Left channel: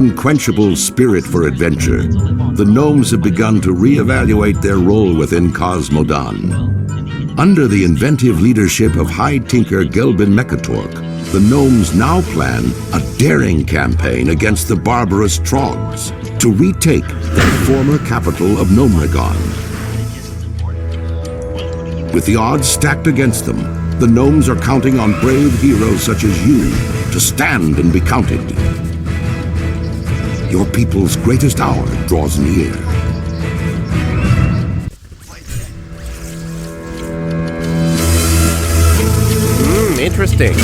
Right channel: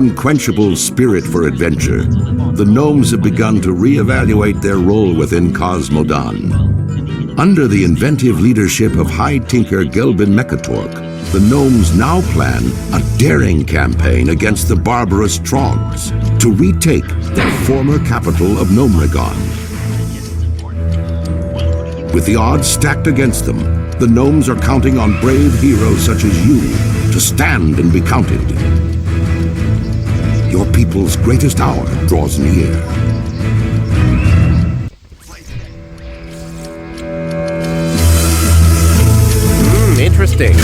unquenchable spirit for adventure, the gnomes have begun to reevaluate their role within Cosmodon. Under the inventive leadership of High Tinker Gelbin Mechatork, the gnomes now plan a daring campaign against the barbarous Trogs to retake their former capital of Gnomregon. With the odds stacked against them, the gnomes are counting on brave heroes such as you to stand and be counted. Your people's greatest hour draws near. Interesting.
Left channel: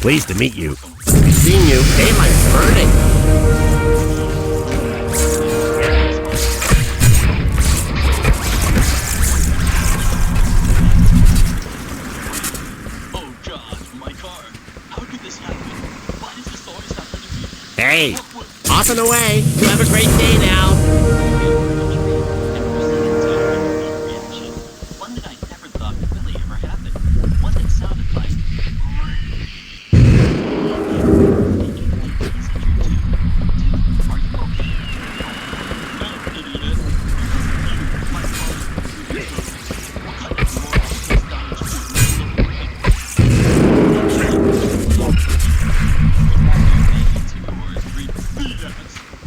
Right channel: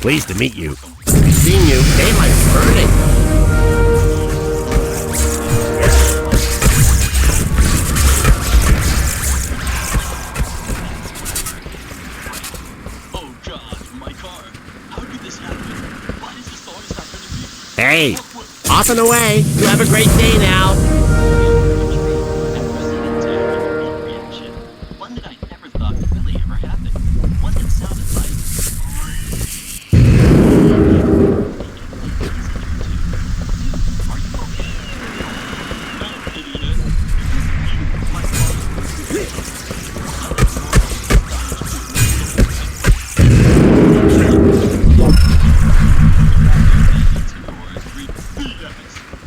Pleased to meet you. Seeing you, daylight's burning. Oh God, my car. How could this happen? Why does this always happen to me? Hey, off and away. You have a great day now. And proceeded to have a unique reaction. One that I never thought could really ever happen. One that sounded like...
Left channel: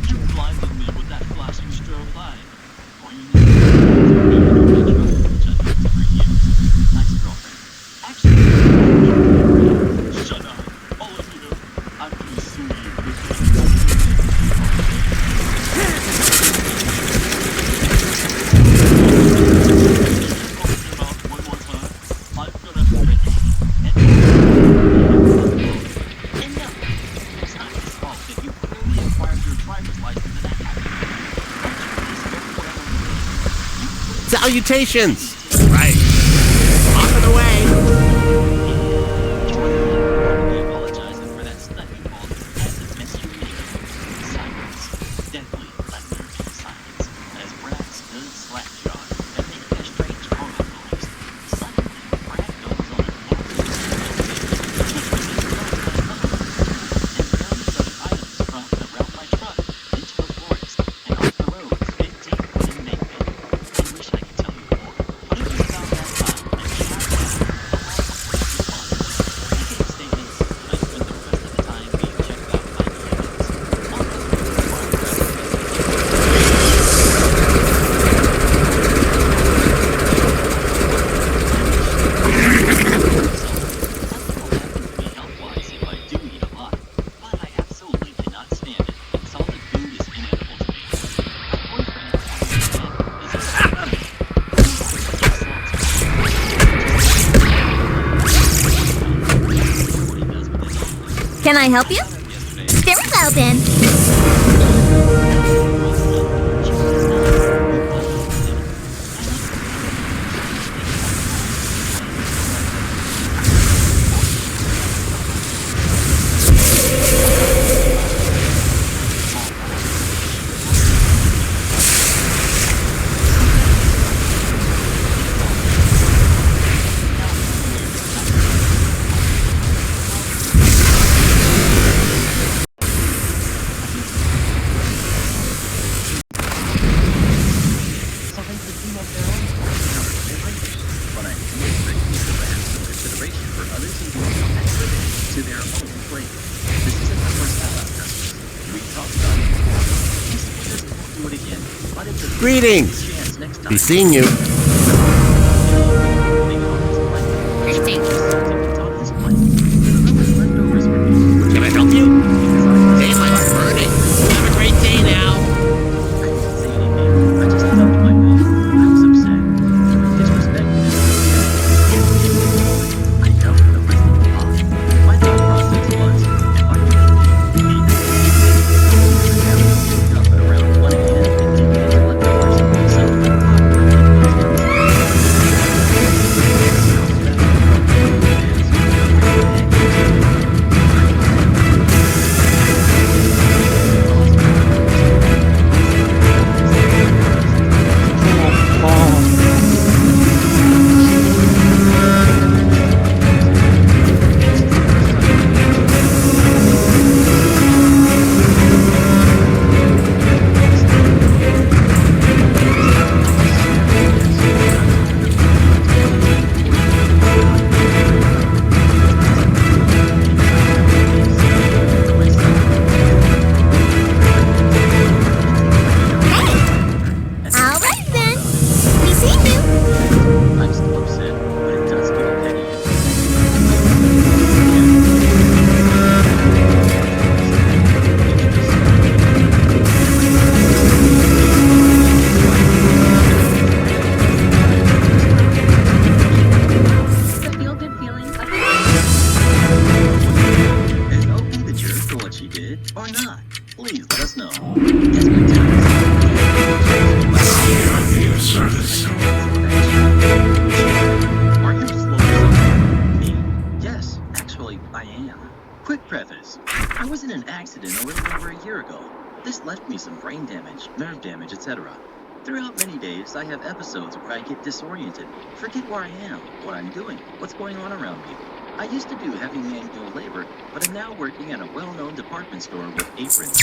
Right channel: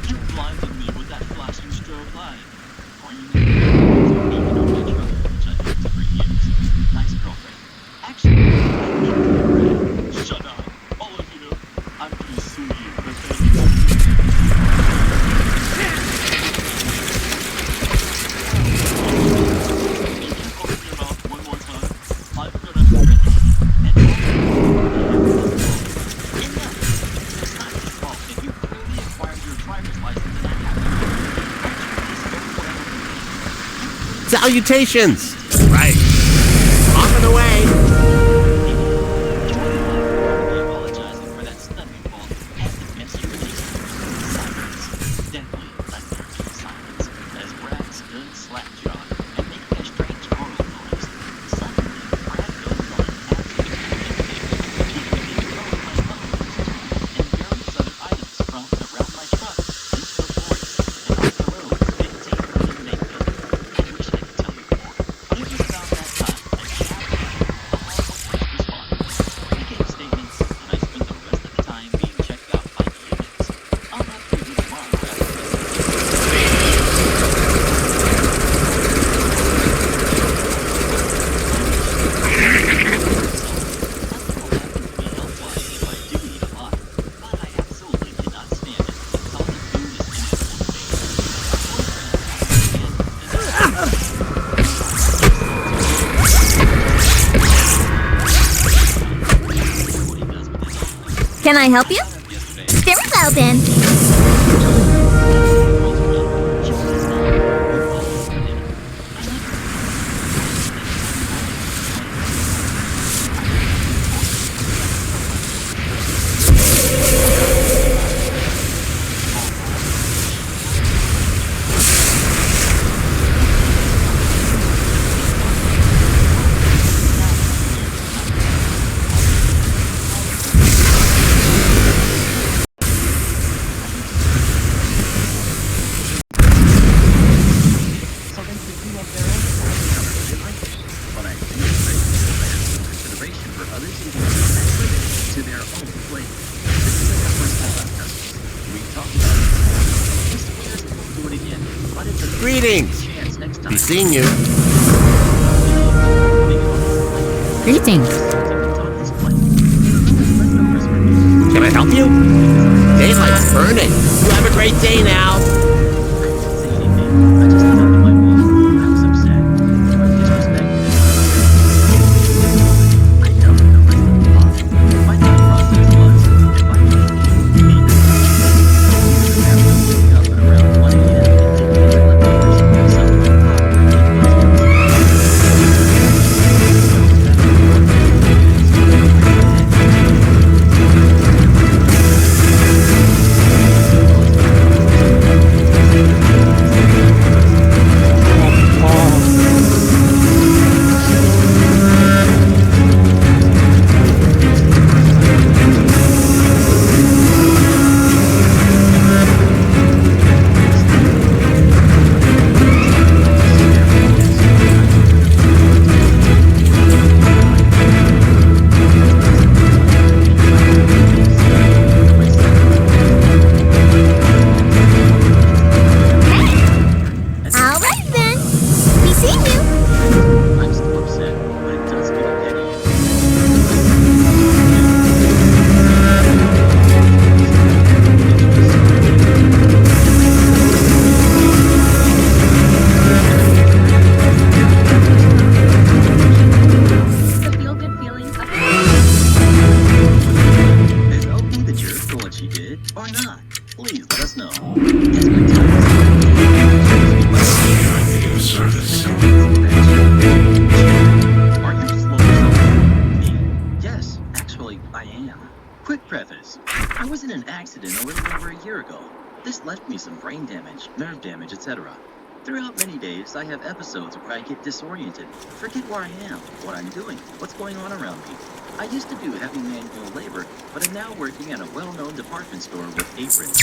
You blinded me with that flashing strobe light. Pointing at me to my truck, which I've used for years. Nice girlfriend. Actually, shut up, all of you. I'm gonna sue you for failing If you open your mouth one more time, I'm gonna break it. And no, it's not his fault that you clearly acquired your driver's license in a happy meeting. Salutations! Right. Off and away. You're the one who ought to be apologizing for that stunning fault and the mess you made. Silence. Deadly, unnerving silence. As Brad stood slack-jawed Can I help you? Very well then. So they can do up their own stuff. They like it. But I do expect people to have some consideration for others' eating and living to their own plate. This isn't the first time I've done this. We talked about it before. This swears he won't do it again, but it's a Greetings. chance next time. Be seeing you. Before putting it on his plate. Greetings. It's on his plate. It's no leftovers for me. Can I help you? Because I Daylight's burning. You have a great day now. I didn't say anything. I just dumped my bowl. I was upset. They were disrespected and uncared. In the heat of the moment, I dumped the rest of the pot. My thought process was, if I can't eat it. Here's the habit of getting up at around 1 a.m. and digging into leftovers. So my clock routine goes downstairs. And I was ready. So back up for me and asked, where the heck is Joey? I told him I don't know that. And he paused for a moment. All right then. Be seeing you. I'm still upset, but it does feel petty and I don't really like it again. The feel-good feeling of Is OP the jerk for what she did, or not? Please let us know. Yes, my time is Are you slow or something? Me? Yes, actually, I am. Quick preface. I was in an accident a little over a year ago. This left me some brain damage, nerve damage, etc. Throughout many days, I have episodes where I get disoriented, forget where I am, what I'm doing, what's going on around me. I used to do heavy manual labor, but am now working at a well-known department store with aprons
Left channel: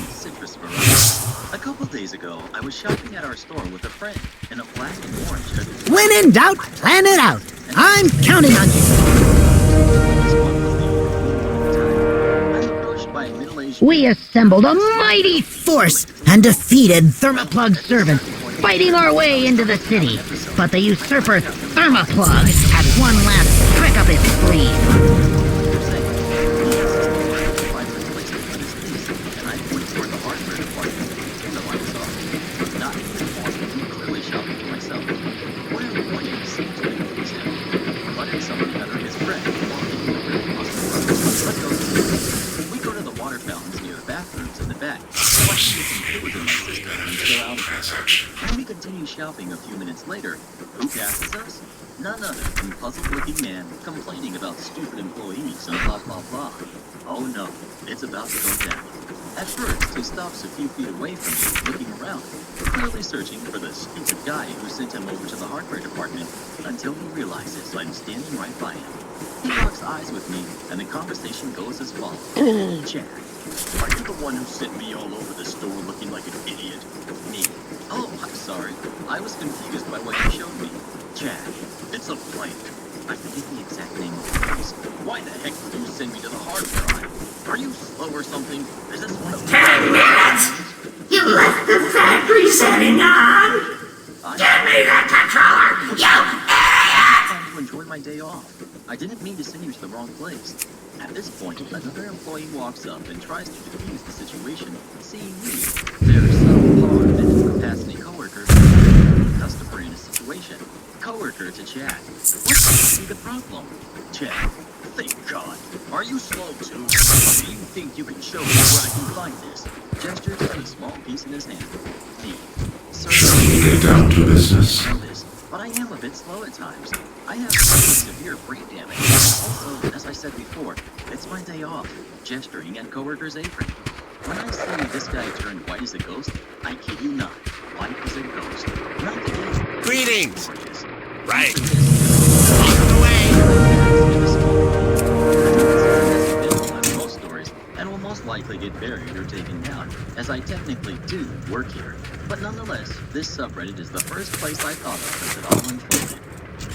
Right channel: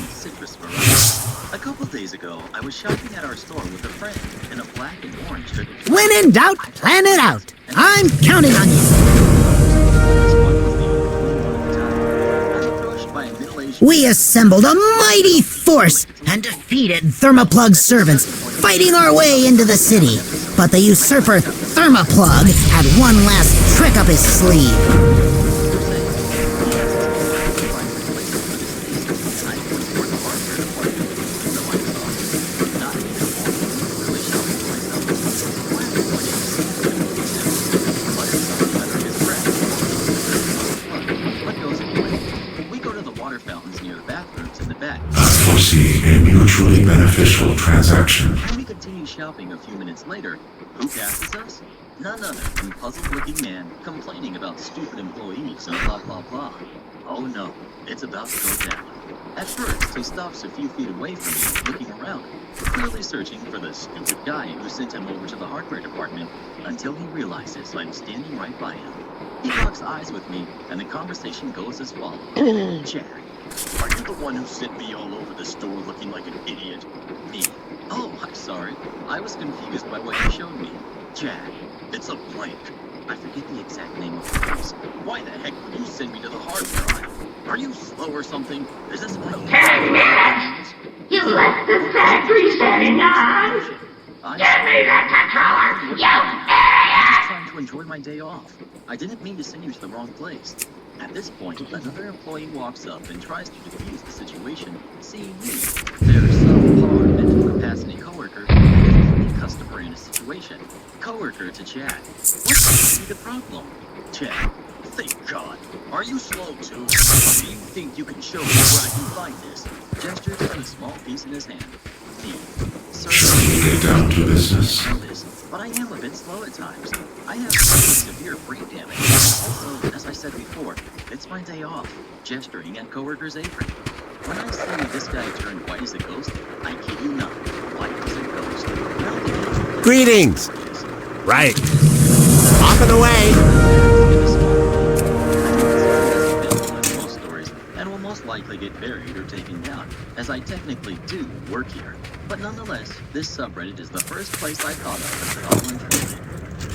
and citrus variety. A couple days ago, I was shopping at our store with a friend in a black and orange hooded. When in doubt, plan it out. I'm counting on you. But this one was the only clean one at the time. I'm approached by a middle-aged We man. assembled a mighty force and defeated Thermoplug's servants, fighting our way into the city. But the usurper Thermoplug had one last trick up his sleeve. He asks me where to find a replacement for this piece, and I point toward the hardware department, even though I was off duty, not in uniform and clearly shopping for myself. Where I pointed seemed to confuse him. He muttered something under his breath while giving a really puzzled look, but goes anyway. We go to the water fountains near the bathrooms in the back. Foresee a mutually beneficial transaction. When we continue shopping a few minutes later, who passes us? None other than puzzled-looking man complaining about stupid employees and blah blah blah. Oh no, it's about to go down. At first, he stops a few feet away from me, looking around, clearly searching for the stupid guy who sent him over to the hardware department, until he realizes I'm standing right by him. He locks eyes with me, and the conversation goes as follows. Jack, are you the one who sent me all over the store looking like an idiot? Me. Oh, I'm sorry. I was confused by what you showed me. Jack, it's a blank. I forget the exact name of the place. Why the heck would you send me to the hardware aisle? Are you slow or something? Is this one of those programs? Promotion. I'm sorry, man. I'm not even working on that. I'm just trying to enjoy my day off. I didn't mean to send you to the wrong place. At this point, another employee walks up and tries to defuse the situation, seeing me. There's some hard mental capacity coworker and a fleeting customer in a situation. Coworker to Chad. What seems to be the problem? Chad, thank God. Are you slow too? Or do you think you can show me where I can find this? Gestured to a small piece in his hand. Me. Sir, Shall we get down to business? know this, but I am a bit slow at times. I have severe brain damage. Also, as I said before, it's my day off, gesturing at coworker's apron. When I say this guy turned white as a ghost, I kid you not, white as a ghost. Not the game. Greetings. Glorious. Right. Off and away. I know this isn't as eventful as most stories, and will most likely get buried or taken down, as I technically do work here. But nonetheless, this subreddit is the first place I thought of as it all unfolded.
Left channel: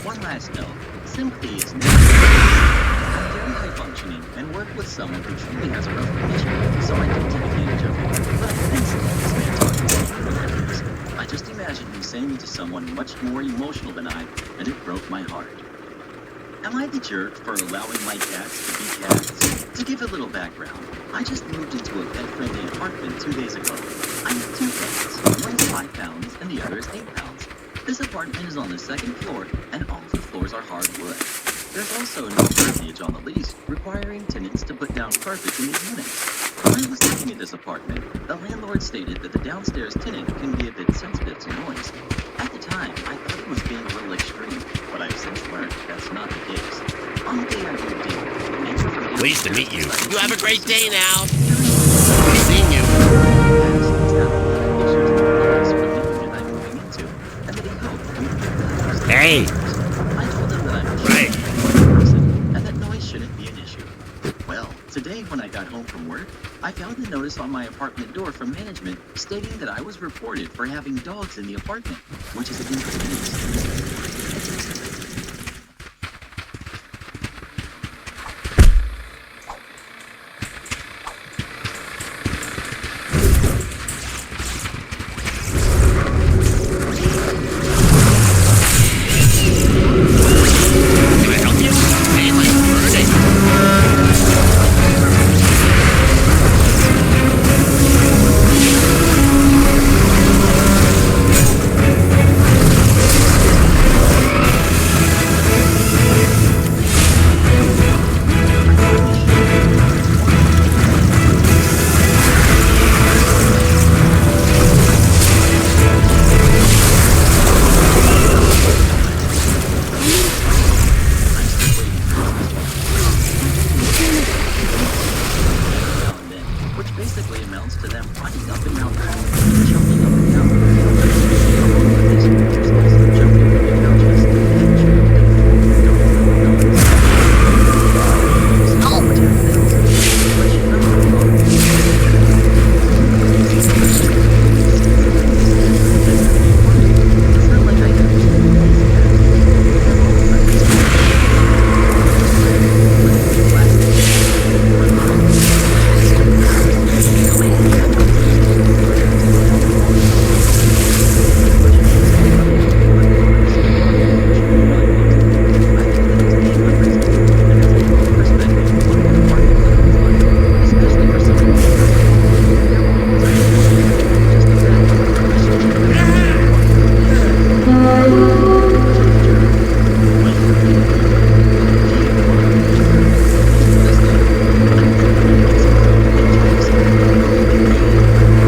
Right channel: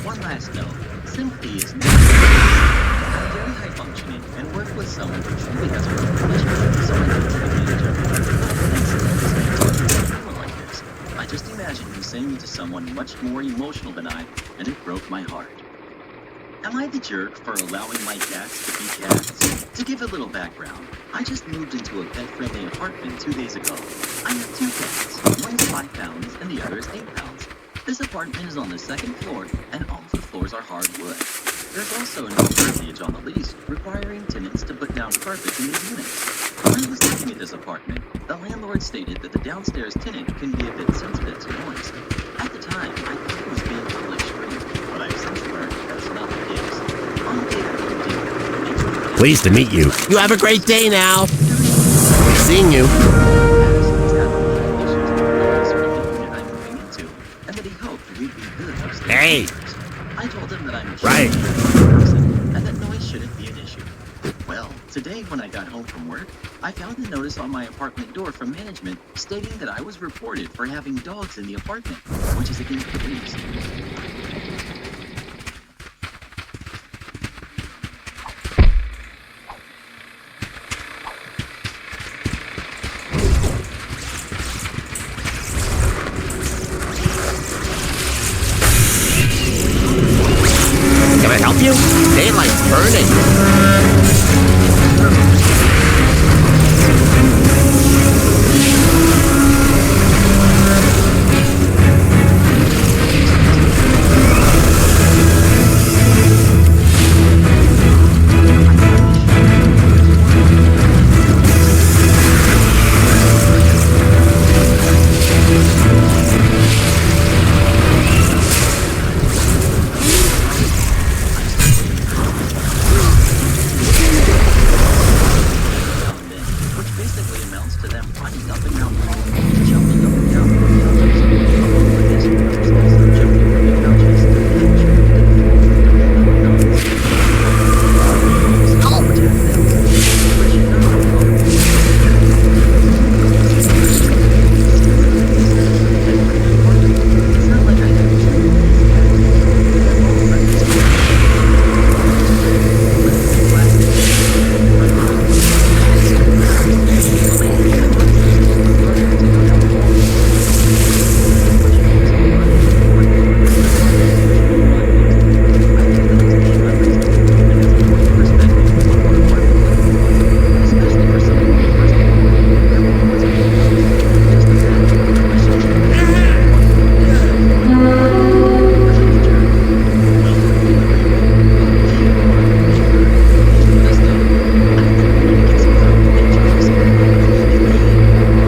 One last note, sympathy is never I'm very high functioning and work with someone who truly has a rough condition, so I don't take advantage of it. But I couldn't stand this man talking to me like this. I just imagined him saying it to someone much more emotional than I, and it broke my heart. Am I the jerk for allowing my cats to be cats? To give a little background, I just moved into a pet-friendly apartment 2 days ago. I have 2 cats. One is 5 pounds and the other is 8 pounds. This apartment is on the 2nd floor and all the floors are hardwood. There's also no verbiage on the lease requiring tenants to put down carpets in these units. When I was looking at this apartment, the landlord stated that the downstairs tenant can be a bit sensitive to noise. At the time, I thought he was being a little extreme, but I've since learned that's not the case. On the day I moved in, the neighbor from downstairs... Pleased to meet you. You have a great day now. During Seeing you. the past, he's had a lot of issues with noise from the unit I'm moving into, and that he hoped we'd be good upstairs. Hey. I told him that I'm a Right. person, and that noise shouldn't be an issue. Well, today when I got home from work, I found a notice on my apartment door from management stating that I was reported for having dogs in the apartment, which is against the lease. Can I help you? Daylight's burning. I find this shocking. Why? I'm still waiting for now and then, which basically amounts to them running up and down the hall, jumping up and down from the couches. Along with this, there's also jumping from the couches to the cat tree to the floor during the which have bells and but should not be hard. It's not like I have 2 of these cats either. They're both friendly. Listening class. I'm running to go down the hall. Much noise while running, but regardless of the carpet, which will arrive next week, I feel that it's being unreasonable and has a warped perspective on what apartment living is like, especially for someone on the first floor. There will always be one, and that's just a fact. I should keep it one on that. I'm like the jerk. Well, you agree with me. Okay, Mark. Please let us know. I it's from the James goes with me.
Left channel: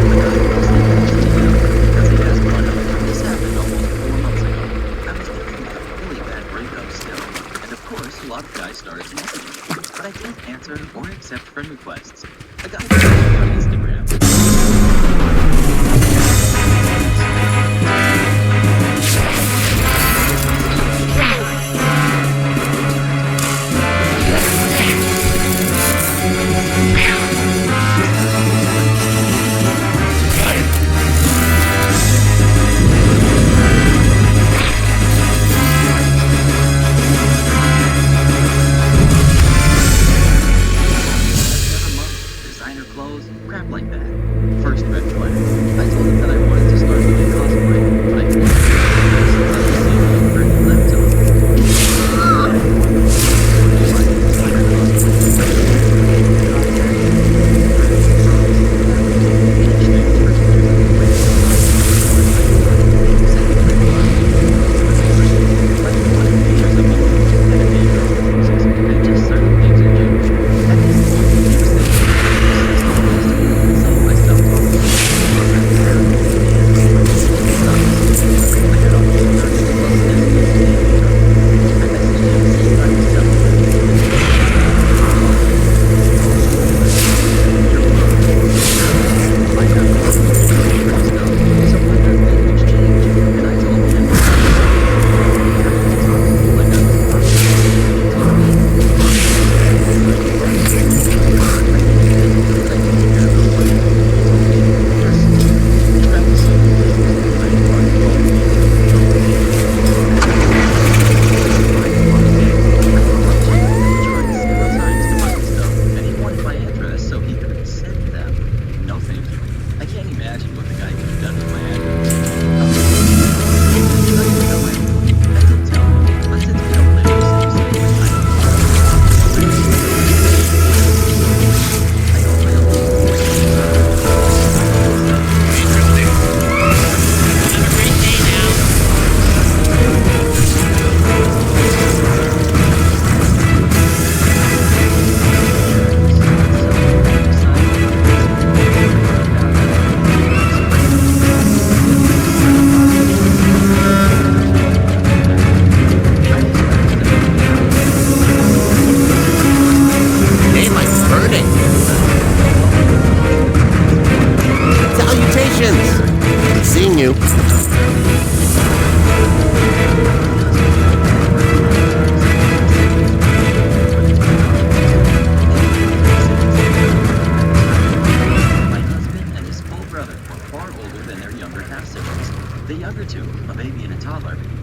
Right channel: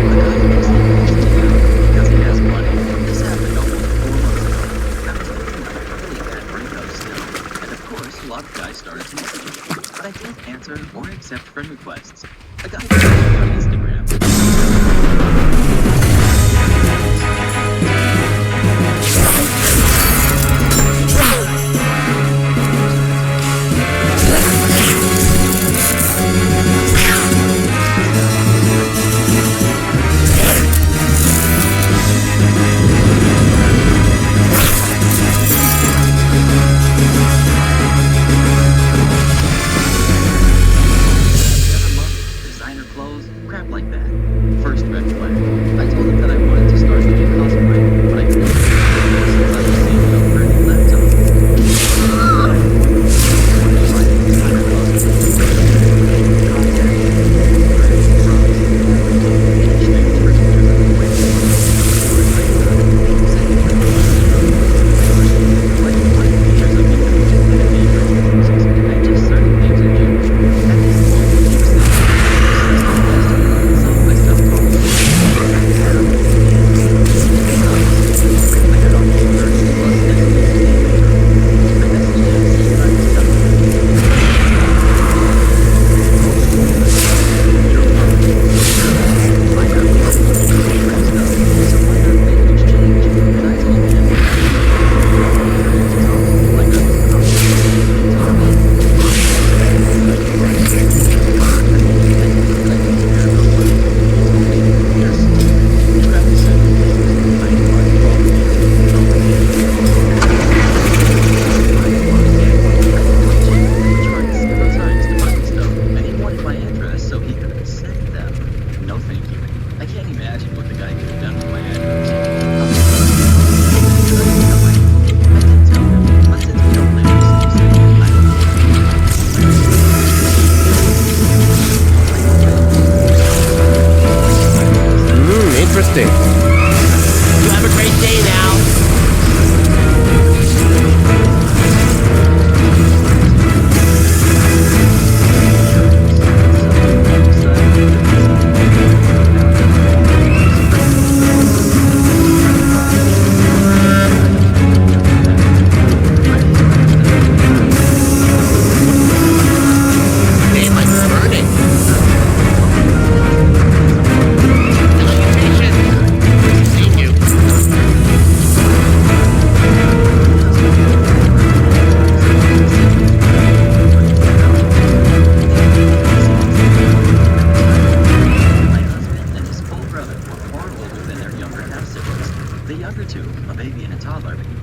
The guy thinks he owns me now because he has money. This happened almost 4 months ago. I was dealing with a really bad breakup still, and of course, a lot of guys started to message me, but I didn't answer or accept friend requests. A guy on Instagram. Every other month, designer clothes, crap like that.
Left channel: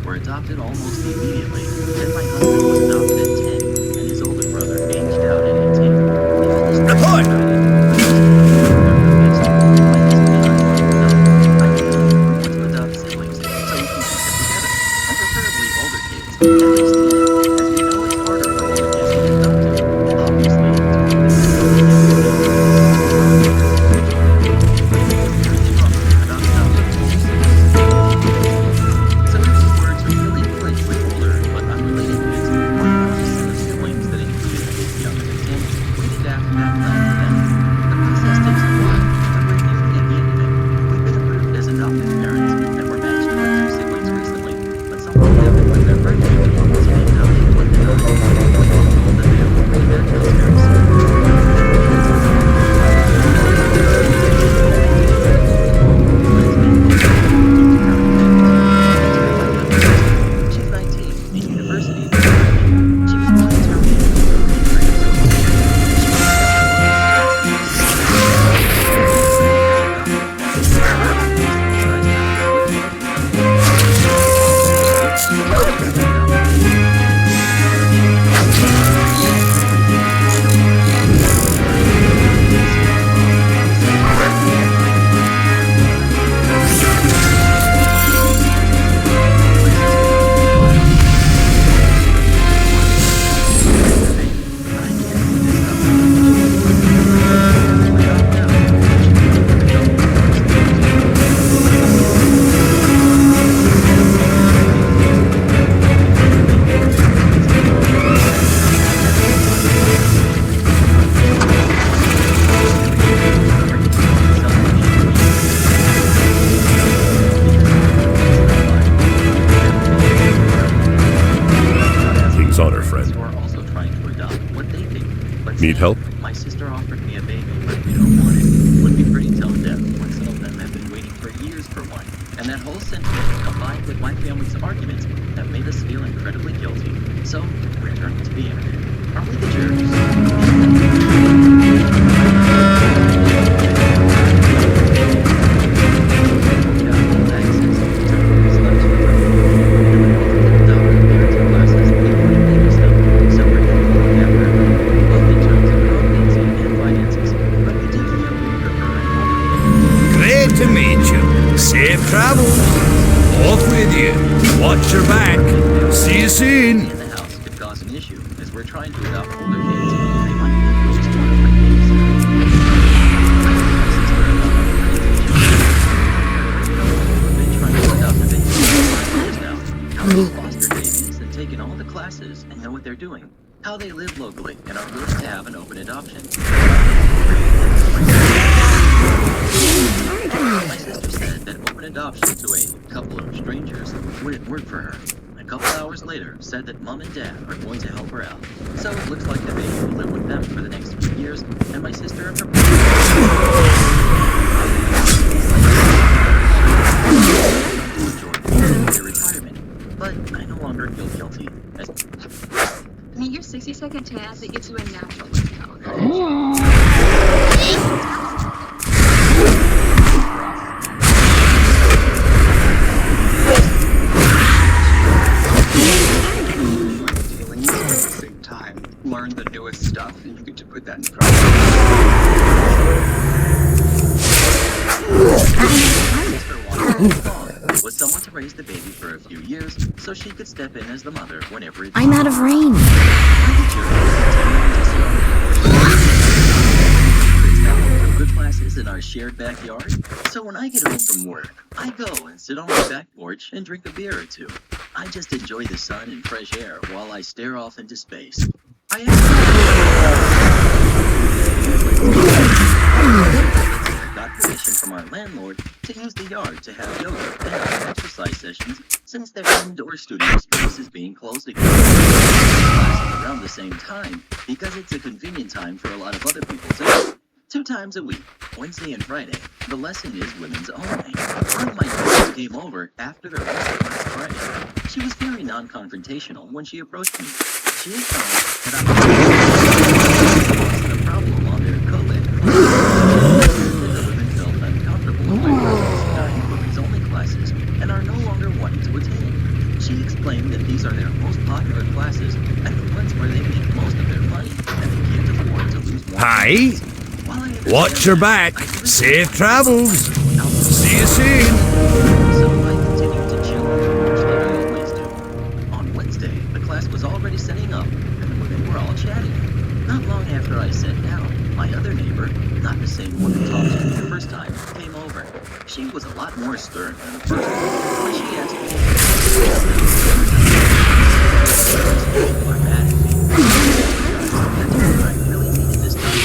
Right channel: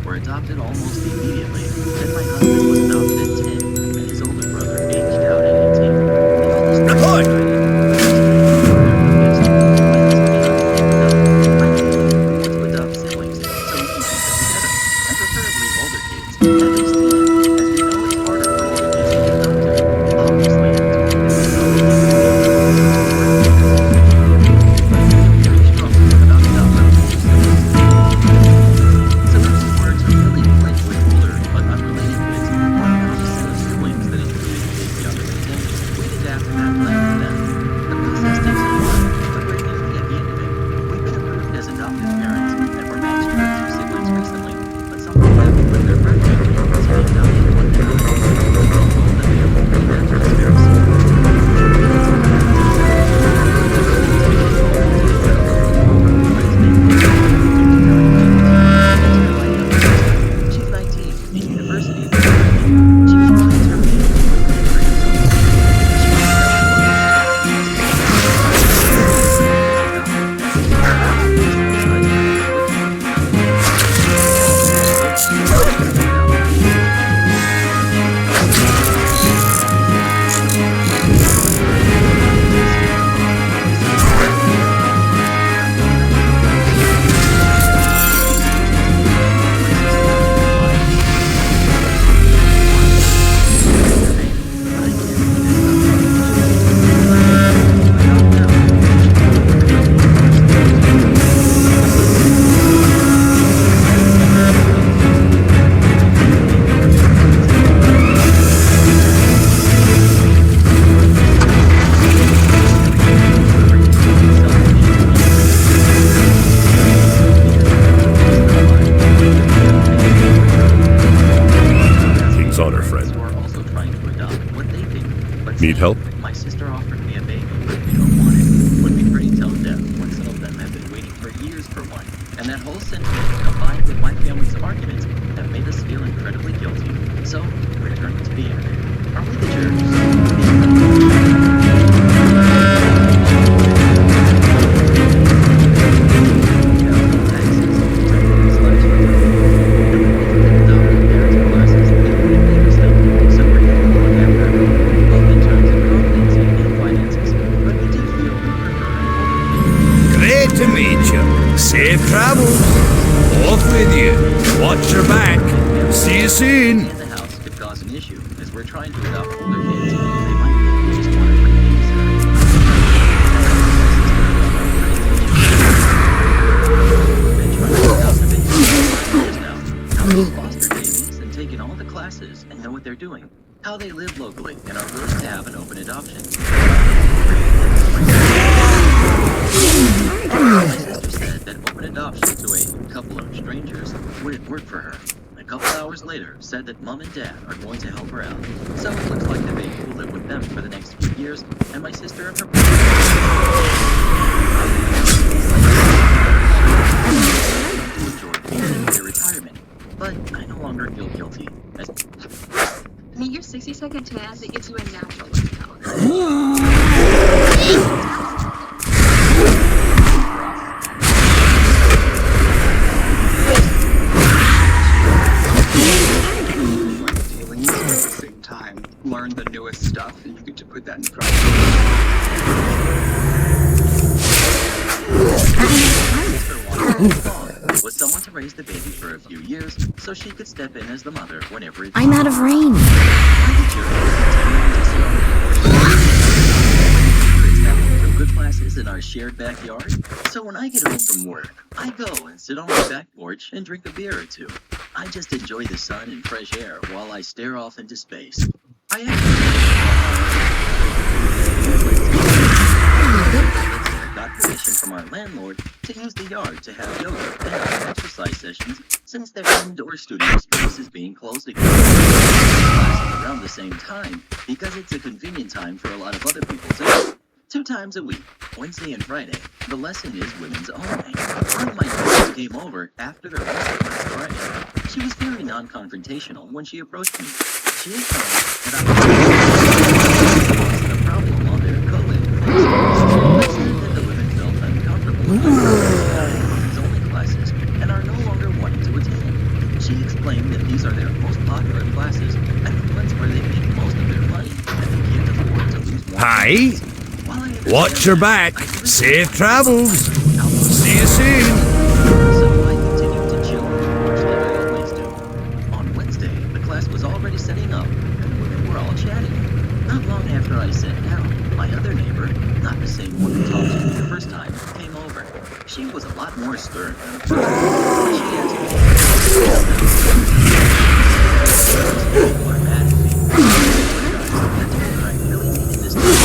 were adopted almost immediately. Then my husband was adopted at 10, and his older brother aged out at 18. The oldest brother Report! decided, but was still looking for their youngest. My husband and I want to adopt. Ideally, we want to adopt siblings so we can keep them together, and preferably older kids, at least 10, as we know it's harder for older kids to get adopted. Obviously, it totally depends on the employee and who we work with as a potential family, but we feel very strongly about adopting older siblings and keeping them together. So if we were to really click with older but unrelated kids, or found a set of siblings that included kids younger than 10, we'd adapt that plan for them. The process takes a while, but we're nearly at the end of it. We've been approved as adoptive parents, and we're matched with 2 siblings recently, but something happened with their birth family, so the adoption was denied. We've been told that they'll rematch us very soon. But it's been due to current events. Enter my youngest sister. She's 19 in university. She was born in terminated but couldn't bring herself to work. She reached out to us, asking us to stay as adoptive parents. Decent sized house with more than enough King's honor, friend. who are also trying to adopt what they think. But Need help? my sister offered me a baby, but we don't want it. Would be pretty tone deaf when some of them have been waiting for years for one. And that whole sentiment, combined with my family's arguments, have made us feel incredibly guilty. So, we're turning to the internet. Are we the and we both took adoptive parenting classes that included baby stuff, so we're able to look after a baby, both in terms of competency and finances. But we do feel we prefer an older kid. Great to meet you. Safe travels. Off with you. Watch your back. See you soon. In the house could cause an issue, as we're trying to adopt older kids. They might think we just want a free babysitter. We've been trying to adopt a baby for years now. How they foster babies and taken all the classes and know what they're doing. How they live locally and are willing to have an open adoption. My sister said that open adoption to a couple of strangers wouldn't work for her. A couple hours later, said that mom and dad are going to help her out. So it looks like the baby will live with them for the next few years, and my sister and her enjoy their retirement. But I no longer feel guilty. Meet your 60-second tan that gives you a natural look color. Feelings at the same time. Learn the newest stuff, and you get to put that in front of you. Was someone to raise the baby for a few years, so she could step in as the mother whenever it's I'm out of rain. Good classes in our shared backyard, so when I get home from work, I go and sit on my back porch and drink a beer or two. I just enjoy the sun and fresh air while I stare off into space. I got permission from our landlord to use the yard to have yoga and other exercise sessions since their indoor studio space is being closed again. Classes around the same time because it's a convenient time for a lot of other people too. 2 times a week, Wednesday and Friday, the lesson is women's only. One of my friends came over after their lesson last Friday. She was very non-confrontational when she approached me. She had found that I was a problem on their co-ed class. They said that the women felt uncomfortable with my girls dying women's only classes and are no longer wanting to attend. She She explained that these are their most popular classes and the ones where they make most of their money, and they can't afford to lose more. Hey, watch your back. Safe travels. See you soon. So I continued to chill on the porch like I always do. On Wednesday, the class was already setting up, and the women were all chatting. Not long after I sat down, my other neighbor, not the same one who talked to me the first time, came over. She was a lot more stern than the first one, but she asked me, "People are mad at me. I told her I really needed this time.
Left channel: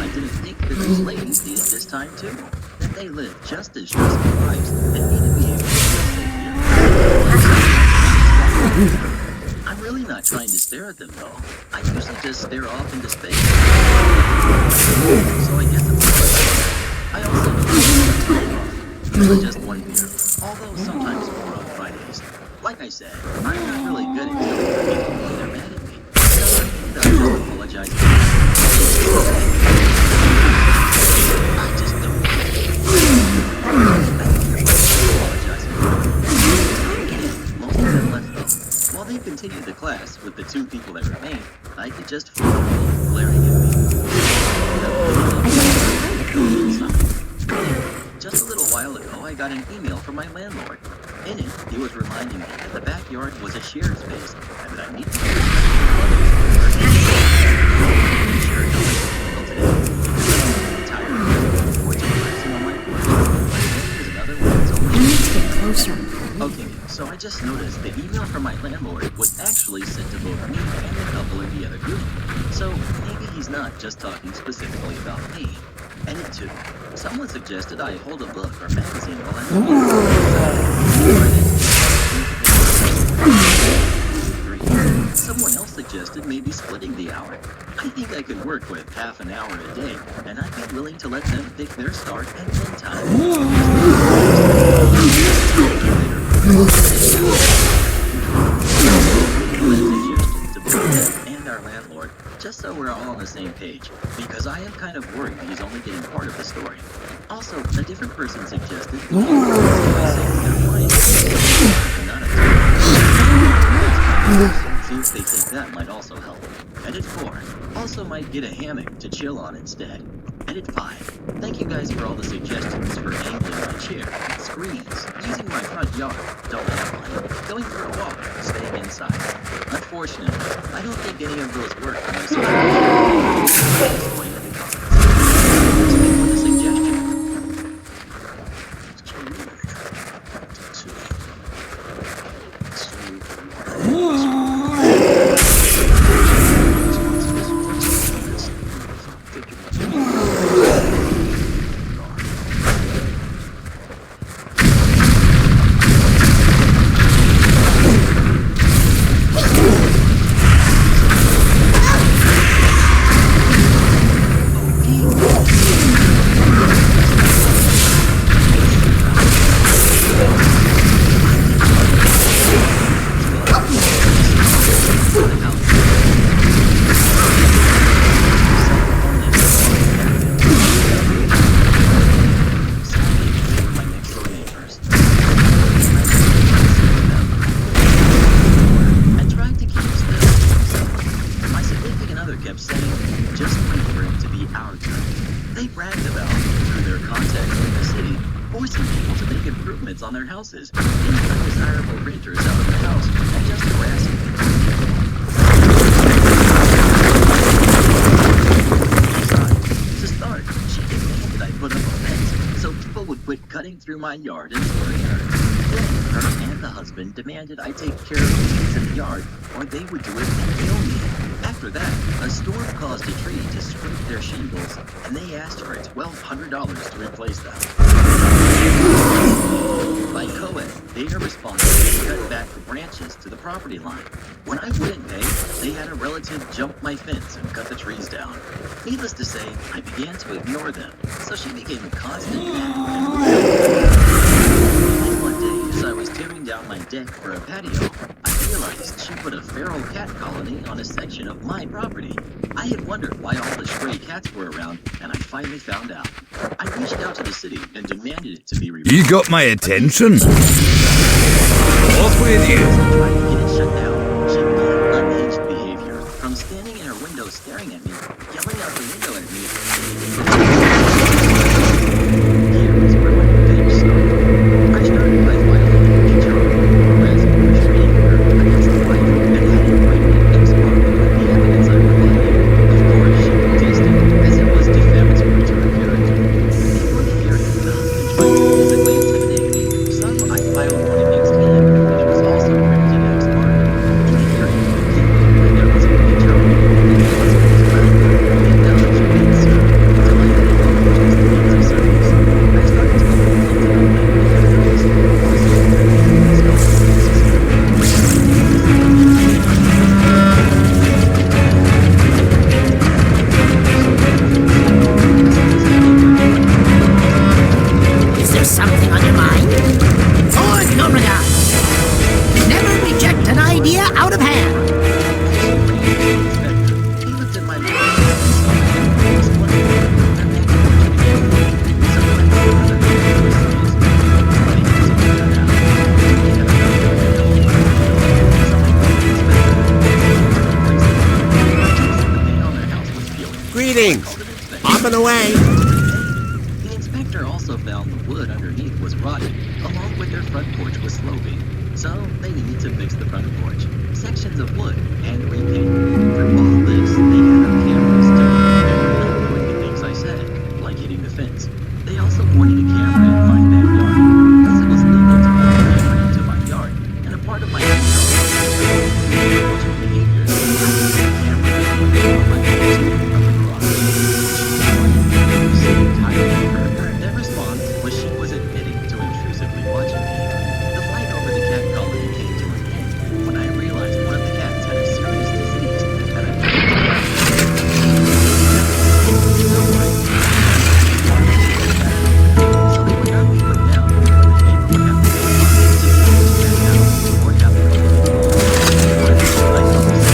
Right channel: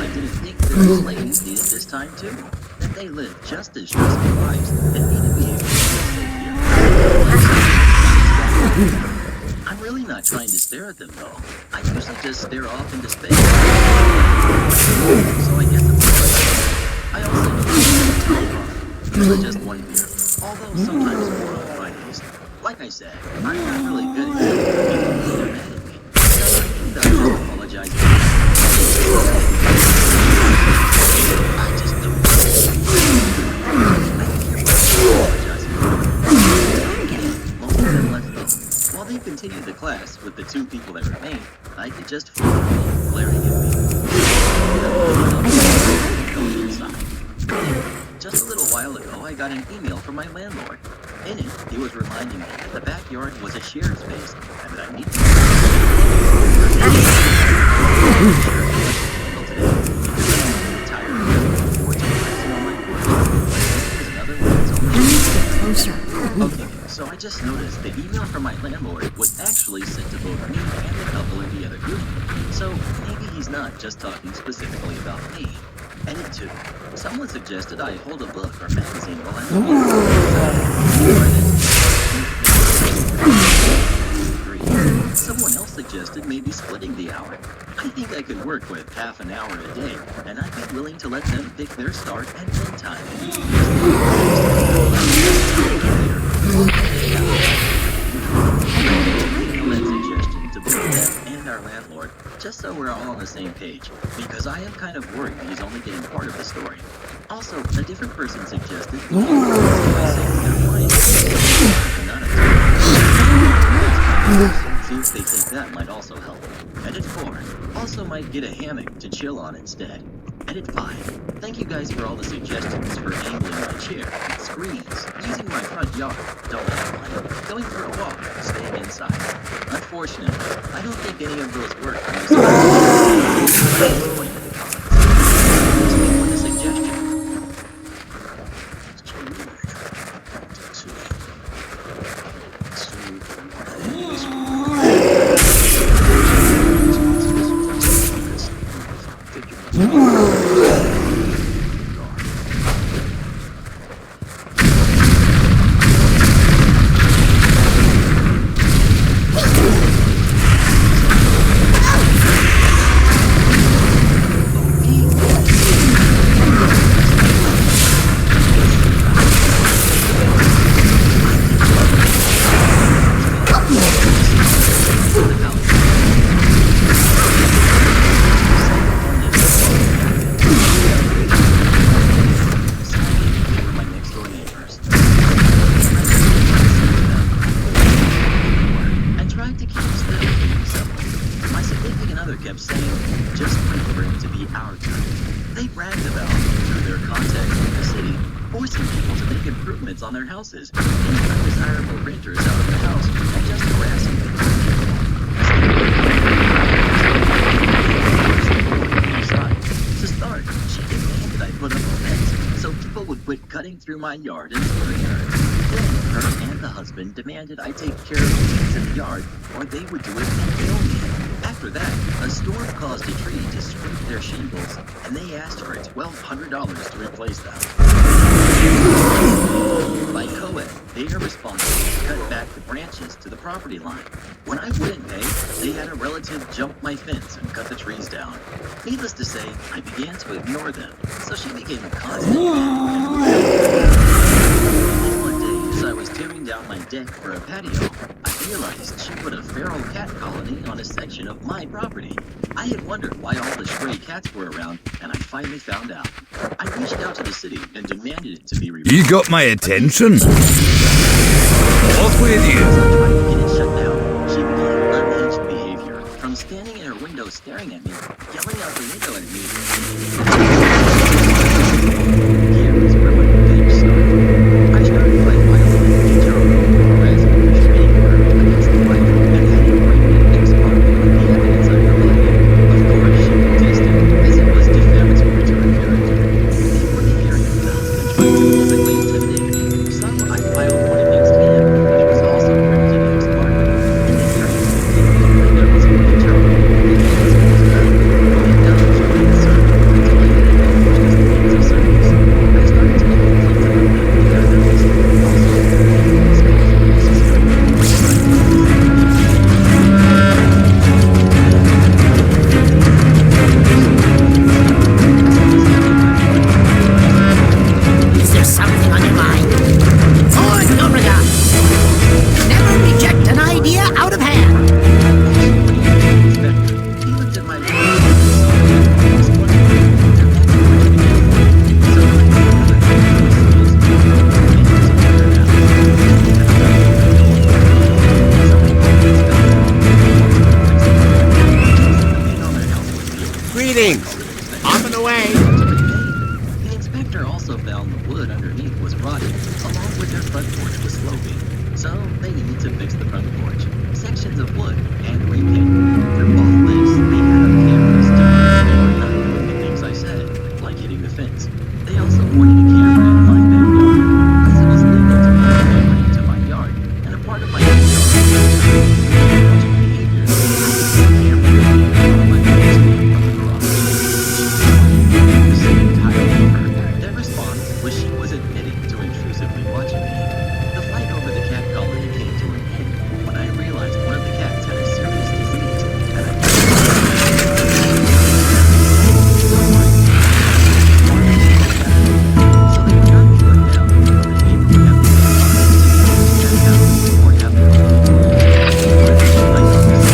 I didn't think that these ladies needed this time too. That they live just as stressful lives and need to be able to feel safe here. I'm really not trying to stare at them though. I usually just stare off into space. So I guess it's I also usually just one beer, although sometimes more on Fridays. Like I said, I'm not really good at telling people when they're mad at me. So I think that I just apologize. I just don't Most of them left though. While they continued the class with the two people that remained, I could just feel them glaring at me. Just a little while ago, I got an email from my landlord. In it, he was reminding me that the backyard was a shared space and that I need to Okay, so I just noticed the email from my landlord was actually sent to both me and a couple in the other group. So maybe he's not just talking specifically about me. And two, someone suggested I hold a book or magazine while I'm Three, someone else suggested maybe splitting the hour. I think I could work with half an hour a day, and I'd be willing to let them pick their start and end time. That suggestion to both them and our landlord, just so we're all on the same page, because I am kind of worried he's only getting part of the story. Also, a different person suggested see if they think that might also help. Edit 4, also might get a hammock to chill on instead. Edit 5, thank you guys for all the suggestions for angling my chair, screens, using my front yard, don't have one, going for a walk, staying inside. Unfortunately, I don't think any of those work for my suggestions. Explain in the comments. Speak with a suggestion. On their houses, getting undesirable renters out of the house, and just harassing people. Aside for helping my house, was a thorn in my side. To start, she demanded I put up a fence so people would quit cutting through my yard and scaring her. Then her and the husband demanded I take care of the weeds in the yard, or they would do it and kill me. After that, a storm caused a tree to scrape their shingles, and they asked for $1,200 to replace them. By co-ed, they are responsible to cut back the branches to the property line. When I wouldn't pay, they had a relative jump my fence and cut the trees down. Needless to say, I began to ignore them, so she became a constant And one day, as I was tearing down my deck for a patio, I realized she put a feral cat colony on a section of my property. I had wondered why all the stray cats were around, and I finally found out. I reached out to the city and demanded it to be removed. You got my attention. Off with you! As I tried to get it shut down, she began unhinged behavior. From standing in her window staring at me, yelling out the window at me, here is where my revenge started. I started by filing an HRO, harassment restraining order, against the wife, and had it branded ex parte with the evidence I provided. Of course, she protested, as it was defamatory to her character. Before the hearing, the husband tried to physically intimidate me, so I filed one against him, and it was also granted ex parte. In the hearing, it came up that there was an HRO against the husband as well. I dodged being served until I had it published as a means of service. I started to make complaints about them in their house. Also, there were police calls when necessary. I did Is there something on your mind? For no regard. Never reject an idea out of hand. Inspector, he looked at my window and saw I had money display. Their back porch became void, so I made another call to the city inspector. They had to clear it out. He had a broken window on the front door, so I called the inspector and they had to replace the door. The paint on their house was peeling. Greetings! Off and away! The inspector also found the wood underneath was rotted, along with their front porch was sloping. So they needed to fix the front porch, sections of wood, and repaint. Through all this, they had up cameras to prove they were not doing the things I said, like hitting the fence. They also pointed a camera in my backyard, as it was legal to point a camera into my yard, and a part of my HR was watching behaviors. I could see a camera on my way to and from the garage. When she complained, the city tired of her. Their response was she was admitting to intrusively watching me. The fight over the cat colony came to an end when I realized one of the cats had a serious disease, and I don't worry. So they would not be put down, but the neighbor would have to pay a fine to get each cat out or have the colony closed. I know this.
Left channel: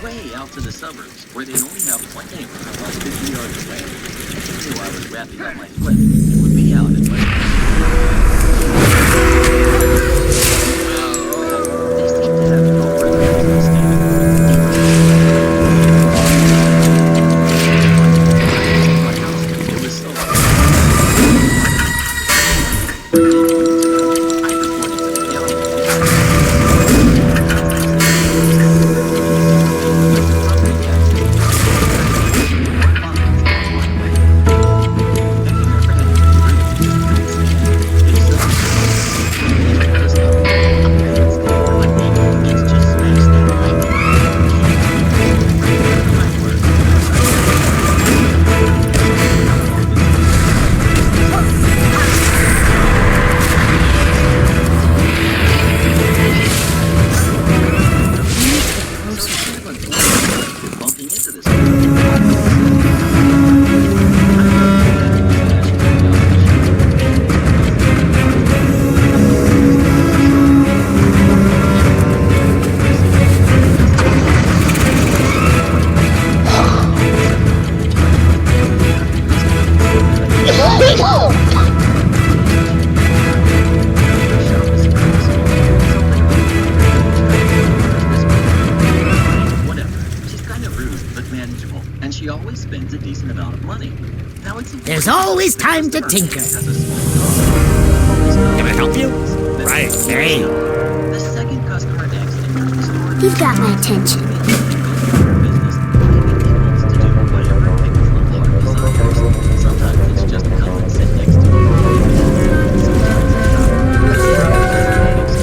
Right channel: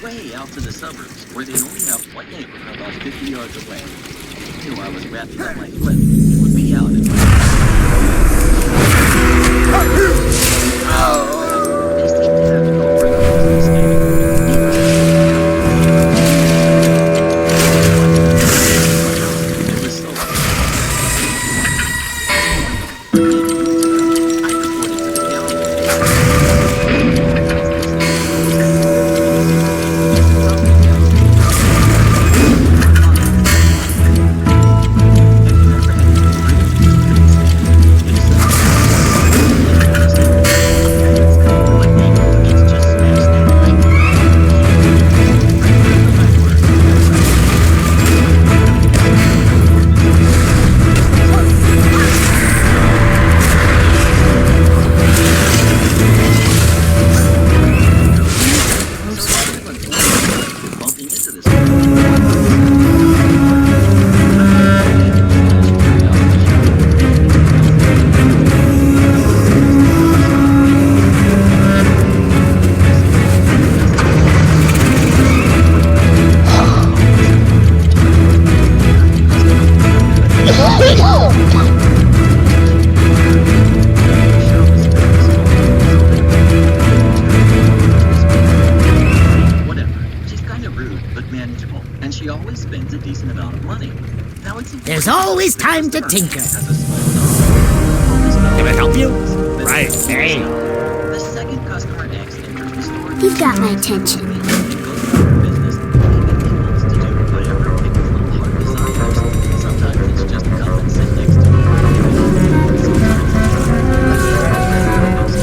Way out to the suburbs, where they only have one neighbor about 50 yards away. They knew I was wrapping up my flip and would be out in less than they seem to have no further reason to stay. My house, it was so as a final for getting into them, I reported to the county. There's always time to tinker. Can I help you? Right. The second customer X enters the store. You've got my attention. Goes about her business, putting in tables to do whatever Pickle's little heart desires. Sometimes it's just come and sit next to him. Sometimes it's not.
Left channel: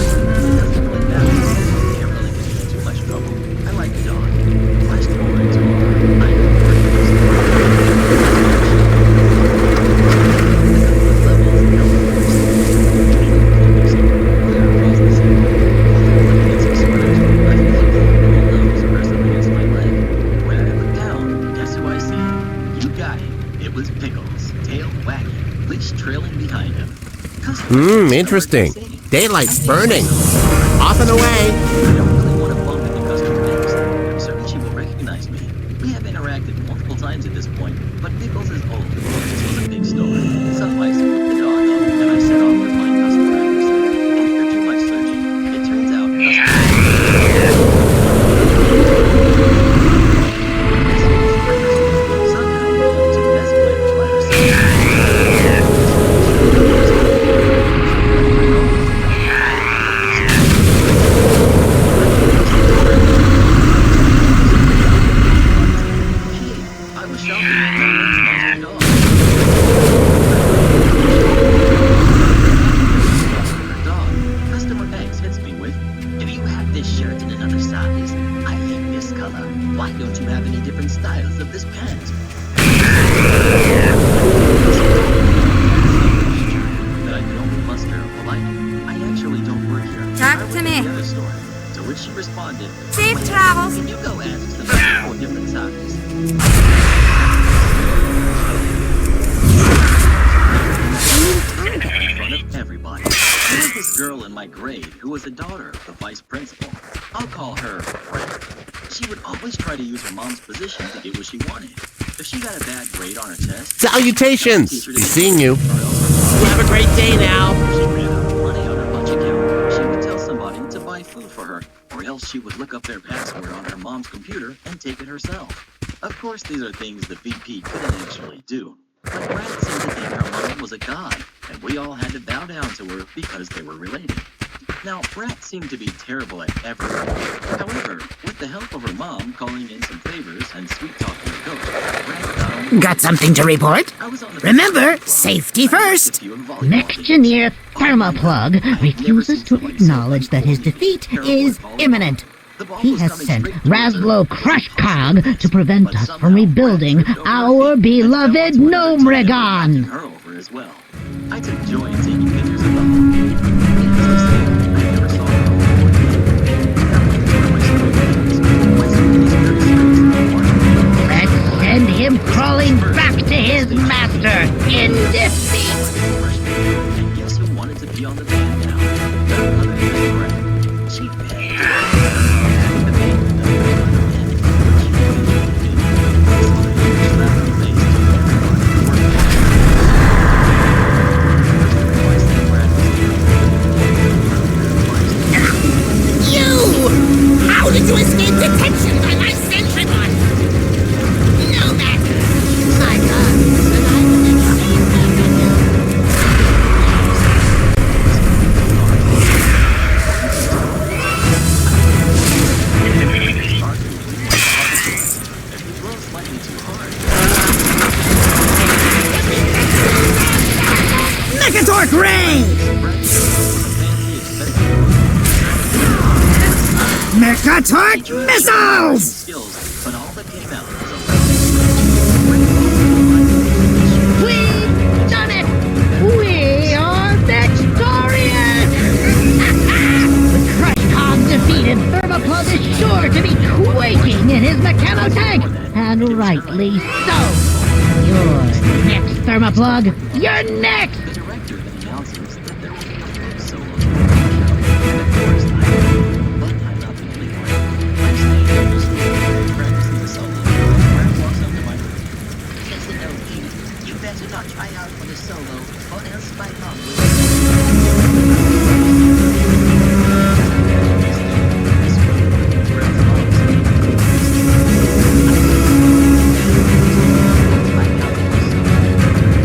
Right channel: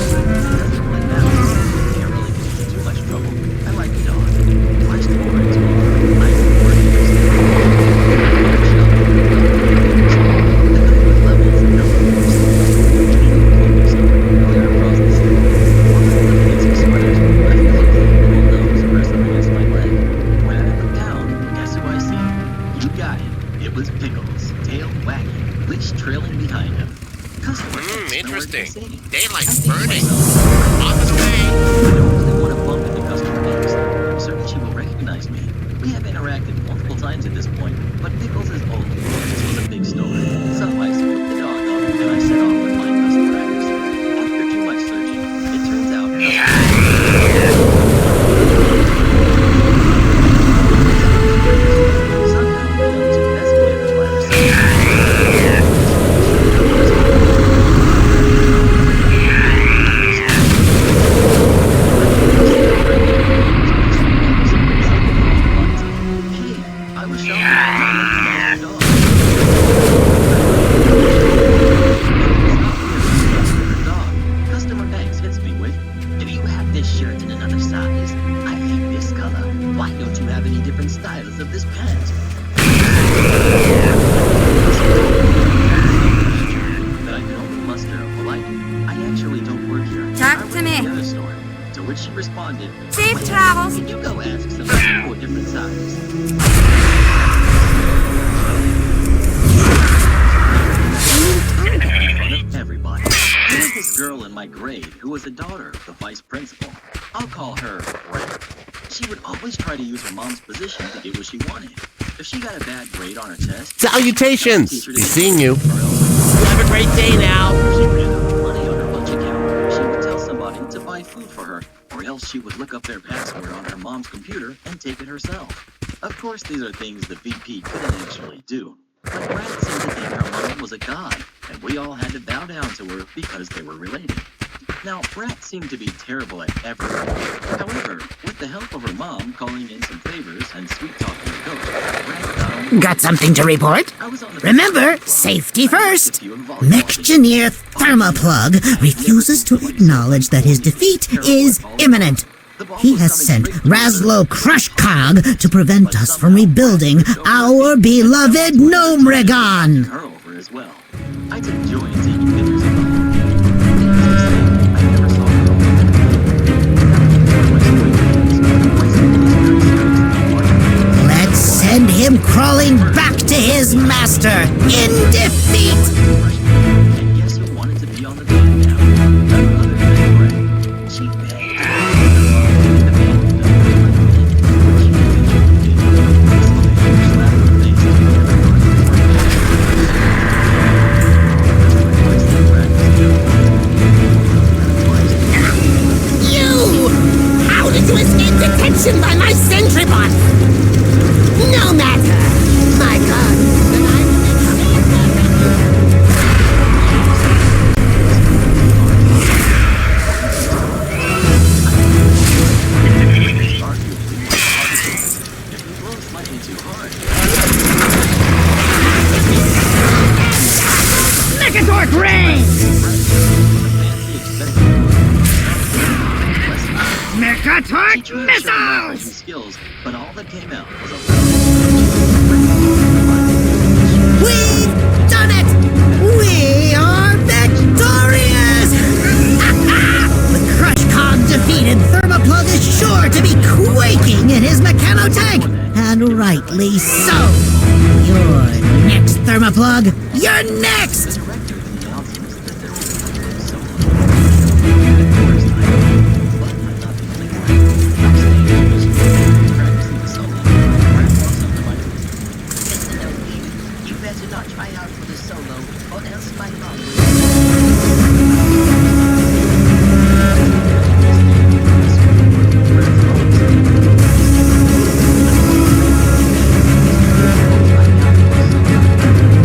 was Pickles, tail wagging, leash trailing behind him. Interesting. Daylight's burning. Off and away. I don't really want to bump into customer X. I'm certain she will recognize me. We have interacted multiple times at this point, but Pickles is old. This was a big story. So I scooped the dog up and I set off to find customer X. After too much searching, it turns out customer X somehow went up 2 escalators by herself. I was shopping and I recognized your dog. And then it's not her dog. Customer X hits me with, "Do you have this shirt in another size? I hate this color. Why don't you have any different styles of this pant?" That I could only muster a polite, "I actually don't work here. Talk I work to at me." the other store." To which she responded, Safe "Well, travels. Can you go ask somebody for a different size?" In front of everybody. There was this girl in my grade who was the daughter of the vice principal. I'll call her Rat. She would always try to use her mom's position to get what she wanted. If she got a bad grade on her test, Salutations. Be seeing you. or else her mom You have a great day now. if she ran out of money on her lunch account, she would tell somebody to buy food for her, or else she would look up their password on her mom's computer and take it herself. Of course, these are things the VP couldn't actually do. But Brad seemed to think her mom was a god, and we all had to bow down to her because they were related. Now, Brat seemed to be terrible at everything. However, with the help of her mom calling in some favors and sweet-talking her coach, Brat found... Got something to report? I was on the Remember, safety first. few in volleyball Mixengineer Thermoplug refuses to acknowledge that his defeat is imminent. He has sent Raslo Crushcog to prevent us from rebuilding our beloved Gnome Recon. Her over as well. I took joy in taking pictures of the whole game. Needless to say, I never saw her own before today. Now, where my story begins, my school is very serious about marketing. Let's send him crawling back to his master in defeat. And guess who wanted to be on the band now? None other than Brett. She begged to the band to let him in, which she eventually did. This was a huge slap in the face to everybody who worked hard. First, I realized that Brad was terrible. Well, that applies to You! How did you escape detection by my sentry bot? No matter. My God, then I will make sure back on you. arguably one of the hardest ones. If you blow slightly too hard, Megatorch Ray! Brad was a fancy expected move. She Megatorch tried to show her missiles! skills, but all that came out was a loud screech. Brad always reminded us that she was We've done it! We are victorious! Crushcog defeated. Thermoplug is sure to be quaking in his mechanotech, and rightly so. You're next, Thermoplug. You're next! The director then announces that there will be a flute solo at the opening show, and of course, I am. But I'm not the only one. I'm staying at this school, practicing the solo, and Brad walks up to my room. Listen, OD, you better not try out for the solo, or else my mom will... Brad's mom said,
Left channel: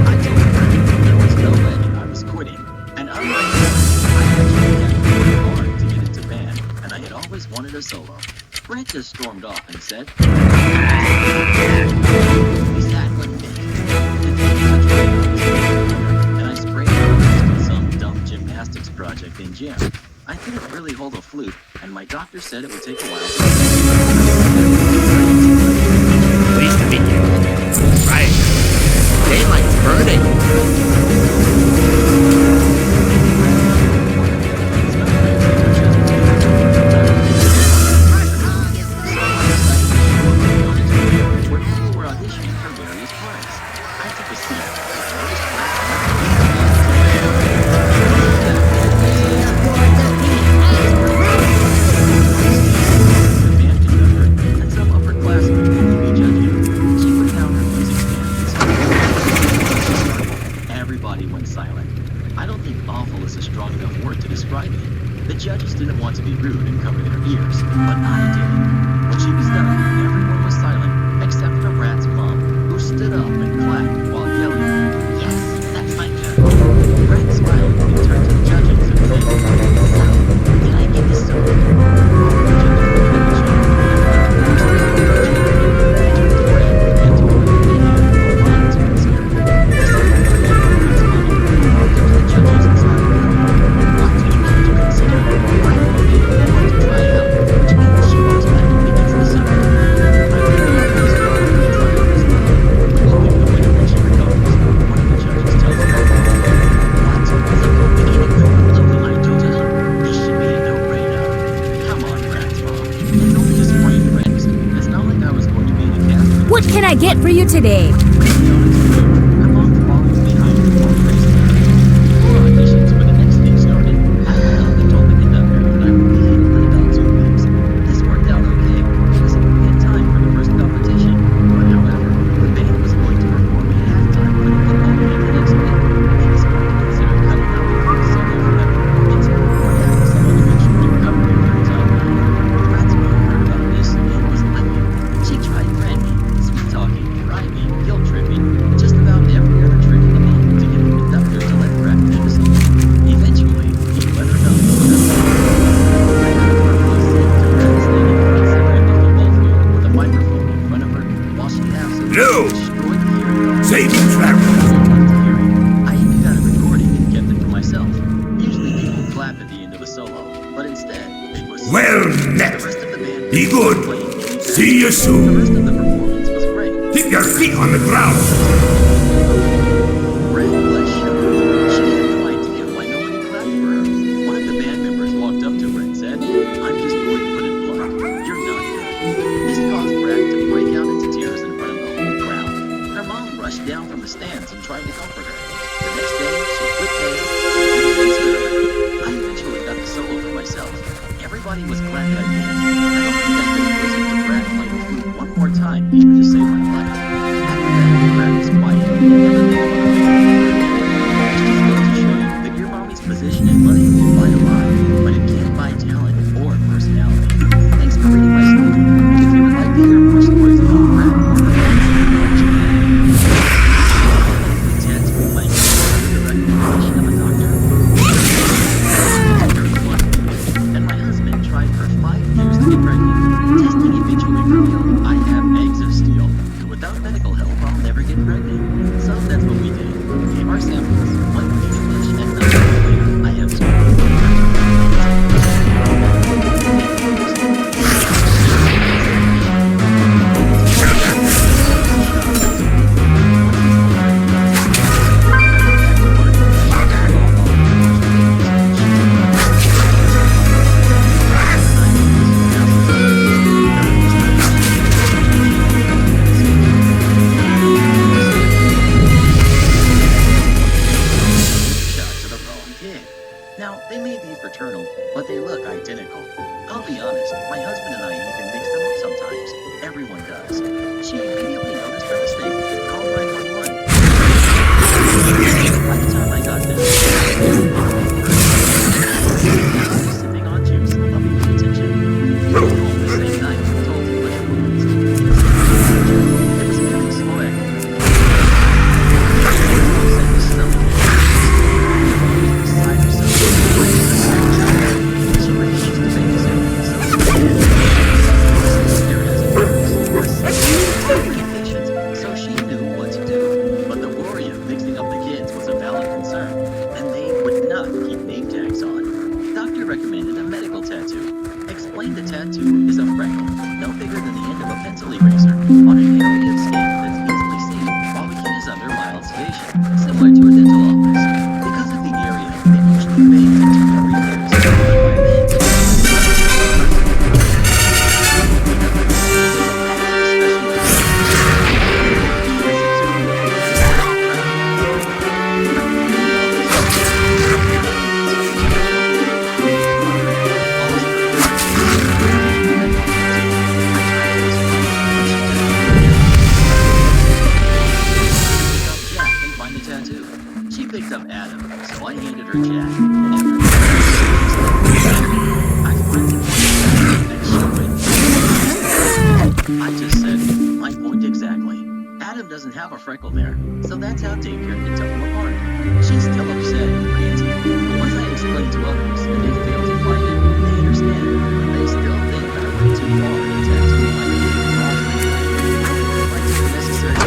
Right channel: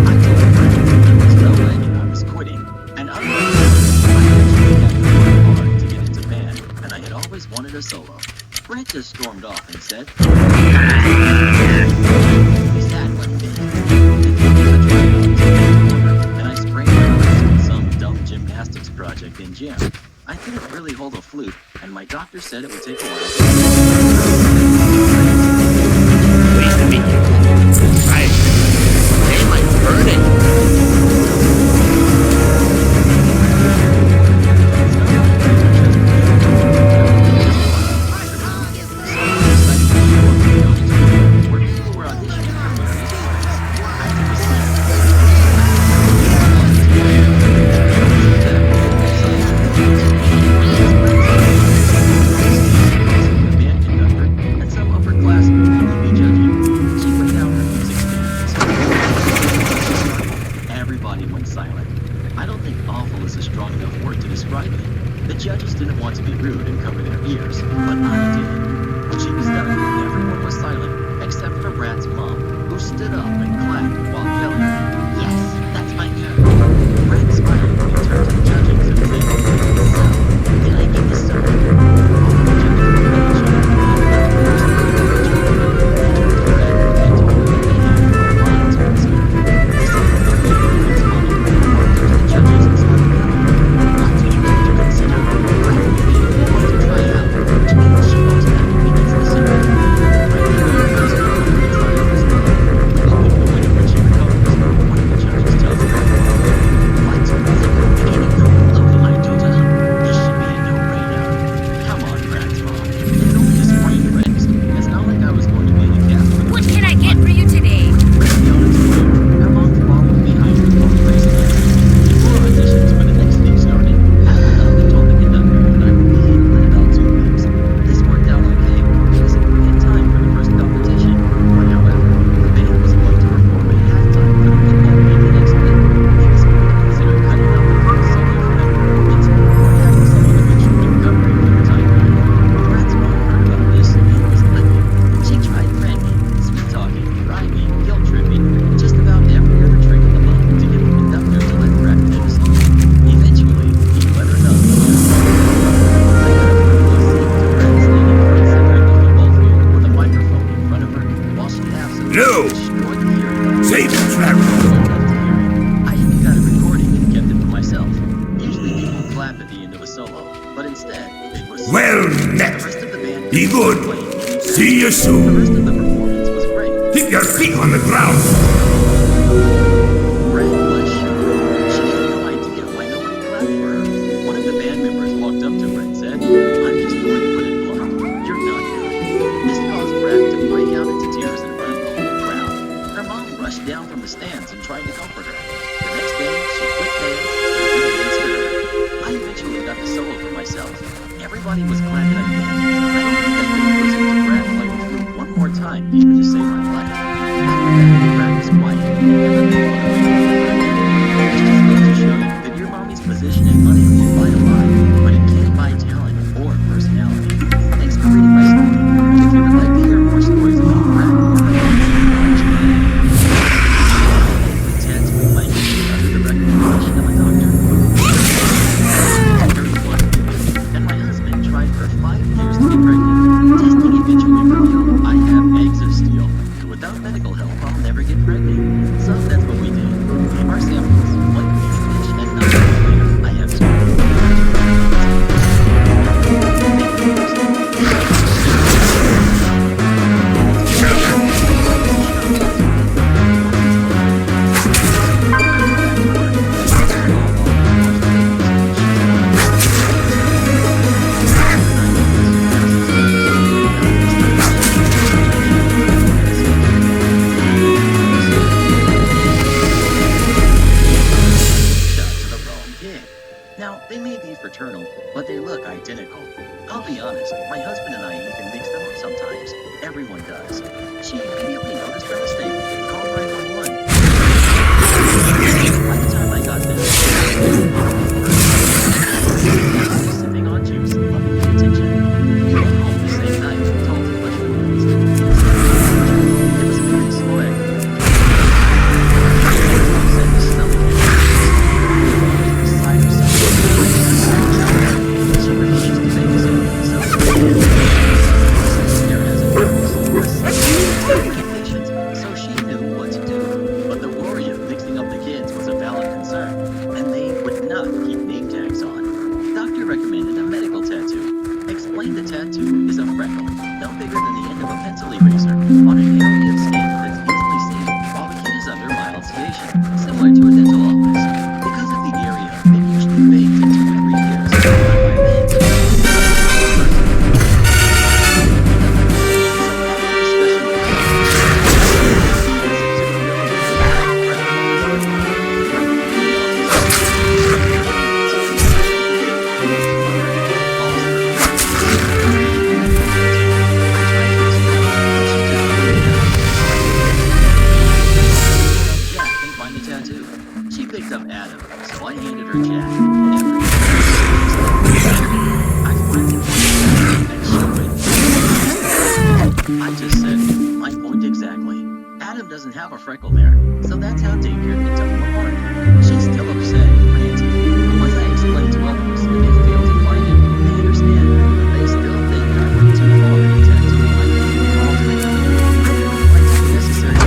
I told Brad there was no way I was quitting, and unlike her, I actually had to work hard to get into band, and I had always wanted a solo. Brad just stormed off and said, "We sat one day. The day of the tryouts in the corner, and I sprained my wrist on some dumb gymnastics project in gym. I couldn't really hold a flute, and my doctor said it would take a while to Pleased to meet you. Right. Daylight's burning. Where people were auditioning for various parts. I had to The judges didn't want to be rude and cover their ears, but I did. When she was done, everyone was silent, except for Brad's mom, who stood up and clapped while yelling, "Yes, that's my turn." Brad smiled and turned to the judges and said, "So, did I get this story?" All the judges looked at each other and laughed loosely. They turned to Brad and told him that they had a lot to consider. This is the third year Brad's mom walked up to the judges and started yelling, "What do you need to consider? Brad will be the only one to try out, which means she automatically gets the silver. I think the price to go and try out as well. We will pick the winner when she recovers," one of the judges tells Brad. "What? The whole bikini crew over my daughter? This should be a no-brainer." "Come on, Brad's mom. It's only a sprained wrist. It's not like I was going to be in a cast for the What can I get for you today? Ready on its way. Her mom followed behind her while praising her. Before auditions for the next thing started, I went up and told the conductor that I would be healed in about 2 weeks. This worked out okay because it would be in time for the first competition. But however, the band was going to perform at halftime for the football game the next week. He was going to consider cutting out the flute solo for that performance or having some other instrument cover it for the time being. Brad's mom heard about this and was livid. She tried friendly, sweet-talking, bribing, guilt-tripping, just about every other trick in the book to get the conductor to let Brad take a solo. Eventually, he let her know he turned over her. I got a front row seat to Brad standing front center at the football field with a microphone in front of her while she absolutely No! destroyed the hearing of Save the track. enough to hear it. I even got a recording and kept it for myself. Usually people clap at the end of a solo, but instead, it was Well the met. rest of the band Be good. playing any See you The soon. rest of the performance was great. Keep your feet on the ground. Brad was shocked. She had no idea why nobody clapped for her. One of the band members walked up to her and said, "I'm just going to put it blunt. You're not good." This caused Brad to break out into tears in front of the whole crowd. Her mom rushed down from the stands and tried to comfort her. The next day, she quit band and didn't thanks to her. I eventually got the solo for myself. Everybody was glad that I did it. I don't think I could have listened to Brad play the flute one more time even to save my life. After that, Brad was quiet and never made fun of me ever again. It just goes to show you that your mommy's position and money can buy a mind, but it can't buy talent or personality. Thanks for reading my story. And if you would like to hear more stories about Brad or her tattooing my name under the recommendation of a doctor. And my husband tried for 5 years to get pregnant. Testing eventually revealed I have eggs of steel, and without medical help, I'll never get pregnant. So that's what we did. Gave our samples, 1 petri dish, and 9 months later, I have 2 Now, they may be fraternal, but they look identical. I'll be honest, my husband and I even mix them up sometimes. Everyone does. She immediately noticed her mistake and called 911. By the time I got there, sipping on juice, loving the attention. We went home the same night and told him much words. It was a very slow activity. Said his stomach beside herself. She refused to babysit, so so she knew what to do. But the worry of mixing up the kids was a valid concern, and they would not keep name tags on. Doctor recommended a medical tattoo. Explained the tattoo is a freckle, no bigger than the end of a pencil eraser, on an area of skin that's easily seen while the kid is under mild sedation, similar to a dental office. Because of the area, it usually fades in 2 to 3 years. But by then, so after discussion with him, he has a 2 millimeter freckle on his nose. A community office never felt it. Mother-in-law lost her the medical tattoo. I tried to explain, but she just put it down. Picked up Jack and find the tattoo. She picked up Adam, so I handed her Jack, and after doesn't have a freckle there, so that's how daycare can tell them apart. She's still upset and ranty. Once I explain to others that they fail to find it, they understand, but they still think I went too far to tattoo my name in all things. I don't like the necessary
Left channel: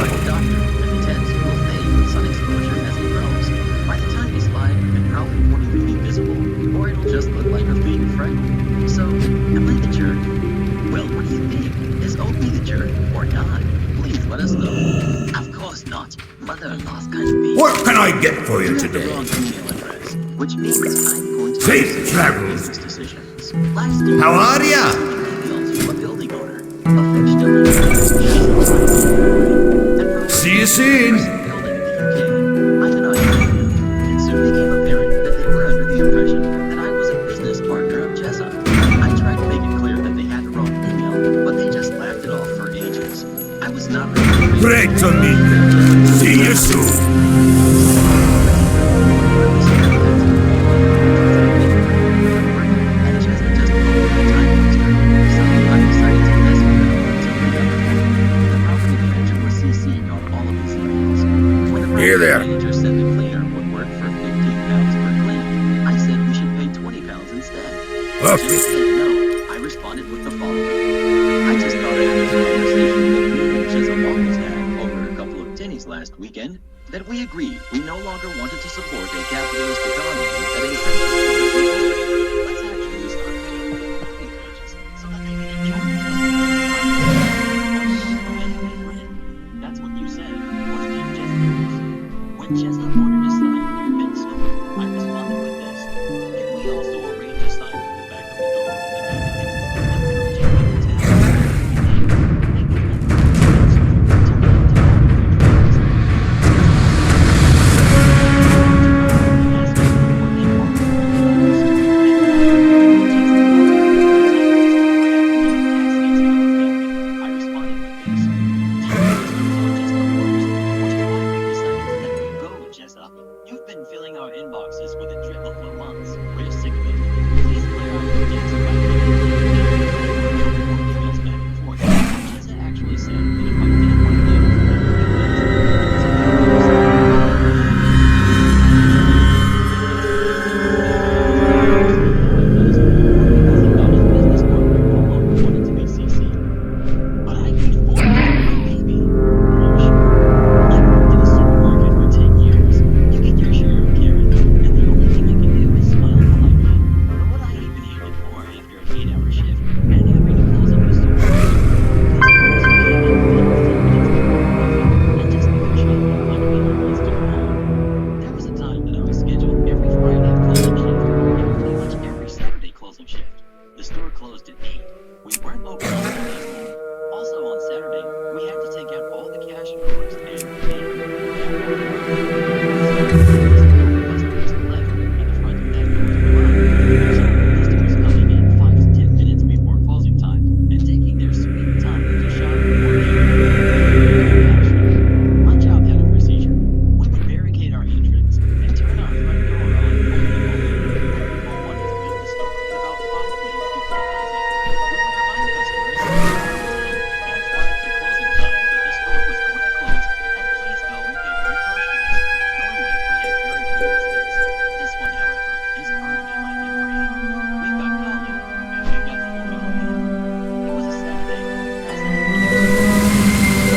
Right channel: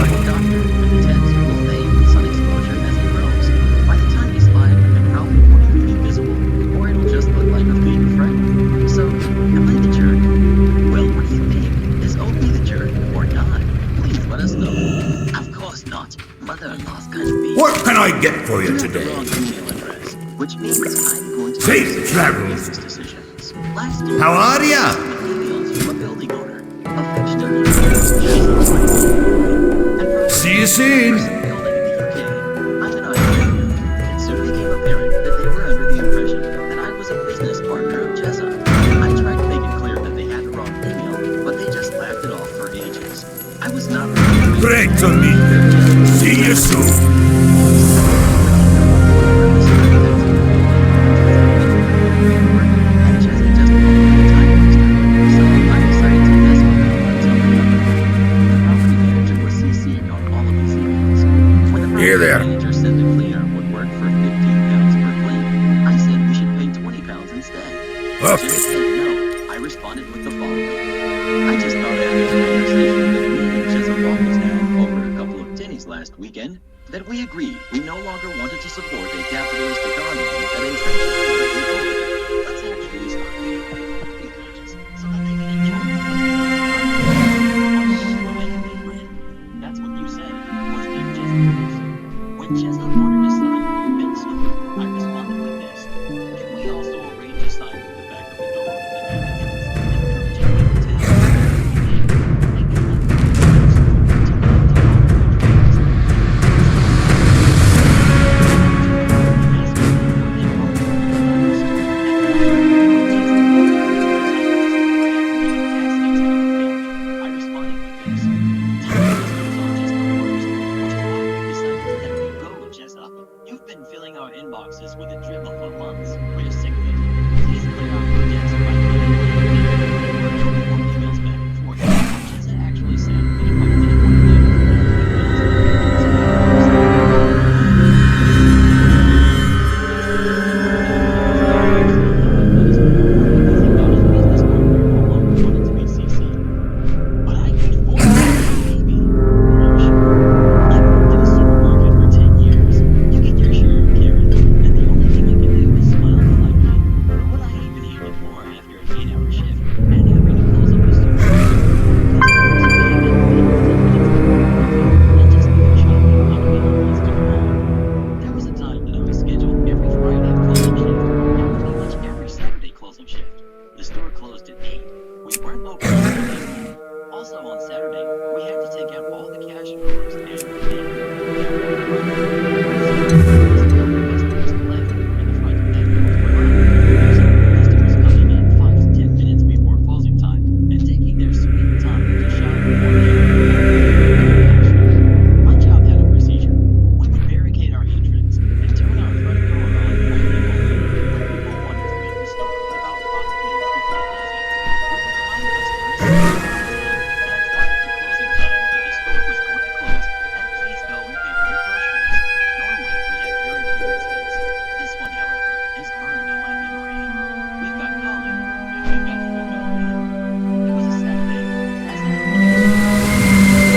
by the doctor, and the tattoo will fade with sun exposure as it grows. By the time he's 5, it probably won't even be visible, or it'll just look like a fake freckle. So, am I the jerk? Well, what do you think? Is Opie the jerk or not? Please let us know. Of course not. Mother-in-law's kind of being. What can I get for you You have today? the wrong email address, which means I'm going to Safe make travels. business decisions. Last year, How are ya? emailed you a building owner, affectionately. See you soon. Building in the UK. I'm in Australia. It soon became apparent that they were under the impression that I was a business partner of Jessa. I tried to make it clear that they had the wrong email, but they just laughed it off for ages. I was not really Great to meet you. See you soon. Particularly when one of the staff had to family in order to take your good at work, and Jessa just called her a time waster. So I decided to mess with them until they got the point. The property manager was CC'd on all of these emails. When the property manager said the cleaner would work for £15 per clean, I said we should pay £20 instead. Jessa said no. I responded with the following. I just thought after the conversation that me and Jessa Waffles had over a couple of tinnies last weekend, that we agreed we no longer wanted to support a capitalist economy that entrenches towards the poor. Let's actually start paying property wages so that they can enjoy the pleasant bread. That's what you said, wasn't it, Jessa Rules? When Jessa ordered a sign in the mid store, I responded with this. Can we also arrange a sign in the back of the door in the 90 minutes, encouraging people to have a maybe another one in the store, telling them to follow their dreams. Asking them what they want to know last. And finally, when Jessa called me a time waster for having me on task to have a family, I responded with this. Time wasters are just the worst, which is why we decided to let you go, Jessa. You've been filling our inboxes with a dribble for months. We're sick of it. Please clear out your debts by getting a couple more emails back and forth. Jessa actually said that if I didn't want to deal with the emails, it was a better or because he thought his business partner no longer wanted to be CC'd. But I paid full price for my baby. Are you sure? I've worked in a supermarket for 10 years. You get your share of Karen, and the only thing you can do is smile politely. But what I even hated more after an 8-hour shift and having to close up the supermarket were customers who came in 5 to 10 minutes before closing and just leave their shopping like no one wants to go home. There was a time that I was scheduled every Friday closing shift and pretty much every Saturday closing shift. The store closed at 8. We weren't open until 8. Also on Saturday, we had to take out all the cash drawers and count all the money. We started doing this when all the customers had left and the front and back doors were locked. So customers coming in 5 to 10 minutes before closing time and taking their sweet time to shop or cash. My job had a procedure. We would barricade our entrance and turn our front door on only open when people wanted to leave the store in about 5 minutes before closing. We would remind customers and 5 to closing time that the store was going to close and please go and pay for your groceries. Normally, we had very few incidents. This one, however, is burned in my memory. We've got Colin, and we've got Formula Man. It was a Saturday, as I didn't catch it.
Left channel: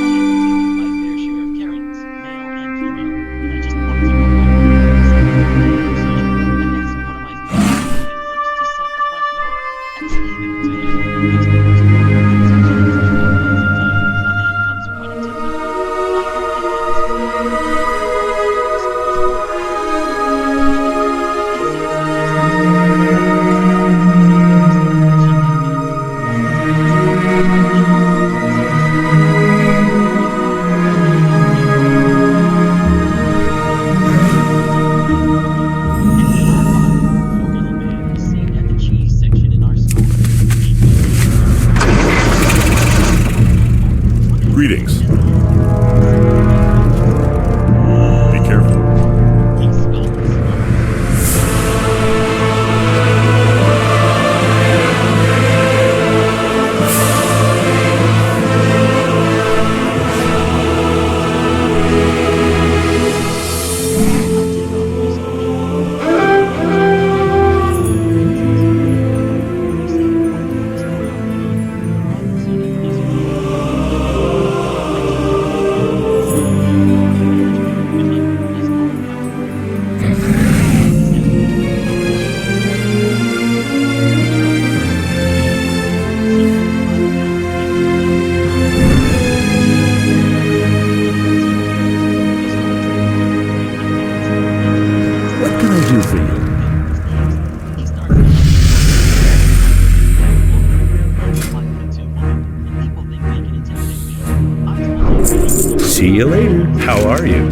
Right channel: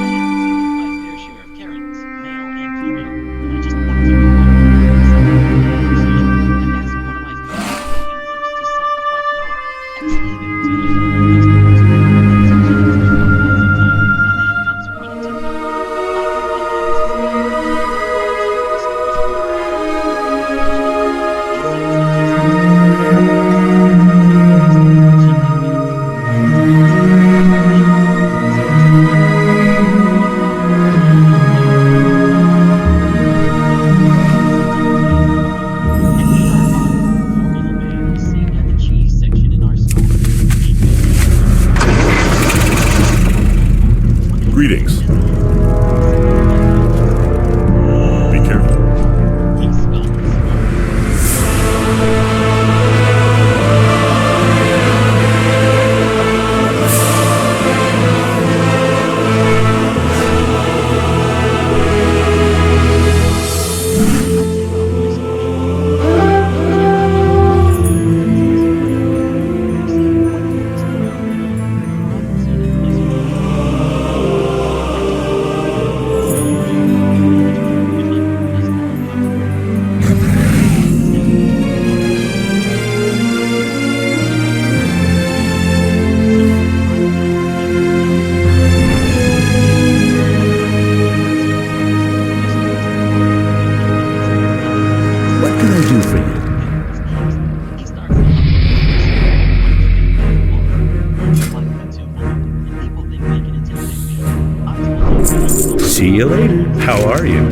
I had to deal with my fair share of Karens, male and female, and I just wanted to go home. Except I followed the procedure and asked one of my fellow handlers to set the front door and stay there to handle the customers. And 2 minutes before closing time, a man comes running to the door. I only asked his name and advised him that the store is going to close. He said it's just as important to the time to visit the customer. She let him in. That is not smart to do the job. So he said he got more than we thought we were really not like. And here are mine. Formula Man is seen at the cheese section in our store. Greetings. Be careful. He scoffs. What can I do for you? He starts to help like a big bad wolf. I'm a 5'2" woman, and people think they can intimidate me. I told him, See you later. How are you?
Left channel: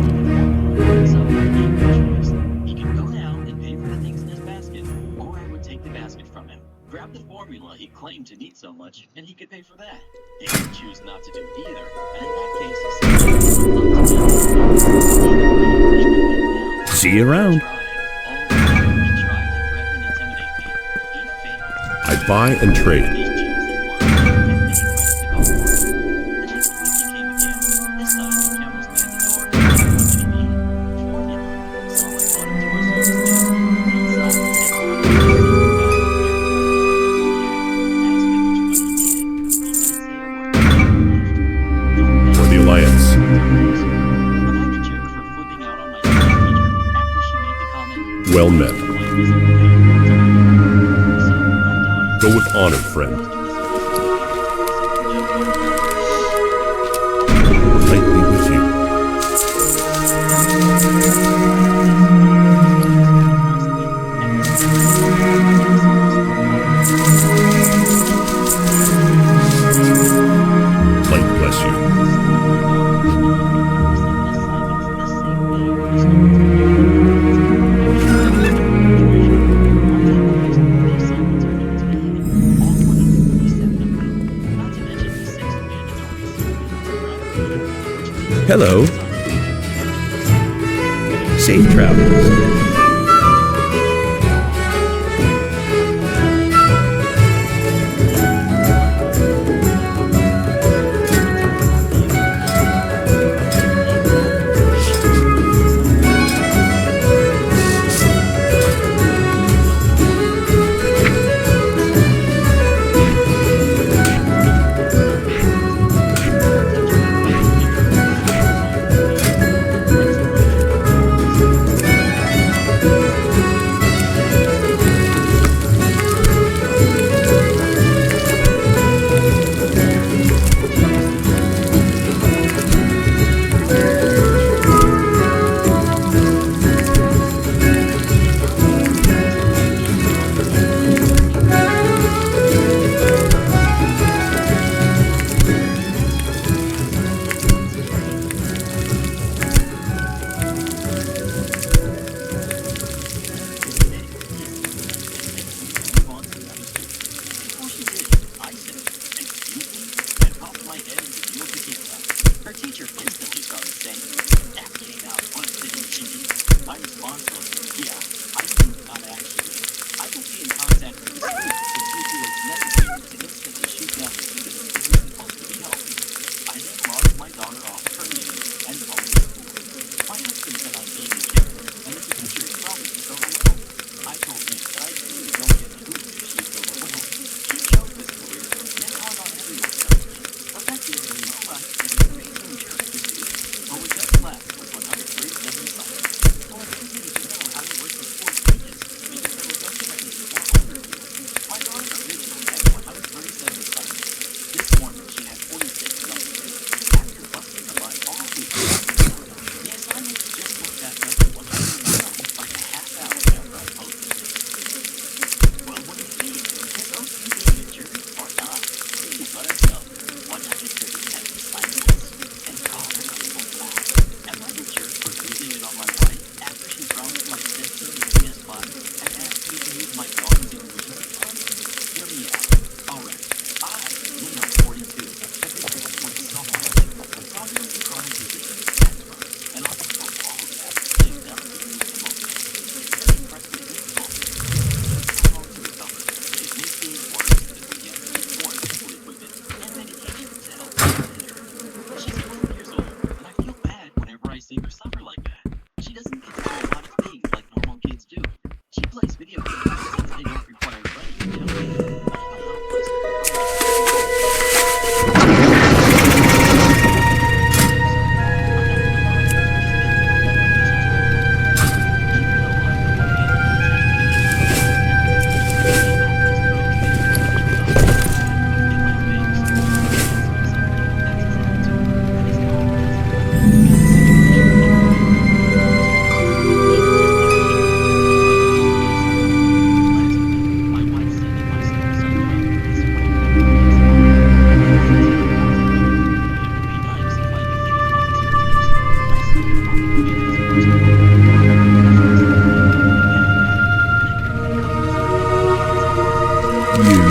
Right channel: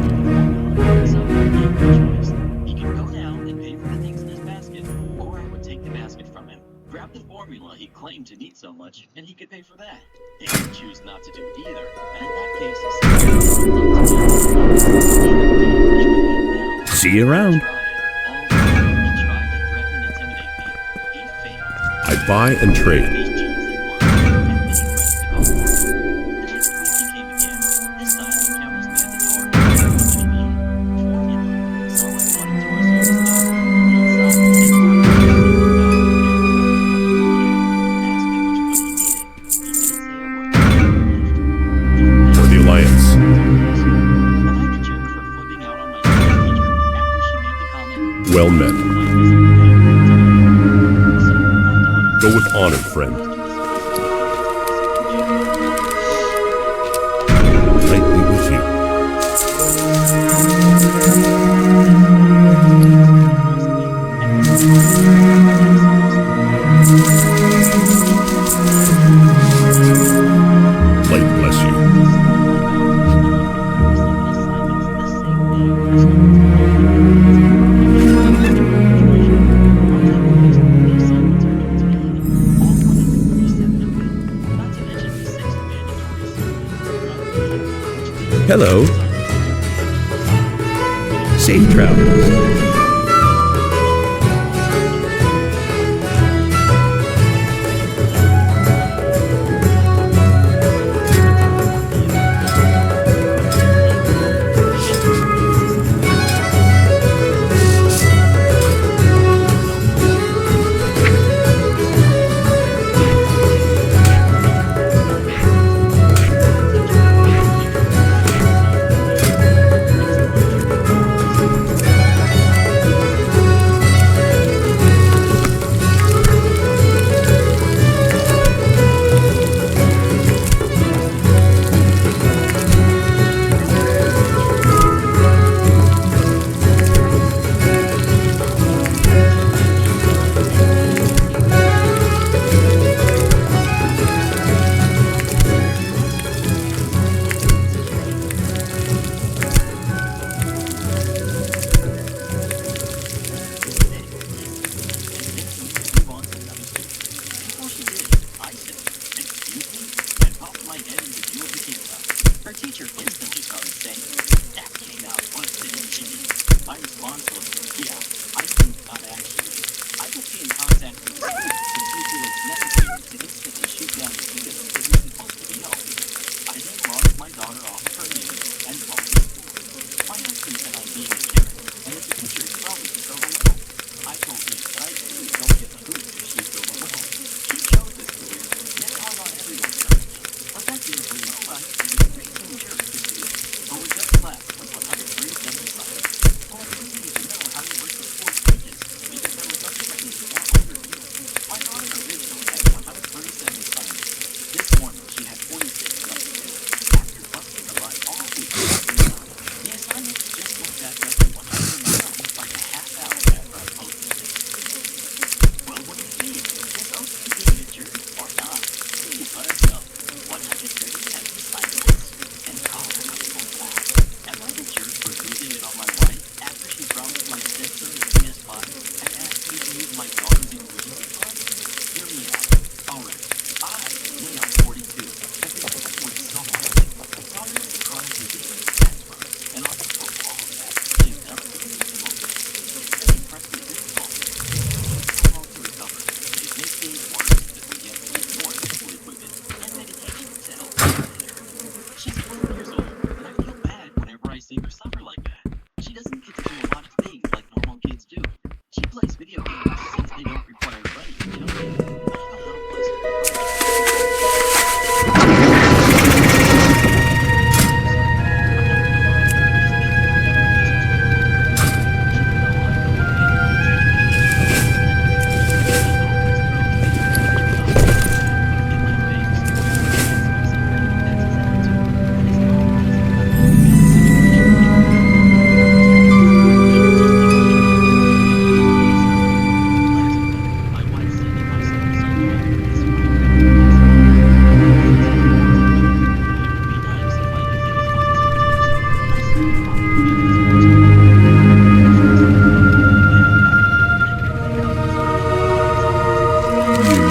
so I gave him a choice. He could go down and pay for the things in his basket, or I would take the basket from him, grab the formula he claimed to need so much, and he could pay for that. He could choose not to do either, and in that case, See you around. he tried to threaten and intimidate me. He failed. I buy and trade. These jeans and wine, and many friends to go for. The next week he came again. This time he encounters me at the door. What did he need? Formula. So I brought him to our service desk. Went inside and brought him a single bag of every kind of formula he had. Asked him which one he needed. He didn't say a word. He left. For the Alliance. Am I the jerk for flipping out on my teacher after she made the comment? Well met. Life isn't fair to my daughter. So my daughter Go with honor, friend. Might be with you. Light bless you. Hello. Safe travels. Her teacher instantly started saying, "That came out once, didn't she?" My response was, "Yeah, I think not actually. I will be in contact with the school to see if it was necessary to instantly shoot down students that were supposed to be helping." I then logged my daughter off of her meeting and called the school. My husband said I'm being a jerk, and that the teacher is probably just overwhelmed. I told him that I too don't give a hoot if she is overwhelmed. She chose this career, and it's hard on everyone, certainly. Effective or no life, it is a raging jerk to students, but what just left was 137 assignments. So I didn't need to know how to work the sports pages, because there was no training or overview. My daughter originally had 137 assignments. This morning, she had 46 left to do. After busting her butt all week, the assignments just went back up to 109 like a half hour after I posted it. Well, what do you think? Is OC being a jerk or not? Please let us know. 137 assignments. And call them up real fast. Am I the jerk for losing it on my wife after she promised my stepson a PS5 and asked me to use my daughter's emergency fund? Hear me out. Alright, I, male 42, have been living with someone with problems of chronic disease, asthma, and on top of all of that, things down to me pneumonia. It's been incredibly difficult. It's taken so long to recover, and it makes things worse as we have to get more medical equipment and medication to help manage her. She's 12 years old, and I feel bad whenever I see her suffer like that. She doesn't get to do a lot of things like normal kids do. She plays video games since they don't require running and jumping. I feel helpless, but I try to do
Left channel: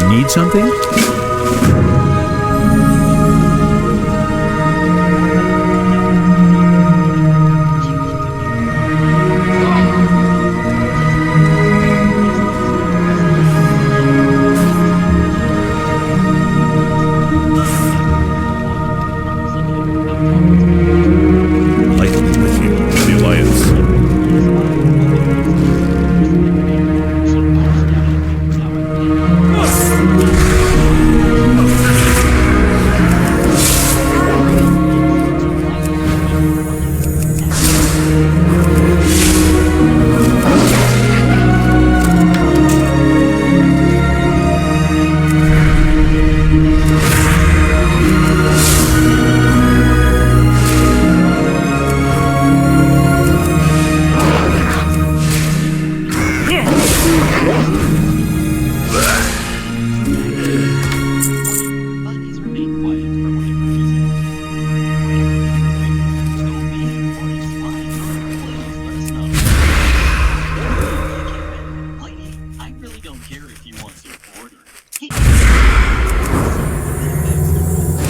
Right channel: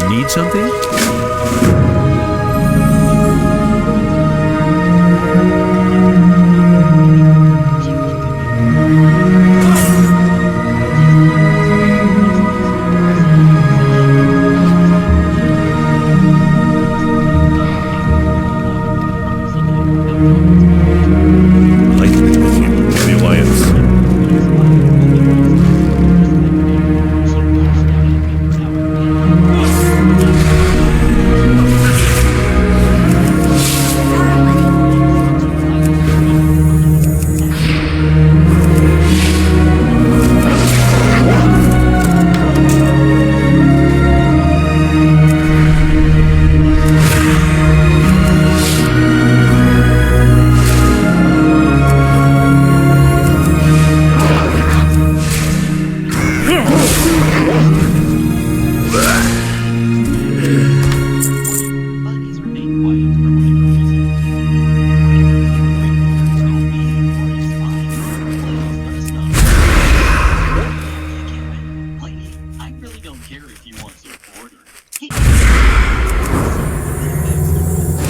Need something? Light be with you, the Alliance.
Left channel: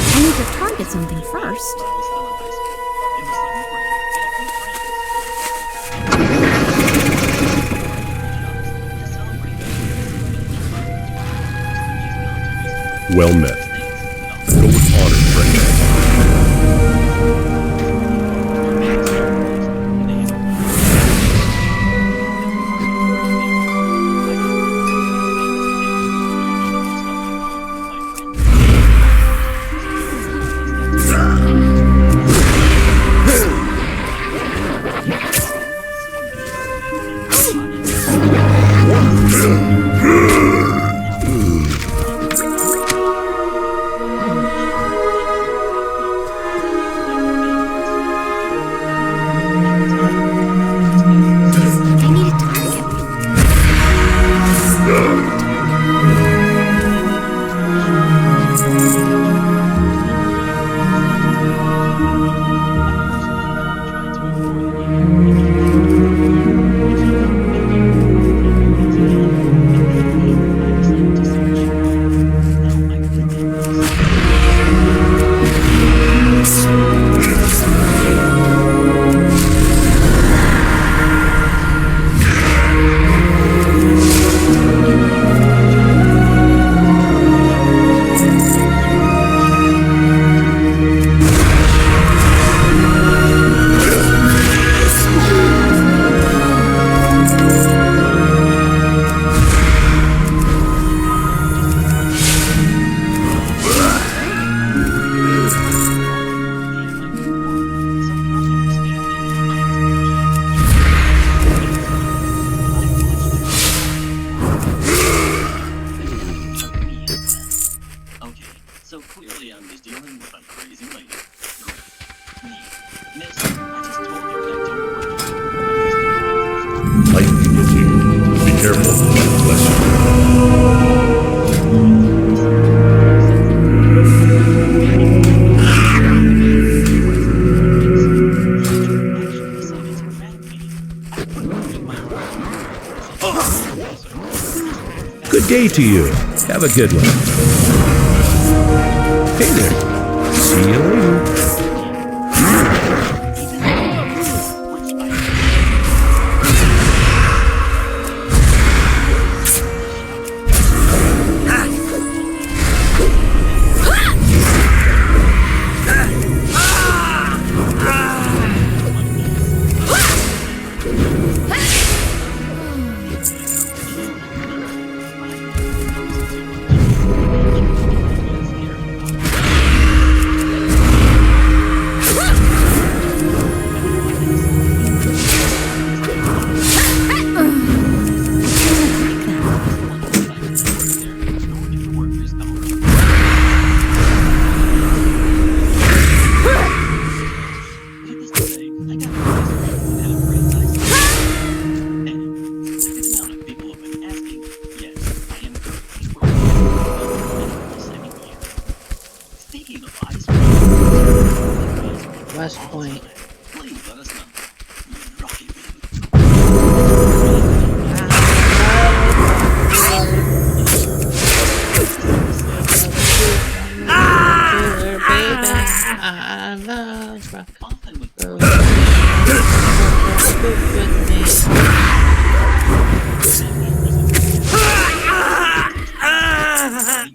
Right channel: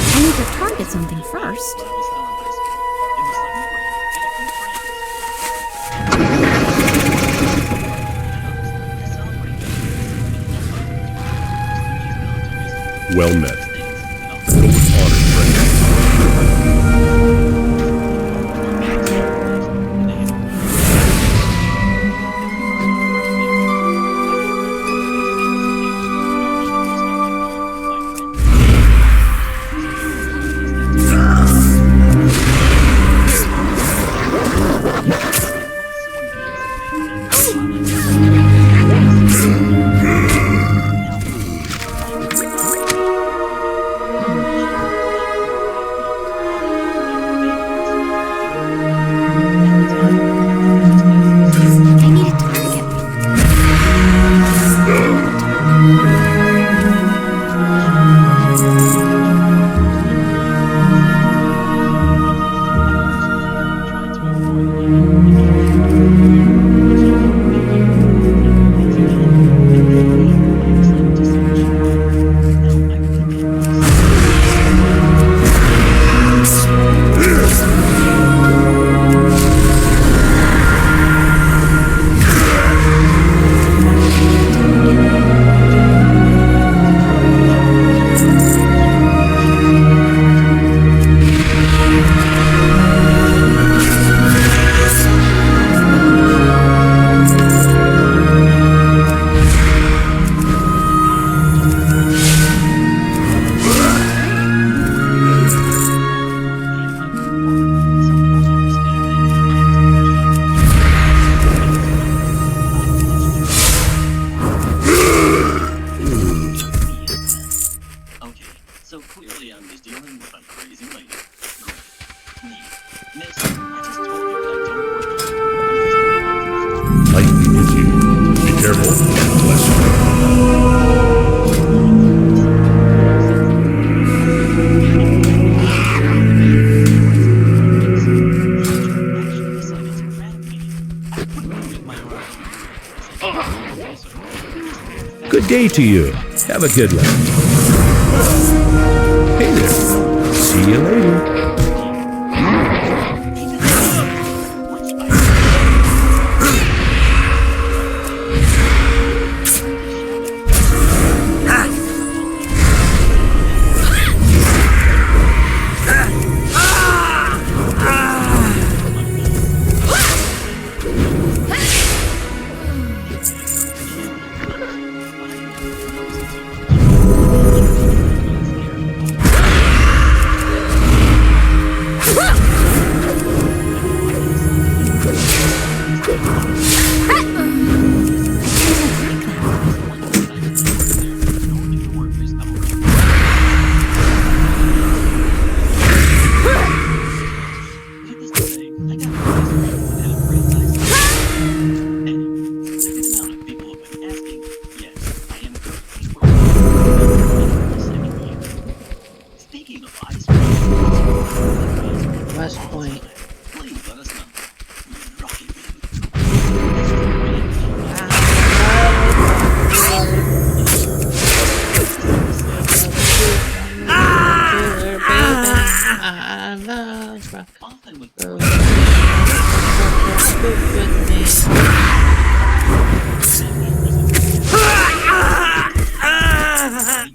I need to target something first. Well met. Go with honor, friend. I need a target. So clearly I'm just dealing with a crazy lady. Hey, miss, I just told you that I don't work here. I'm just doing my first work. Light be with you. Be careful. Light bless you. Good day to you. Have a good one. Hey there. See you later.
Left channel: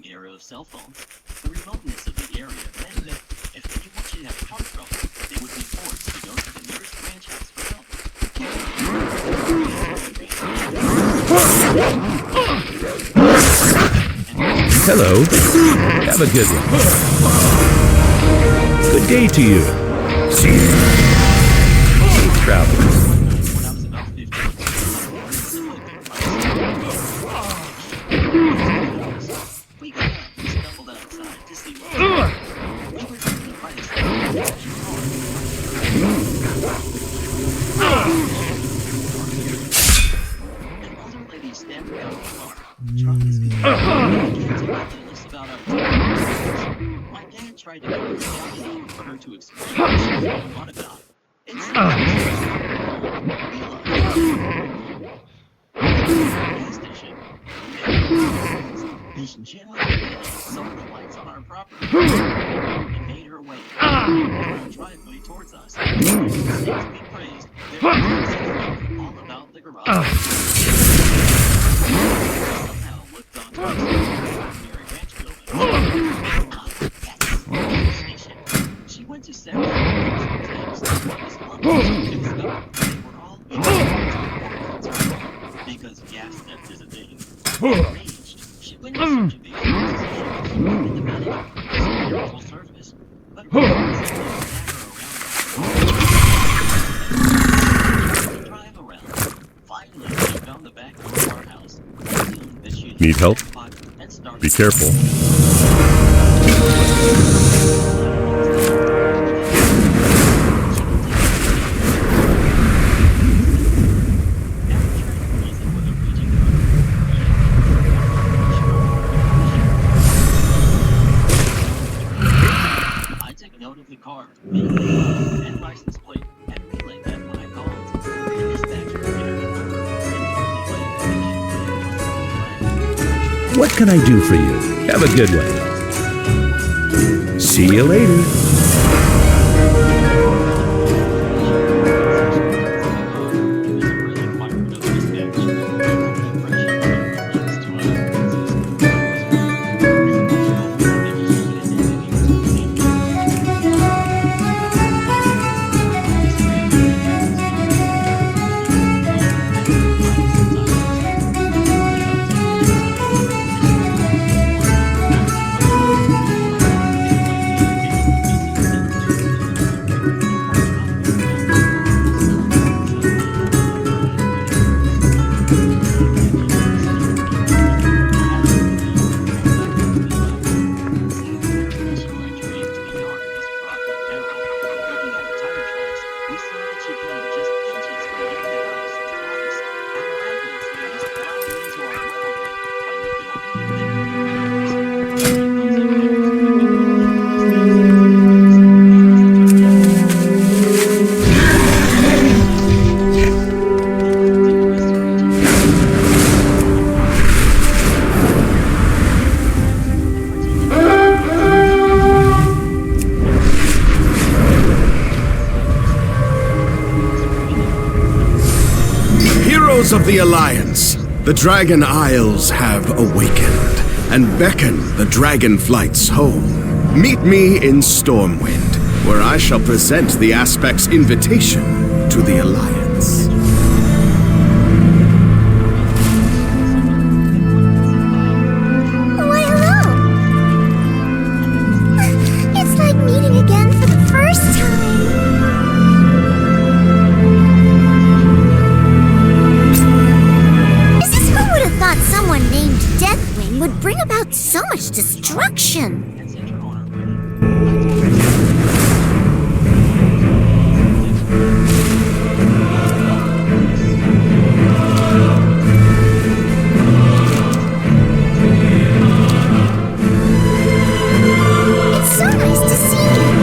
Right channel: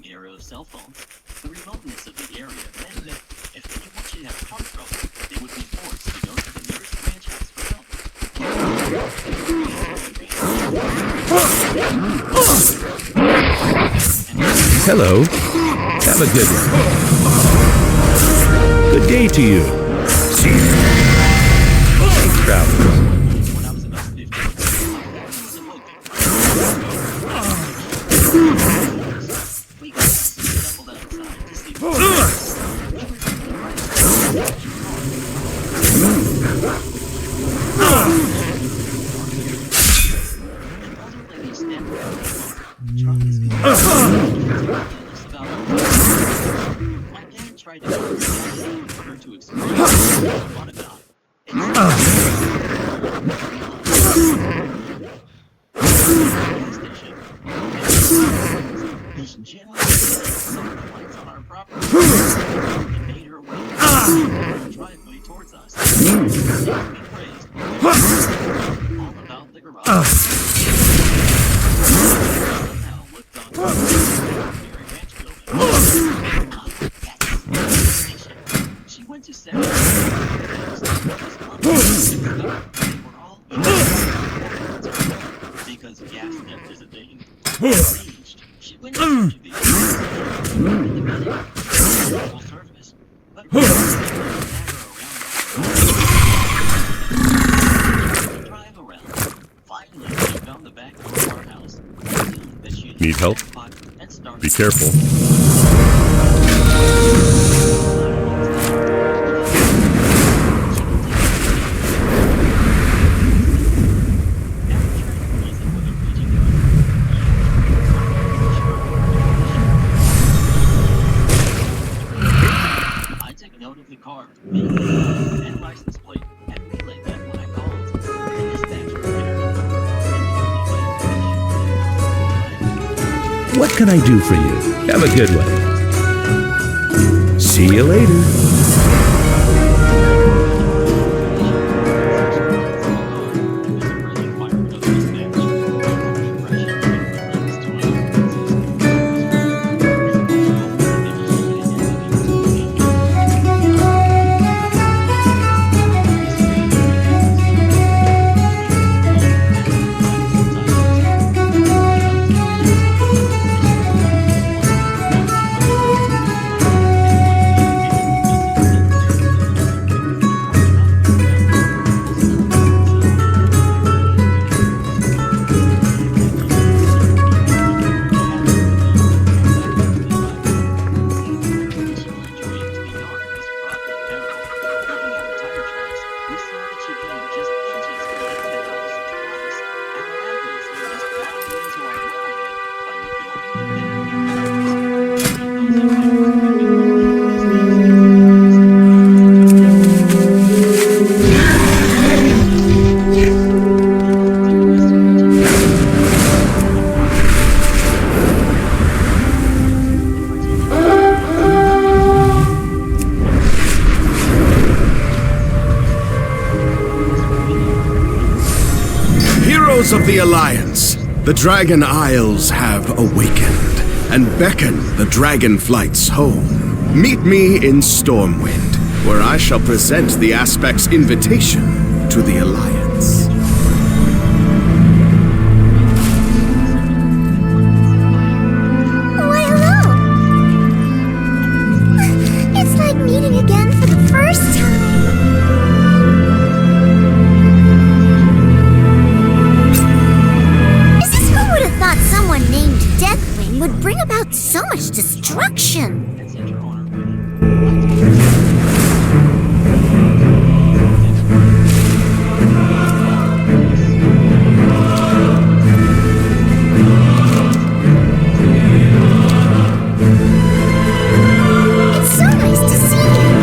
Era of cell phones. The remoteness of the area meant that if anyone should have car trouble, they would be forced to go to the nearest ranch house for help. Hello. Have a good one. Good day to you. See you. Safe travels. When I was about 15, my family was eloping by the house. We got up and stumbled outside to see what was going on. We were sitting right outside the trash car. An older lady stepped out of the car, trying to speak to us, and began to tell us about our business. My dad tried to calm her down for her to explain what she thought about. Instead, she realized gas station. And Jim saw the lights on our property and made her way down our driveway towards us. And saints be praised, knew all about the garage. Somehow looked on to an ordinary ranch building. Station. She went to several things, but was lovely to discover they were all either or wouldn't turn on because gas theft is a thing. Enraged, she went in search of the only station and the medic for this terrible service. But simply drag her around. Drive around. Finally, she found the back door of our house. That she Need help? Be careful. Note of the car, and license plate, and relayed that when I called. The dispatcher ran the number and told me my information. What can I do for you? Have a good one. See you later. Of the Alliance, the Dragon Isles have awakened and beckon the dragon flights home. Meet me in Stormwind, where I shall present the Aspect's invitation to the Alliance. Why, hello! It's like meeting again for the first time. Who would have thought someone named Deathwing would bring about so much destruction? It's so nice to see you.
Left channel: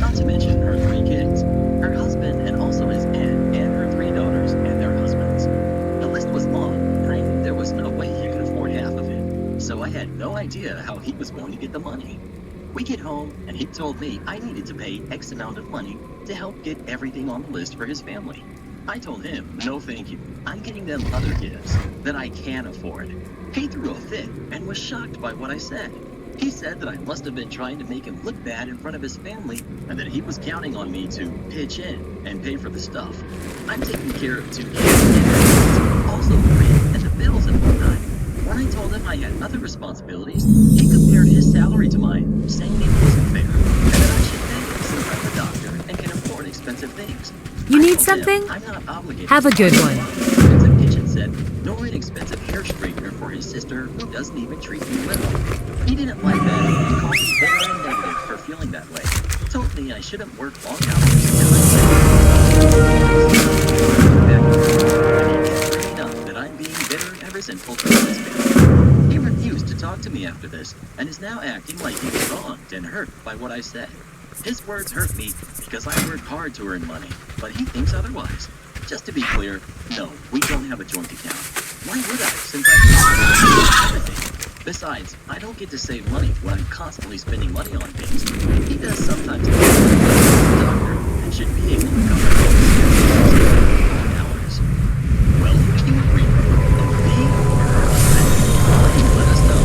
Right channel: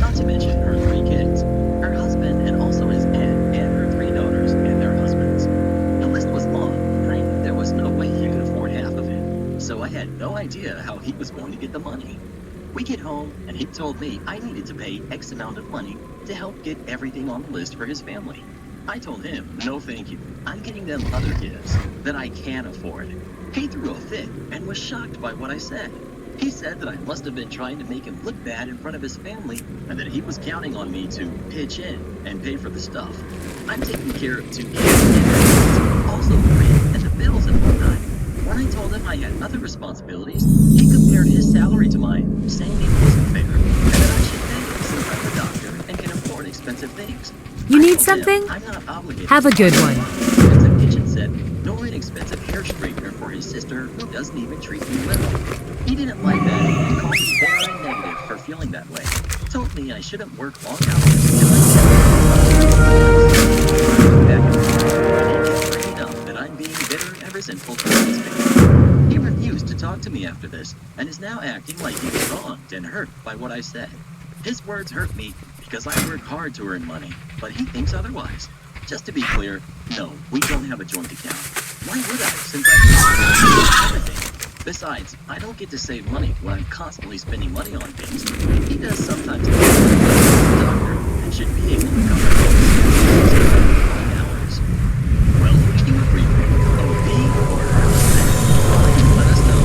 Not to mention her 3 kids, her husband and also his aunt and her 3 daughters and their husbands. The list was long, and I knew there was no way he could afford half of it. So I had no idea how he was going to get the money. We get home, and he told me I needed to pay X amount of money to help get everything on the list for his family. I told him, no thank you. I'm getting them other gifts that I can afford. He threw a fit and was shocked by what I said. He said that I must have been trying to make him look bad in front of his family and that he was counting on me to pitch in and pay for the stuff. I'm taking care of 2 kids, also the rent and the bills and whatnot. When I told him I had other responsibilities, he compared his salary to mine, saying it wasn't fair, and that I should pay him since I'm a doctor and can afford expensive things. You need something? I'm not obligated. Have a good one. Expensive kitchen set, nor an expensive hair straightener for his sister who doesn't even treat me well. He didn't like that and called me bitter and negative for feeling that way. Told me I shouldn't work long hours and I never get back and forth, and he kept bringing up that I'm being bitter and resentful towards his family. He refused to talk to me after this and is now acting like he was wronged and hurt by what I said. His words hurt me because I work hard to earn money, but he thinks otherwise. Just to be clear, no, we don't have a joint account. Why would I, since I everything? Besides, I don't get to save money when I'm constantly spending money on things. He does sometimes as a doctor and should be able to cover long hours. Well, who do you agree with? OB or her husband? Please let us know.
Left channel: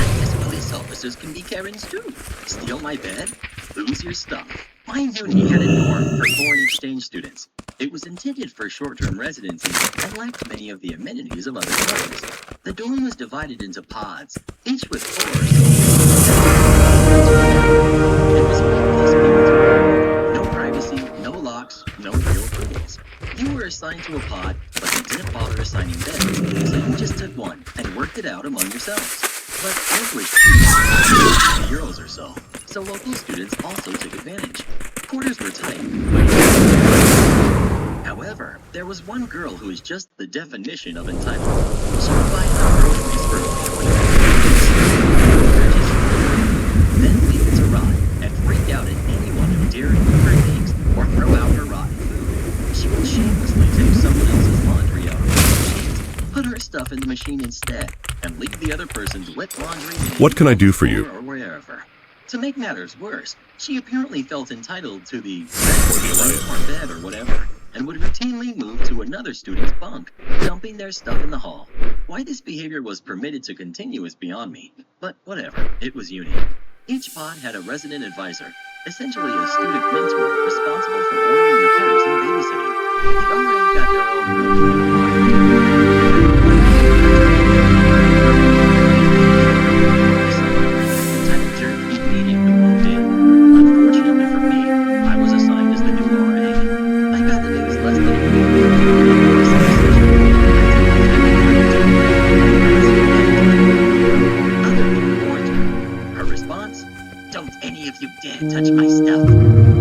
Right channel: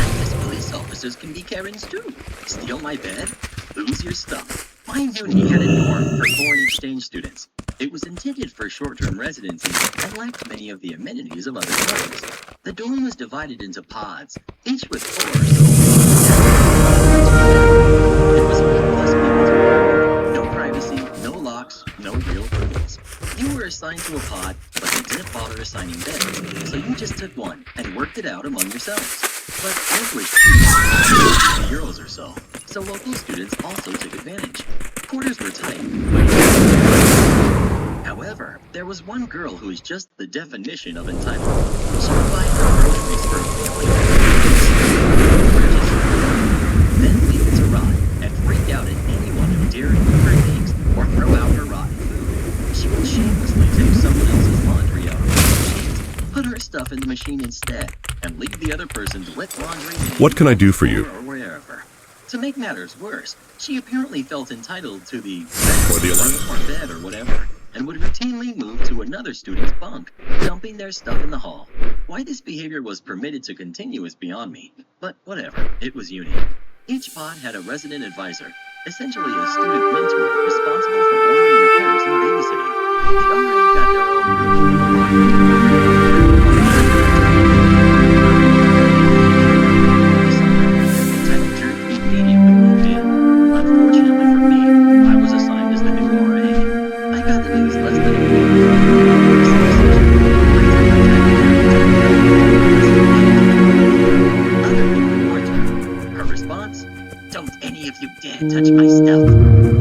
I guess police officers can be Karens too. Steal my bed? Lose your stuff. My uni had a dorm for foreign exchange students. It was intended for short-term residency and lacked many of the amenities of other dorms. The dorm was divided into pods, each with 4 or so rooms and bathroom. It was 4 plus people to a room, no privacy, no locks, no real rules. You were assigned to a pod, but they didn't bother assigning beds, so you just took one and worked it out among yourselves. But rent was cheap, €50 or so local students also took advantage. Quarters were tight. However, there was one girl who was just the definition of entitled. She would buy her groceries for a family then leave it to rot and freak out at anyone who dared move her things or throw out her rotten food. She would shamelessly take someone else's laundry out of her machines, put her stuff in the machine instead, and leave the other person's wet laundry in What can I do for you? or wherever. To make matters worse, she apparently felt entitled to the bed or whatever, and would routinely move to another student's bunk, dumping their stuff in the hall. Why this behavior was permitted to continue is beyond me, but whatever, it was uni. Each pod had a resident advisor, essentially a student mentor responsible for ordering repairs and babysitting. The RA got their own room with a locked door, and had the pod over the summer. Entitled Jerk immediately moved in. Unfortunately for me, I was assigned as the new RA. I got the news less than a week before the end of my summer session. I told the tiny jerk to move out. The resident manager told her to move out. Other people warned her. Her response? Don't any of you dare touch my stuff.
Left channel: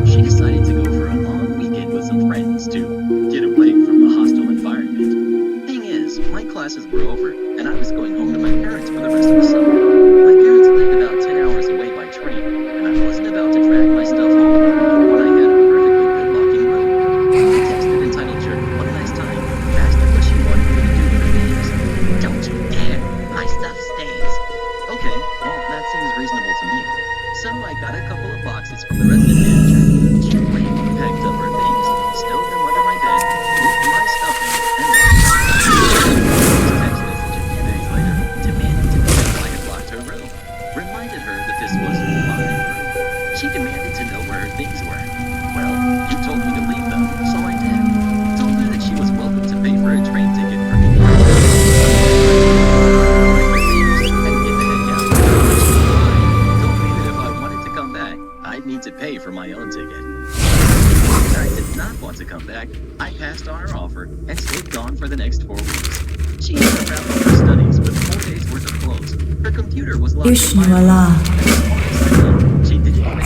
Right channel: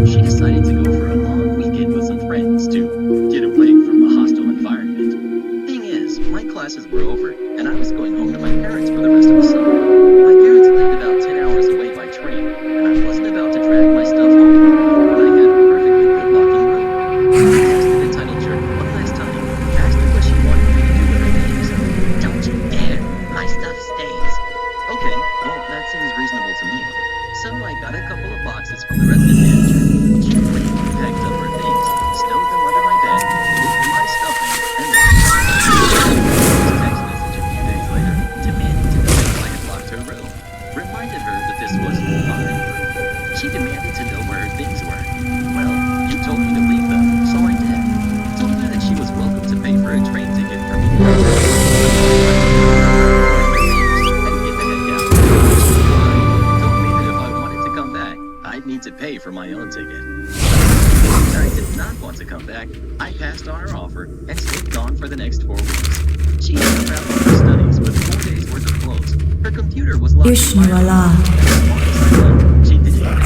She decided to go for a long weekend with some friends to get away from the hostile environment. Thing is, my classes were over, and I was going home to my parents for the rest of the summer. My parents lived about 10 hours away by train, and I wasn't about to drag my stuff home with me when I had a perfectly good locking room. I texted entitled jerk one last time, asked her what she wanted me to do with her things. Don't you dare, my stuff stays. Okay, well, that seems reasonable to me. So I got a couple of boxes from the resident manager, gently packed up her things, stowed them under my bed, moved my stuff in, and locked them. Text message a few days later, demanding to know if I had locked her room. Reminded her that this was my room. She demanded to know where her things were. Well, you told me to leave them, so I did. Told her that she was welcome to pay for a train ticket for me to come back. I'd need to pay for my own ticket. I did not want to come back. I passed on her offer and stayed gone for the next 4 weeks. She had to wrap up her studies with 4 days worth of clothes. Her computer was locked in my room, and as far as I know, she didn't even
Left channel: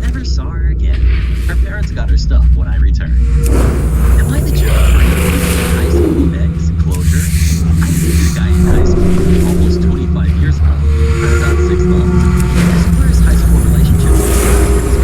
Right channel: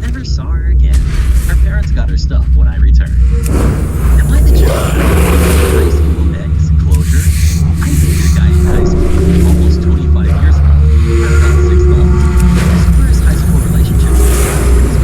never saw her again. Her parents got her stuff when I returned. Am I the jerk for high school ex closure? I dated a guy in high school almost 25 years ago for about 6 months. As far as high school relationships, it was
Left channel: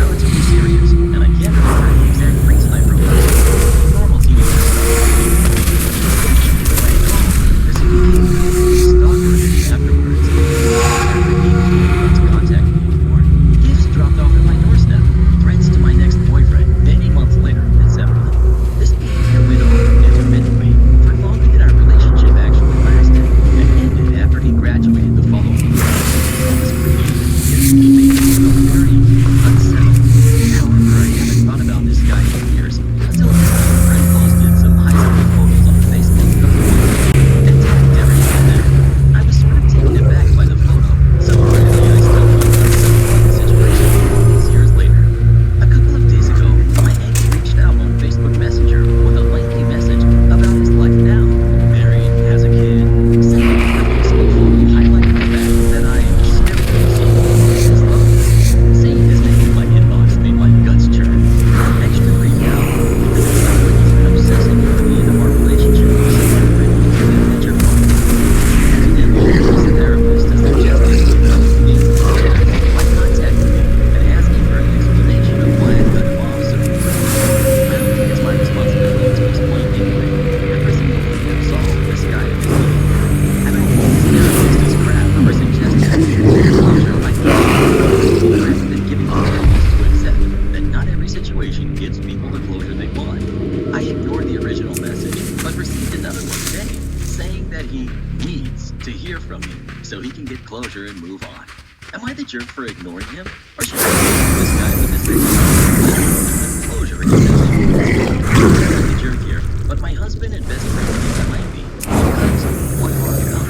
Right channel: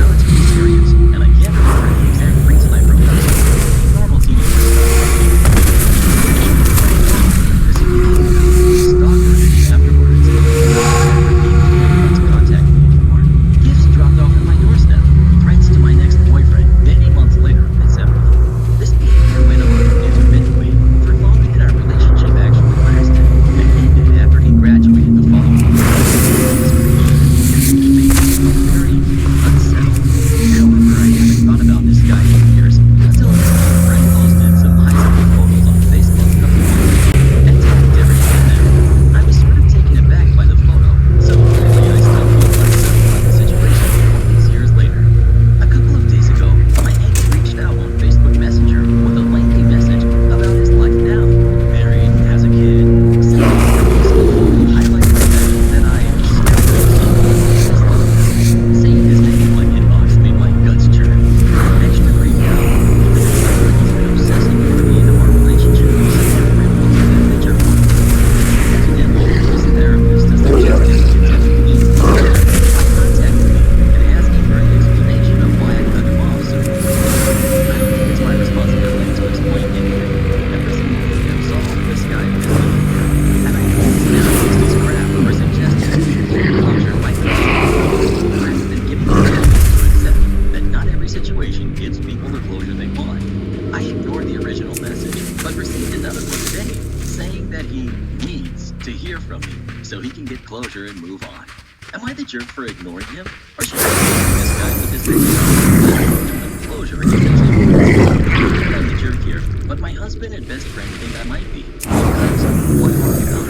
not every situation gives people the closure they want. I ignored the original message, but received another one today, saying that he needs to hear from me so he can get closure and move on. Am I the jerk for ignoring him? Or should I be this guy with his closure essentially? I think I'm the jerk here, but my husband and best friend think I might be. Because what are you about?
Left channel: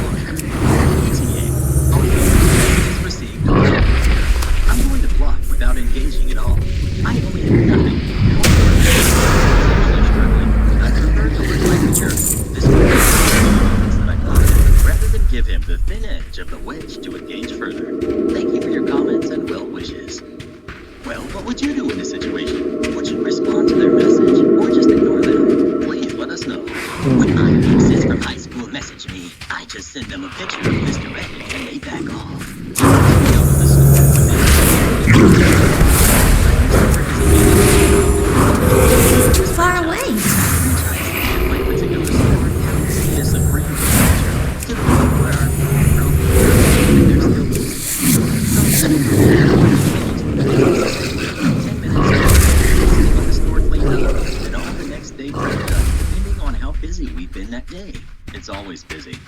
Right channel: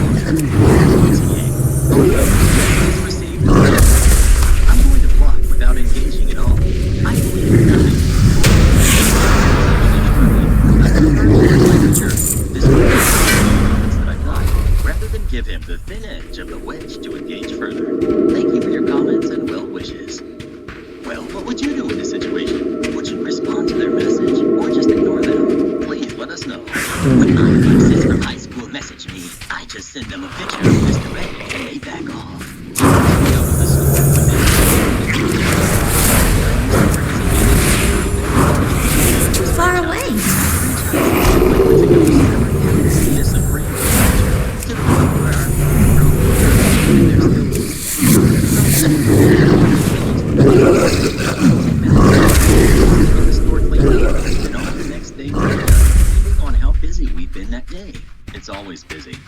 Closure. ETA. Okay. Message received loud and clear. I'm going to block without engaging at all. I believe in nothing. And when I'm actually struggling, I prefer to look like a jerk, despite the comments that I got, rather than give him the thin edge of the wedge to engage further. Thank you for your comments and well wishes. Well, what would you do in this situation? Would you respond to their message or just ignore them? Please let us know. When my exes from high school message me, I just send them a picture of Mr. Reddit and they back off. It's too far away. Depending on how busy we've been that day. It's always busy.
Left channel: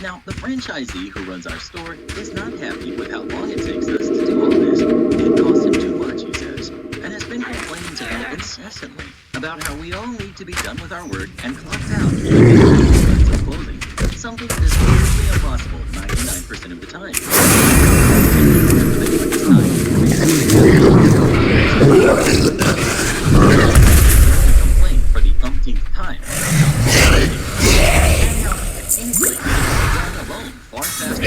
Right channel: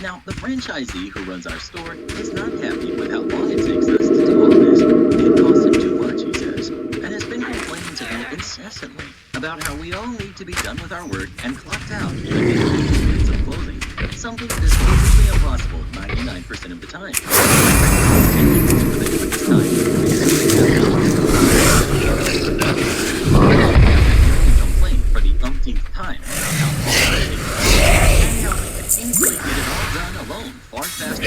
Now, the franchisee who runs our store is not happy with how long it takes us to do all this. It costs him too much, he says, and has been complaining to me incessantly about how we all need to be done with our work and clocked out within 15 minutes of closing, something that is physically impossible 99% of the time. For the quickest time. After hearing a complaint for the umpteenth time, and how we could easily get it all done alone far faster. I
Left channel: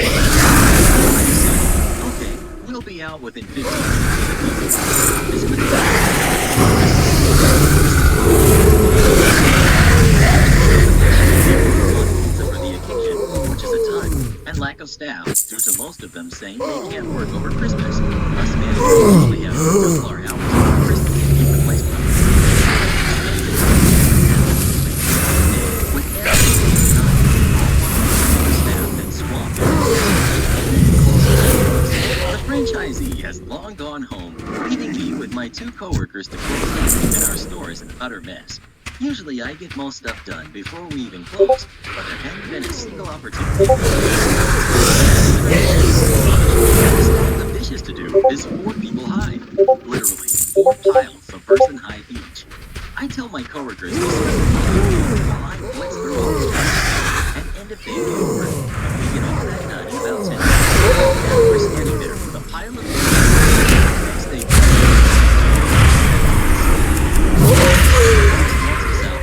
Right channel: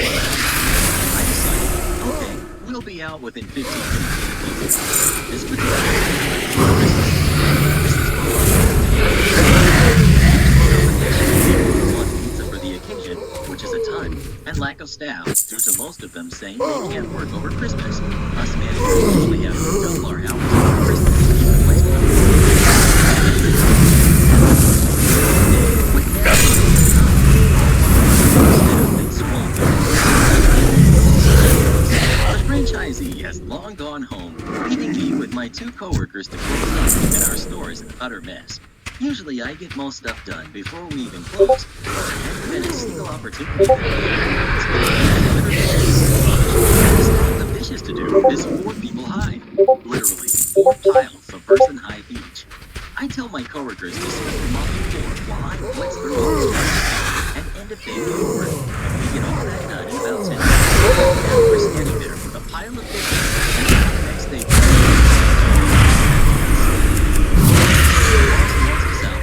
decided, okay, we'll be out within 15 minutes. This would be pizza for the occasion, which is a ton, and lack of staff, due to most of them saying they can't work over Christmas. Us managers usually have to double our hours over Christmas to keep the place running. With everything staff and swamped. The franchisee has long gone home, leaving me with my two coworkers to close up, and our store is an utter mess. Usually I get most stuff done before we even close, but there hadn't been a single opportunity that day. The dishes to do is 4 people high. Literally, 4 piles a person high each. I tell my coworkers to spend the money while I blitz through all the stuff and end of day work. We get all that done in about 10 minutes. And we're standing there with a pile of dishes. Next day,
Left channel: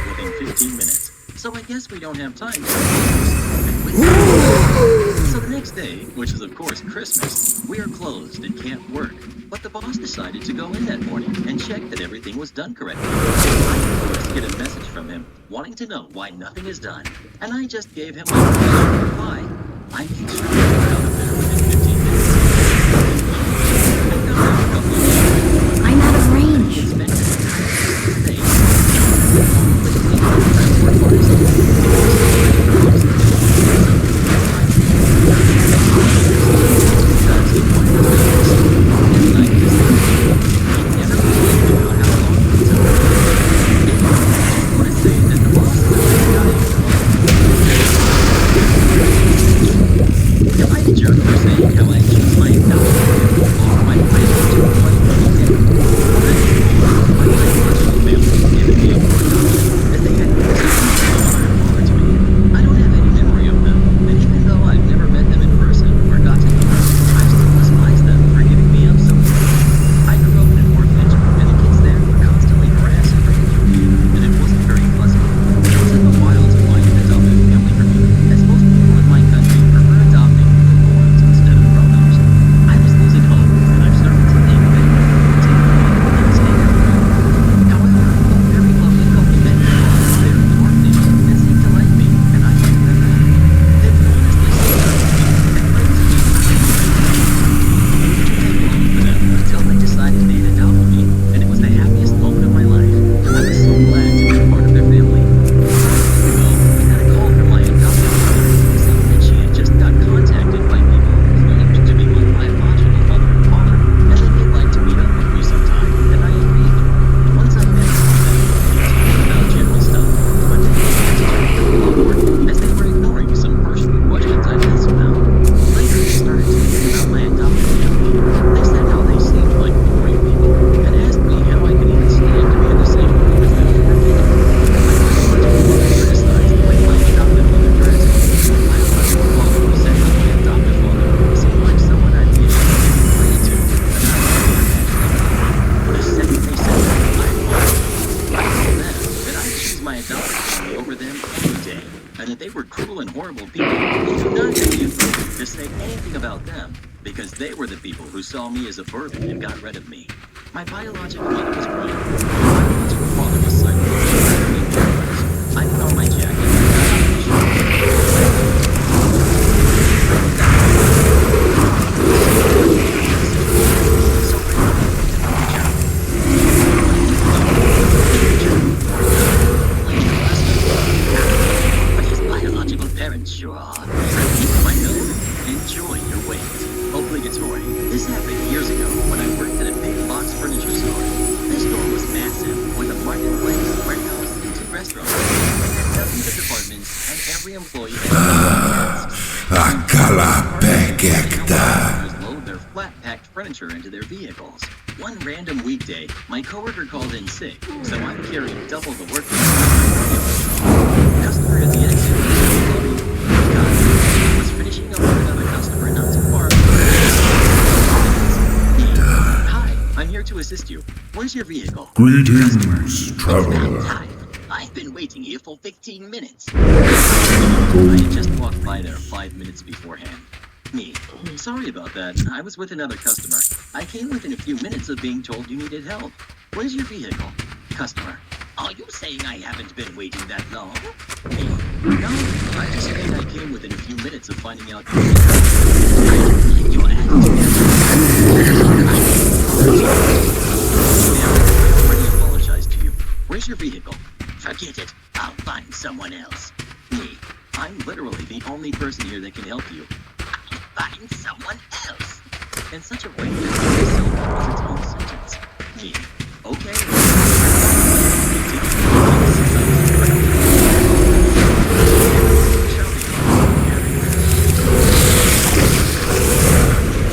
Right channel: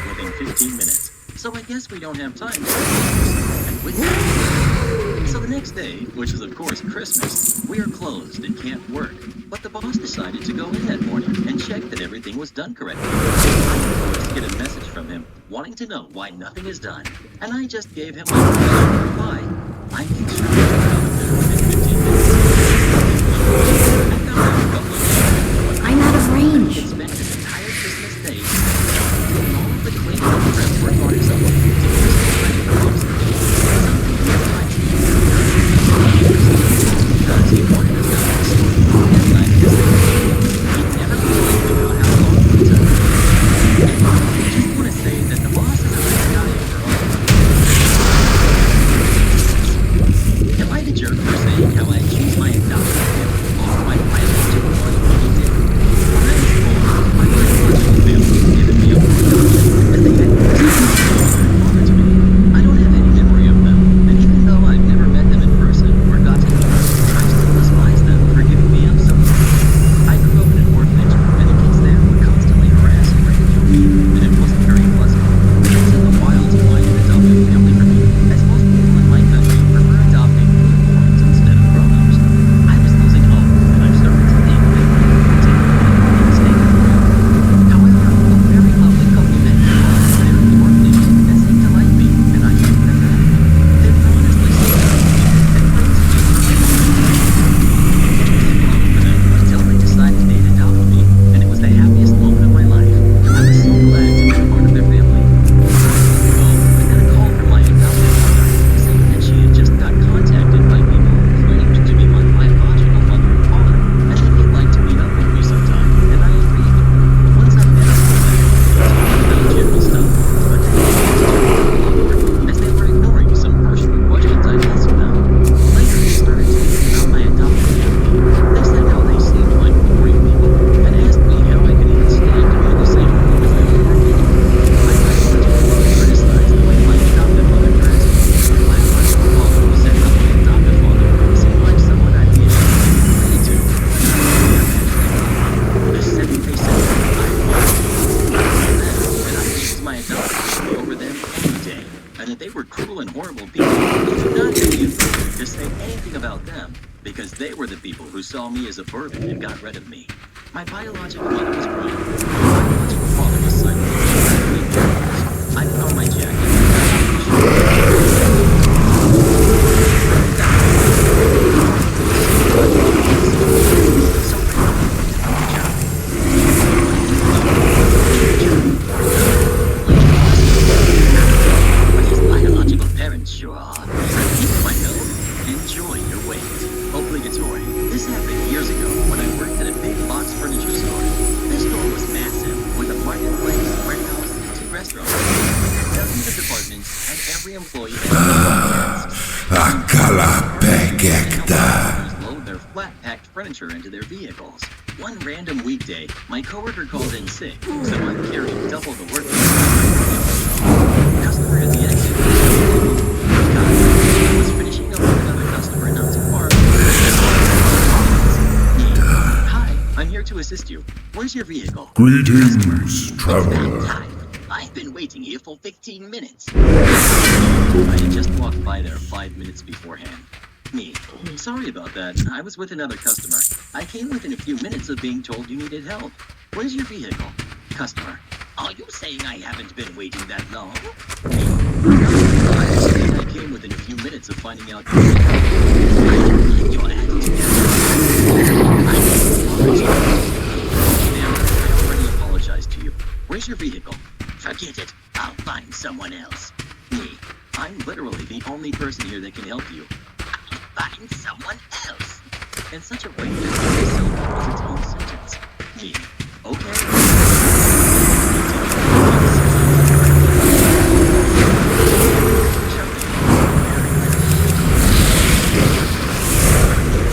within 15 minutes. So I guess we don't have time to and with that. So the next day, which is of course Christmas, we are closed and can't work. But the boss decided to go in that morning and check that everything was done correctly. I was to get a message from him wanting to know why nothing is done, and I just gave him my reply. I made sure we were out of there within 15 minutes. I found out a couple of things. I'm out of range. He had spent his entire Christmas day doing all of the cleaning and prep work on his own. Because he wanted us to have a story. He never complained about how long it took. I just want to say that the boss is a nice guy overall. Am I horrible people who do not have the authority to say anything about them because they were the people who saw me as a burden and got rid of me. My biological mother was crying. My biological father was silent. I put on my jacket. But his biological parents sure are. My note, enjoy your wait. Obligatory. This happened years ago when I worked at a big box furniture store. This store was massive, with a marketplace, warehouse, and 2 restaurants. It had dozens of departments, and every employee had load their flat-packed furniture into their vehicles. One random weekday, my coworker called in sick, so I'm carrying double the workload. Customer at the exit was loading. I was finishing up with another customer not too far. Hi, I'm here to assist you. Where's your vehicle? Greetings, traveler. I've been waiting here for 15 minutes. I had just walked by there 5 minutes beforehand. Me. Sorry about that. I was with another customer. I came within a few minutes of being told you needed help. Where's your vehicle? Customer. Are you saying I haven't been waiting that long? Me. No, I just think I came within a few minutes of finding out you needed help. I don't like your attitude. I apologize. Now, I already apologized to you. Where's your vehicle? Forget it. I'll find someone else. Me. I'm literally the only person here that can help you. Find someone else. In such a way that the syllable was its own sentence. Me. Okay. Shopping everywhere.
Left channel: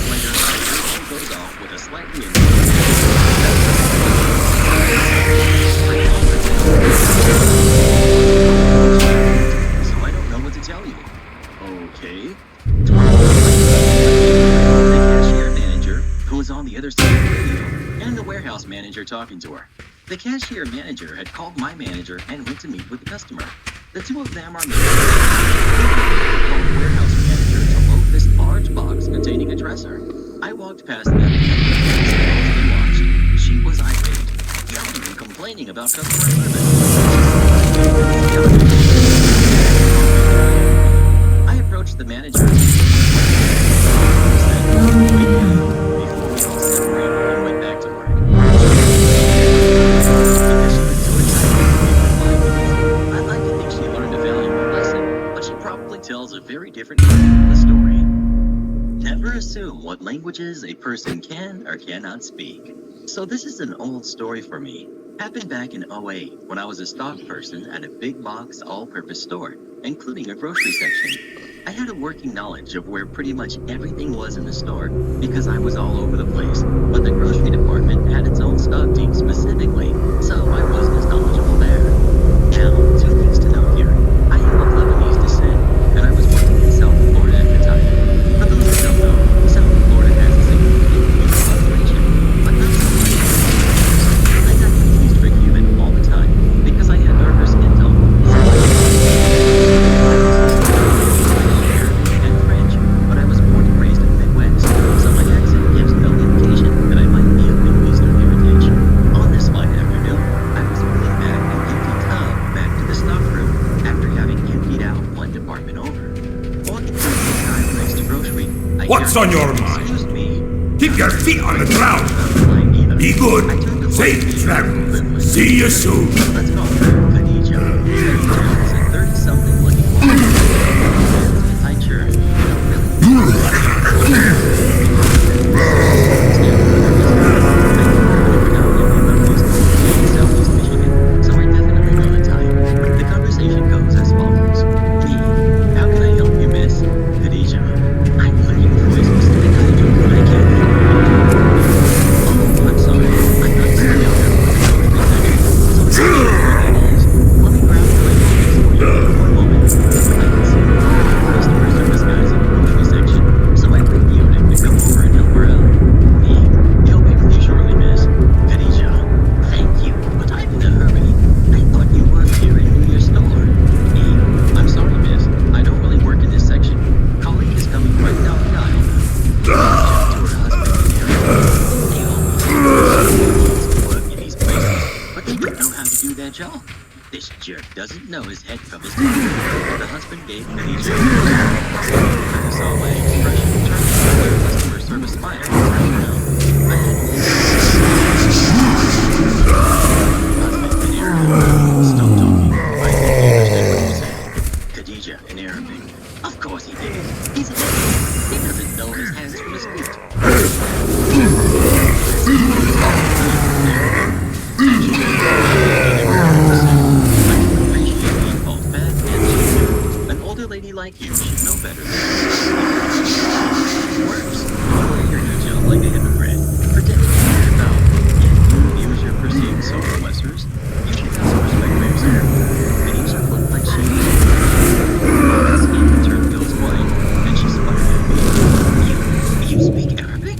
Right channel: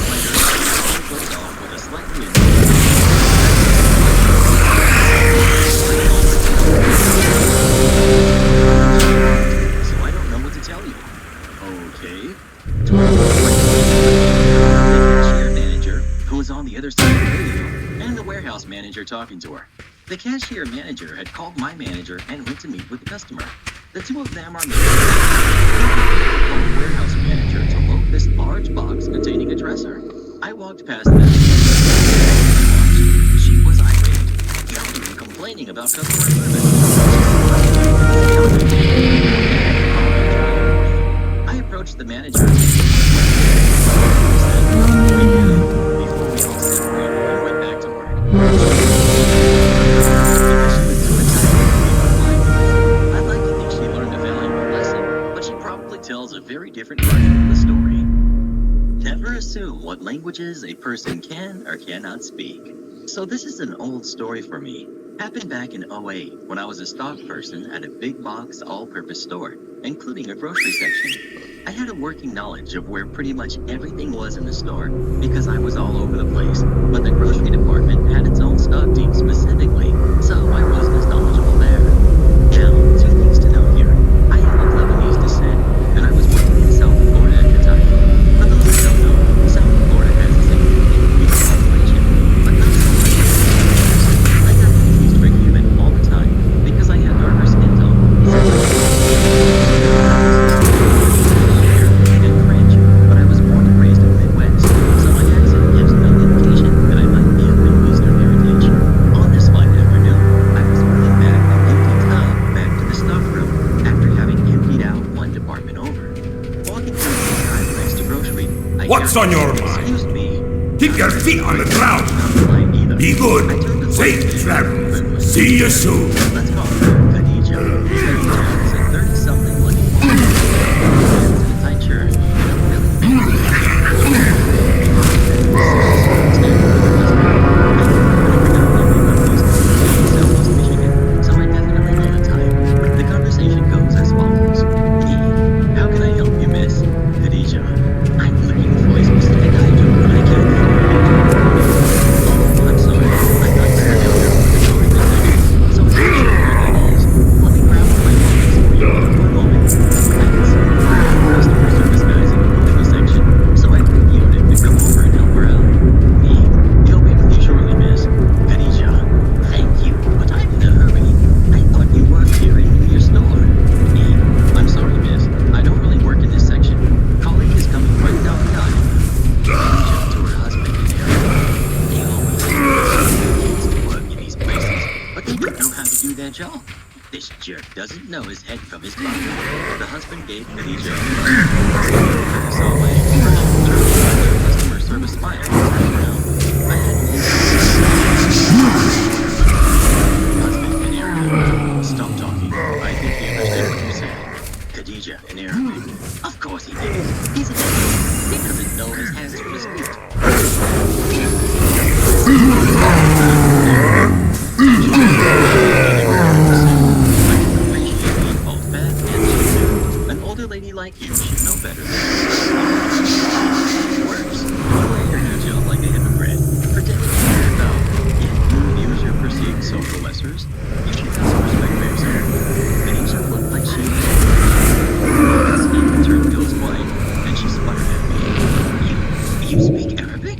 Later, the phone goes off with a slightly annoying. I offered to help. So I don't know what to tell you. Okay. 20 minutes later, the cashier manager, who was on the other side of the radio, and the warehouse manager talking to her. The cashier manager had called my manager and went to meet with the customer. The two of them are meeting. They called the warehouse manager to load this large box containing a dresser. I walked past them and listened to the load and watched. She was irate, yelling and complaining about customer service. She spotted me and scouted. I approached the manager and said, wait here, before we all separated and went back to work. Because she was too entitled to wait for 5 minutes. I'd like to think she learned a valuable lesson, but she probably tells a very different version of the story. Never assume what languages a person can or cannot speak. So this is an old story for me. Happened back in 2008 when I was a stock person at a big box all-purpose store, including a grocery section. I had a working knowledge of where pretty much everything was in the store because I was all over the place, but the grocery department had its own stock team specifically, so I wasn't as knowledgeable there. Now, 2 things to note here. I am of Lebanese descent, and I was working in South Florida at the time. For those that don't know, South Florida has a significant Cuban population, but not so much. I got confused for Cuban all the time because I had darker skin tone, similar to and French, but I was born and raised in the Midwest, so my accent gives no indication that I might be of Middle Eastern heritage. On this fine afternoon, I was wheeling back an empty tub back to the stock room after having emptied out one department over. Walking through the aisle next to grocery, I What's on your mind? Excuse me. Keep your feet on the ground. Be good. Safe travels. See you soon. Let's call her Khadija. Khadija is a 30-something looking woman. Hands in a tight shirt and a really fancy job. Standing with her husband. I think we're going to predominantly live east of Southeast Michigan, so I definitely know the type. The conversation goes as follows. Me. How can I help you, miss? Khadija. I'm looking for a specific item, but I can't find it. Oh, I'm sorry. I thought you were familiar with the grocery section, so I'm not sure where that is. Let me grab one of my pockets for you. One moment. I can see one of the customer service guys in the grocery section, so I radioed him to come over and help her out. Me. He'll be with you shortly, miss. Khadija. Thank you, but I'm in a hurry. I thought you worked here and knew your store. Me. I'm sorry, miss. I don't really work in this section. Colleague is coming right down the aisle now. Khadija to her husband and Aaron. They always say work in these places, but they don't know how to do their job. This jerk doesn't know his head from his body. The husband gave Khadija I saw my expression turn to their customer service smile. I had husband in Arabic. Stop talking. I think he understood what you said. Khadija in Arabic. Of course he did. He's an idiot. He doesn't know his hands from his feet. An older lady like you should know better than worse. You wear your hijab like a hypocrite, pretending to care about, yet you use your perceived social lessers. You should have some respect for yourself. Khadija looked like she was skin turned Bill's white, and she sputtered at me. You speak Arabic?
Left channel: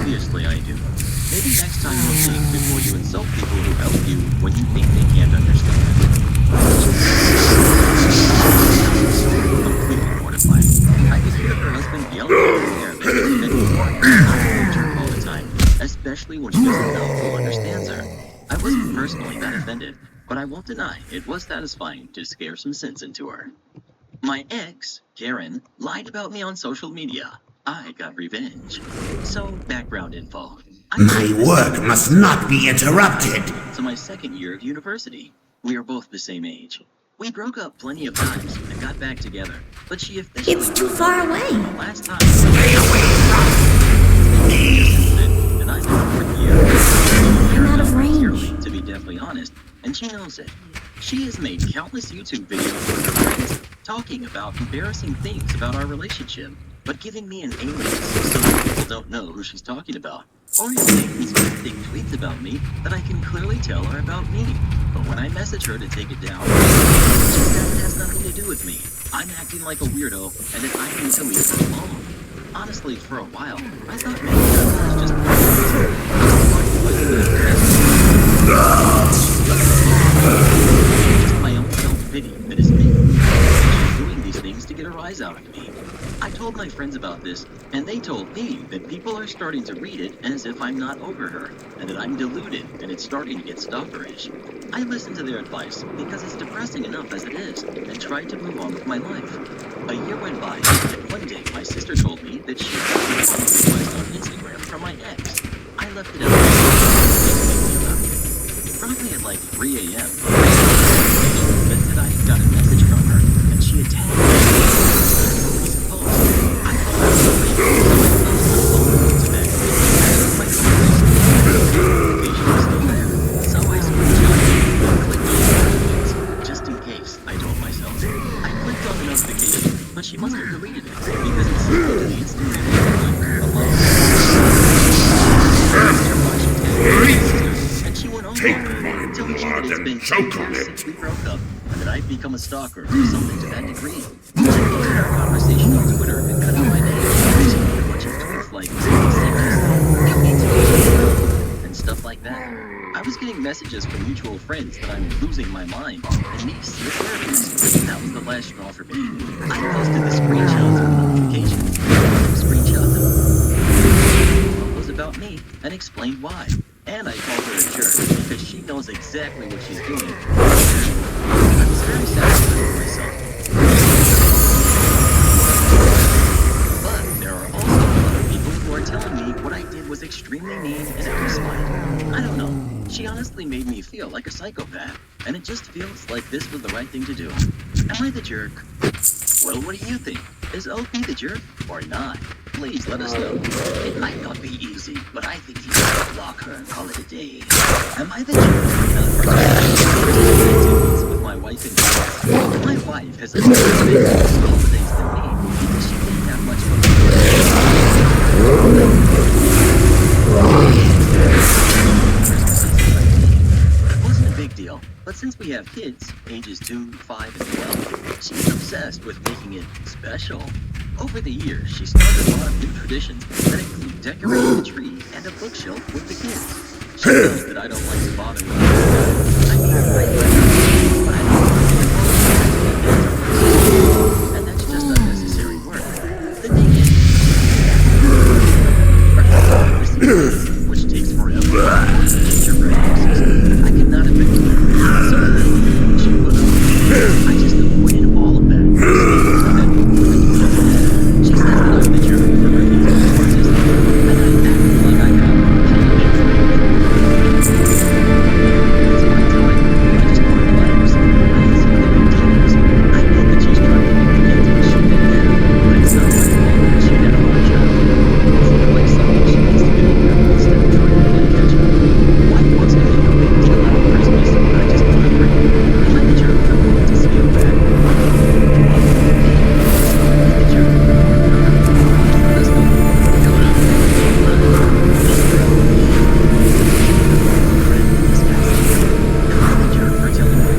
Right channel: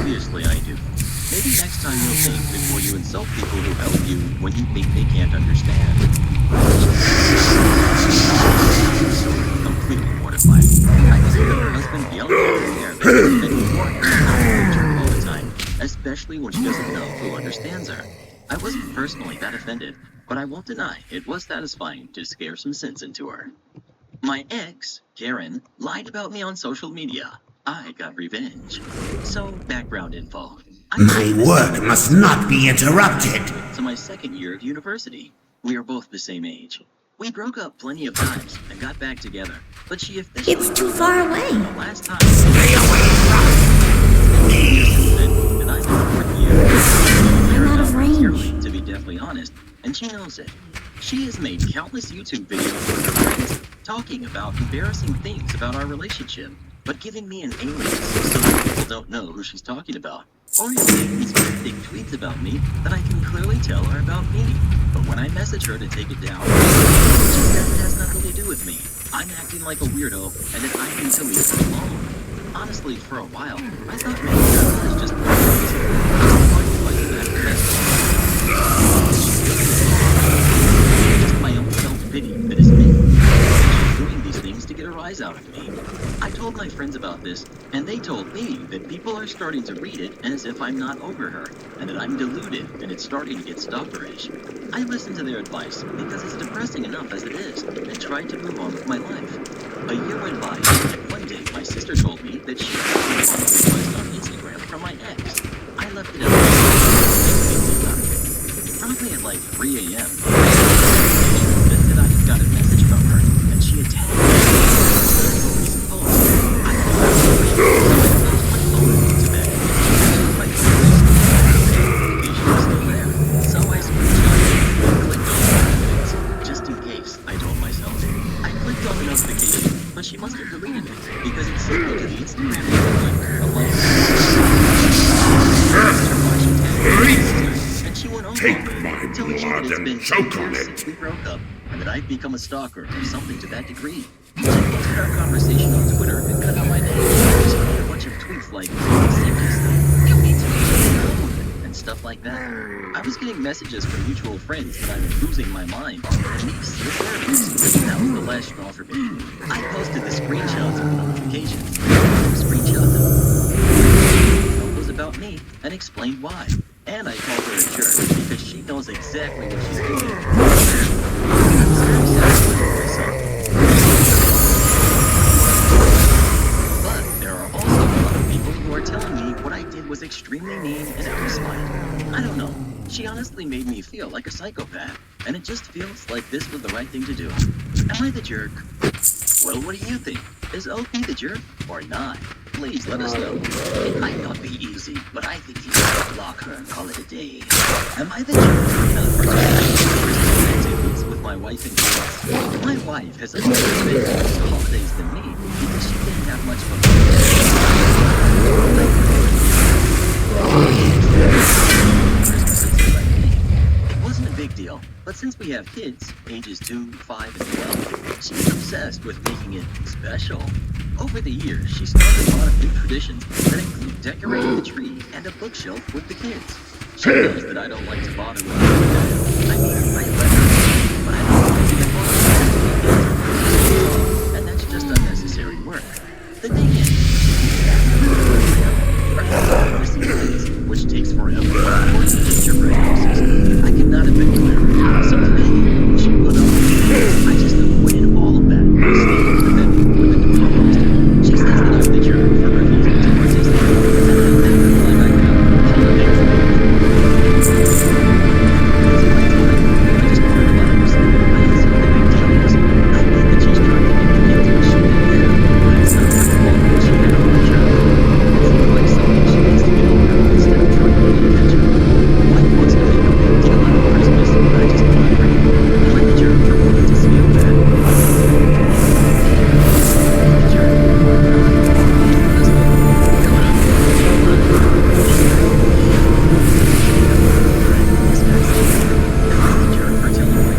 Obviously I do. Maybe next time you'll think before you insult people who help you when you think they can't understand. Completely mortified. I could hear her husband yelling at her in Arabic and he warned her not to her all the time, especially when she doesn't know who understands her. I wasn't personally that offended, but I won't deny it was satisfying to scare some sense into her. My ex, Karen, lied about me on social media. I got revenge. So, background info. My work must not be interrupted. So my second year of university. We are both the same age. We broke up plenty of times and got back together, but she officially... It's too far away. Last time... Stay away from me! And I'm in the fourth year. I'm out of range. To be deathly honest, and she knows it. She has made countless YouTube videos with her friends talking about embarrassing things about our relationship, but giving me an alias so that people don't know who she's talking about. Or you make these cryptic tweets about me that I can clearly tell are about me. But when I message her to take it down, she says it has nothing to do with me. I'm acting like a weirdo, and that I need to leave her alone. Honestly, for a while, I thought maybe I was just just my own self-pity that is me. She's doing these things to get a rise out of me. I told my friends about this, and they told me that people are starting to read it as if I'm not over her, and that I'm deluded, and it's starting to get stalkerish. I listened to their advice because it's depressing enough as it is, and tried to move on with my life. A year went by, and one day my sister told me that she got a request on Instagram from my ex. I left it out about it. Probably at like 3 a.m. that said I had got a message from her, and she had tagged me in a recent post. I called her to bed. My notification was still there, so I screenshotted it and clicked on the notifications, just in case, I told myself. I clicked on the notification, but she must have deleted it, because it sent me to the Instagram equivalent of my and she went on Take my blood and choke on it. Since we broke up, and that I've become a stalker or something to that degree. She posted our conversation on Twitter and cut out my name. She made a bunch of tweets like, and stuff like that. I was getting messages from mutual friends that I'm losing my mind and need to see a therapist. That was the last straw for me. I posted the screenshots of the notifications. Screenshot them. It was about me and explained why. And I called her a jerk because she knows exactly what she's doing. I was very satisfied with myself. But there are also a lot of people who are telling me what I did was extremely mean and out of spite. I don't know. She honestly made me feel like a psychopath, and it just feels like this was the right thing to do. Am I the jerk? Well, what do you think? Is OP the jerk or not? Please let us know. It might not be easy, but I think you should block her and call it a day. Am I the jerk? Activities with my wife and kids. My wife has a better experience with holidays than me because she didn't have much fun. Christmases as I need. It wasn't a big deal, but since we have kids, ages 2, 5, and 12, she's obsessed with making it special. Over the years, she started a lot of new traditions that include decorating the tree and a bookshelf with the kids. She knows that I don't like to bother with her. I mean, I let her, but I don't want to be involved. just unnecessary work. The thing is, which takes forever, or the gingerbread houses. I could not have been clearer. So today, she put up with me. I just avoided all of that by staying in the bedroom with the door closed. She says that I'm the jerk for refusing to participate, and I'm acting like I have holiday plans. It's my time, and I just want to relax. I don't see what the big deal is. I get that she's trying to give the kids what she didn't have, but it's not my fault that she had a hard childhood. It seems like something she needs to get over instead of trying to play catch up. Wife wants to make a big deal out of Christmas, but I just want to breathe. Am I the jerk for wanting to scale back? The jerk or not? Let us know. Going up. This guy's am I the jerk for telling my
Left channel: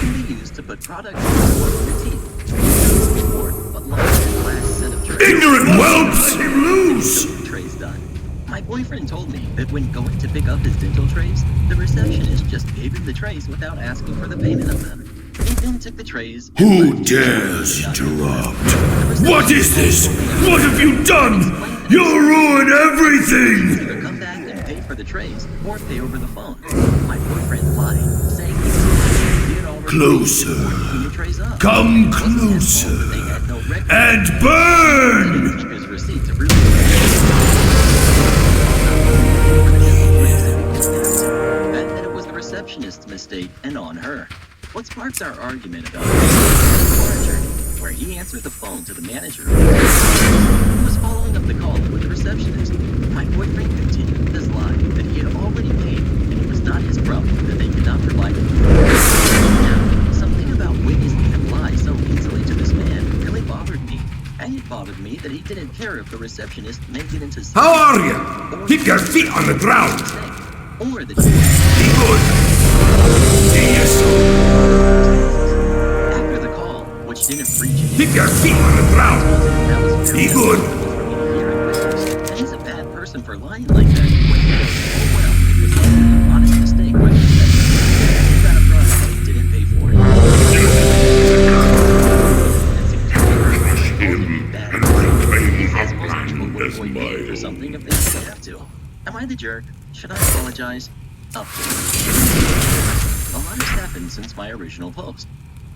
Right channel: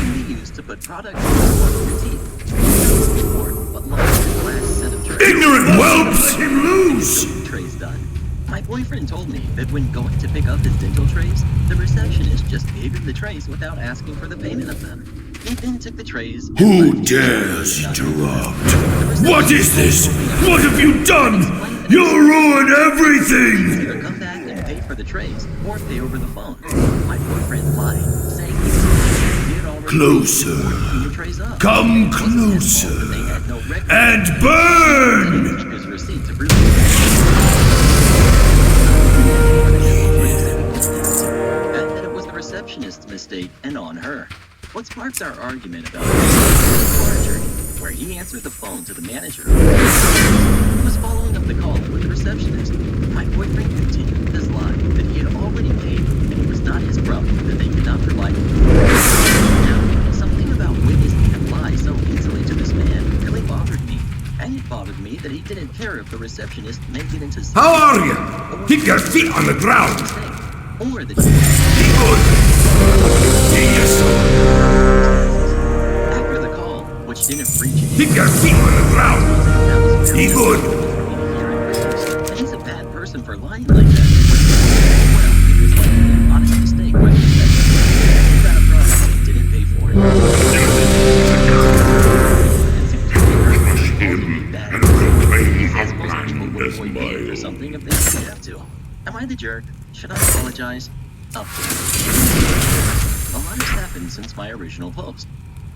can be used to put product in your teeth. Ignorant whelps! Him loose! The trays done. My boyfriend told me that when going to pick up his dental trays, the receptionist just gave him the trays without asking for the payment of them. He then took the trays. Who dares interrupt? What is this? What have you done? You'll ruin everything! Either come back and pay for the trays, or pay over the phone. My boyfriend lied, saying he had already Closer. the trays up. Come closer. They had no record. And burn! His receipt to prove it. For the dental trays that he didn't have to, and that it was the receptionist's mistake and on her. What sparked our argument about car journey, where he answered the phone to the manager who was following up the call with the receptionist. My boyfriend continued with his lie that he had already paid, and it was not his problem that they could not provide him. Now, something about witnessing him lie so easily to this man really bothered me. And it bothered me that he didn't care if the receptionist made it into How are you? Keep your feet on the ground! Or the Be good! See you soon! After the call, which didn't reach him, Keep your feet on the ground! Be good! For me to hear and witness, and he's a bad person for lying like that when he told me well, it was likely an honest mistake by the receptionist. He got a product and didn't pay for it. Him and reclaim our land as or something if they didn't have to. Am I the jerk? Should I apologize? Update. A lot has happened since my original post.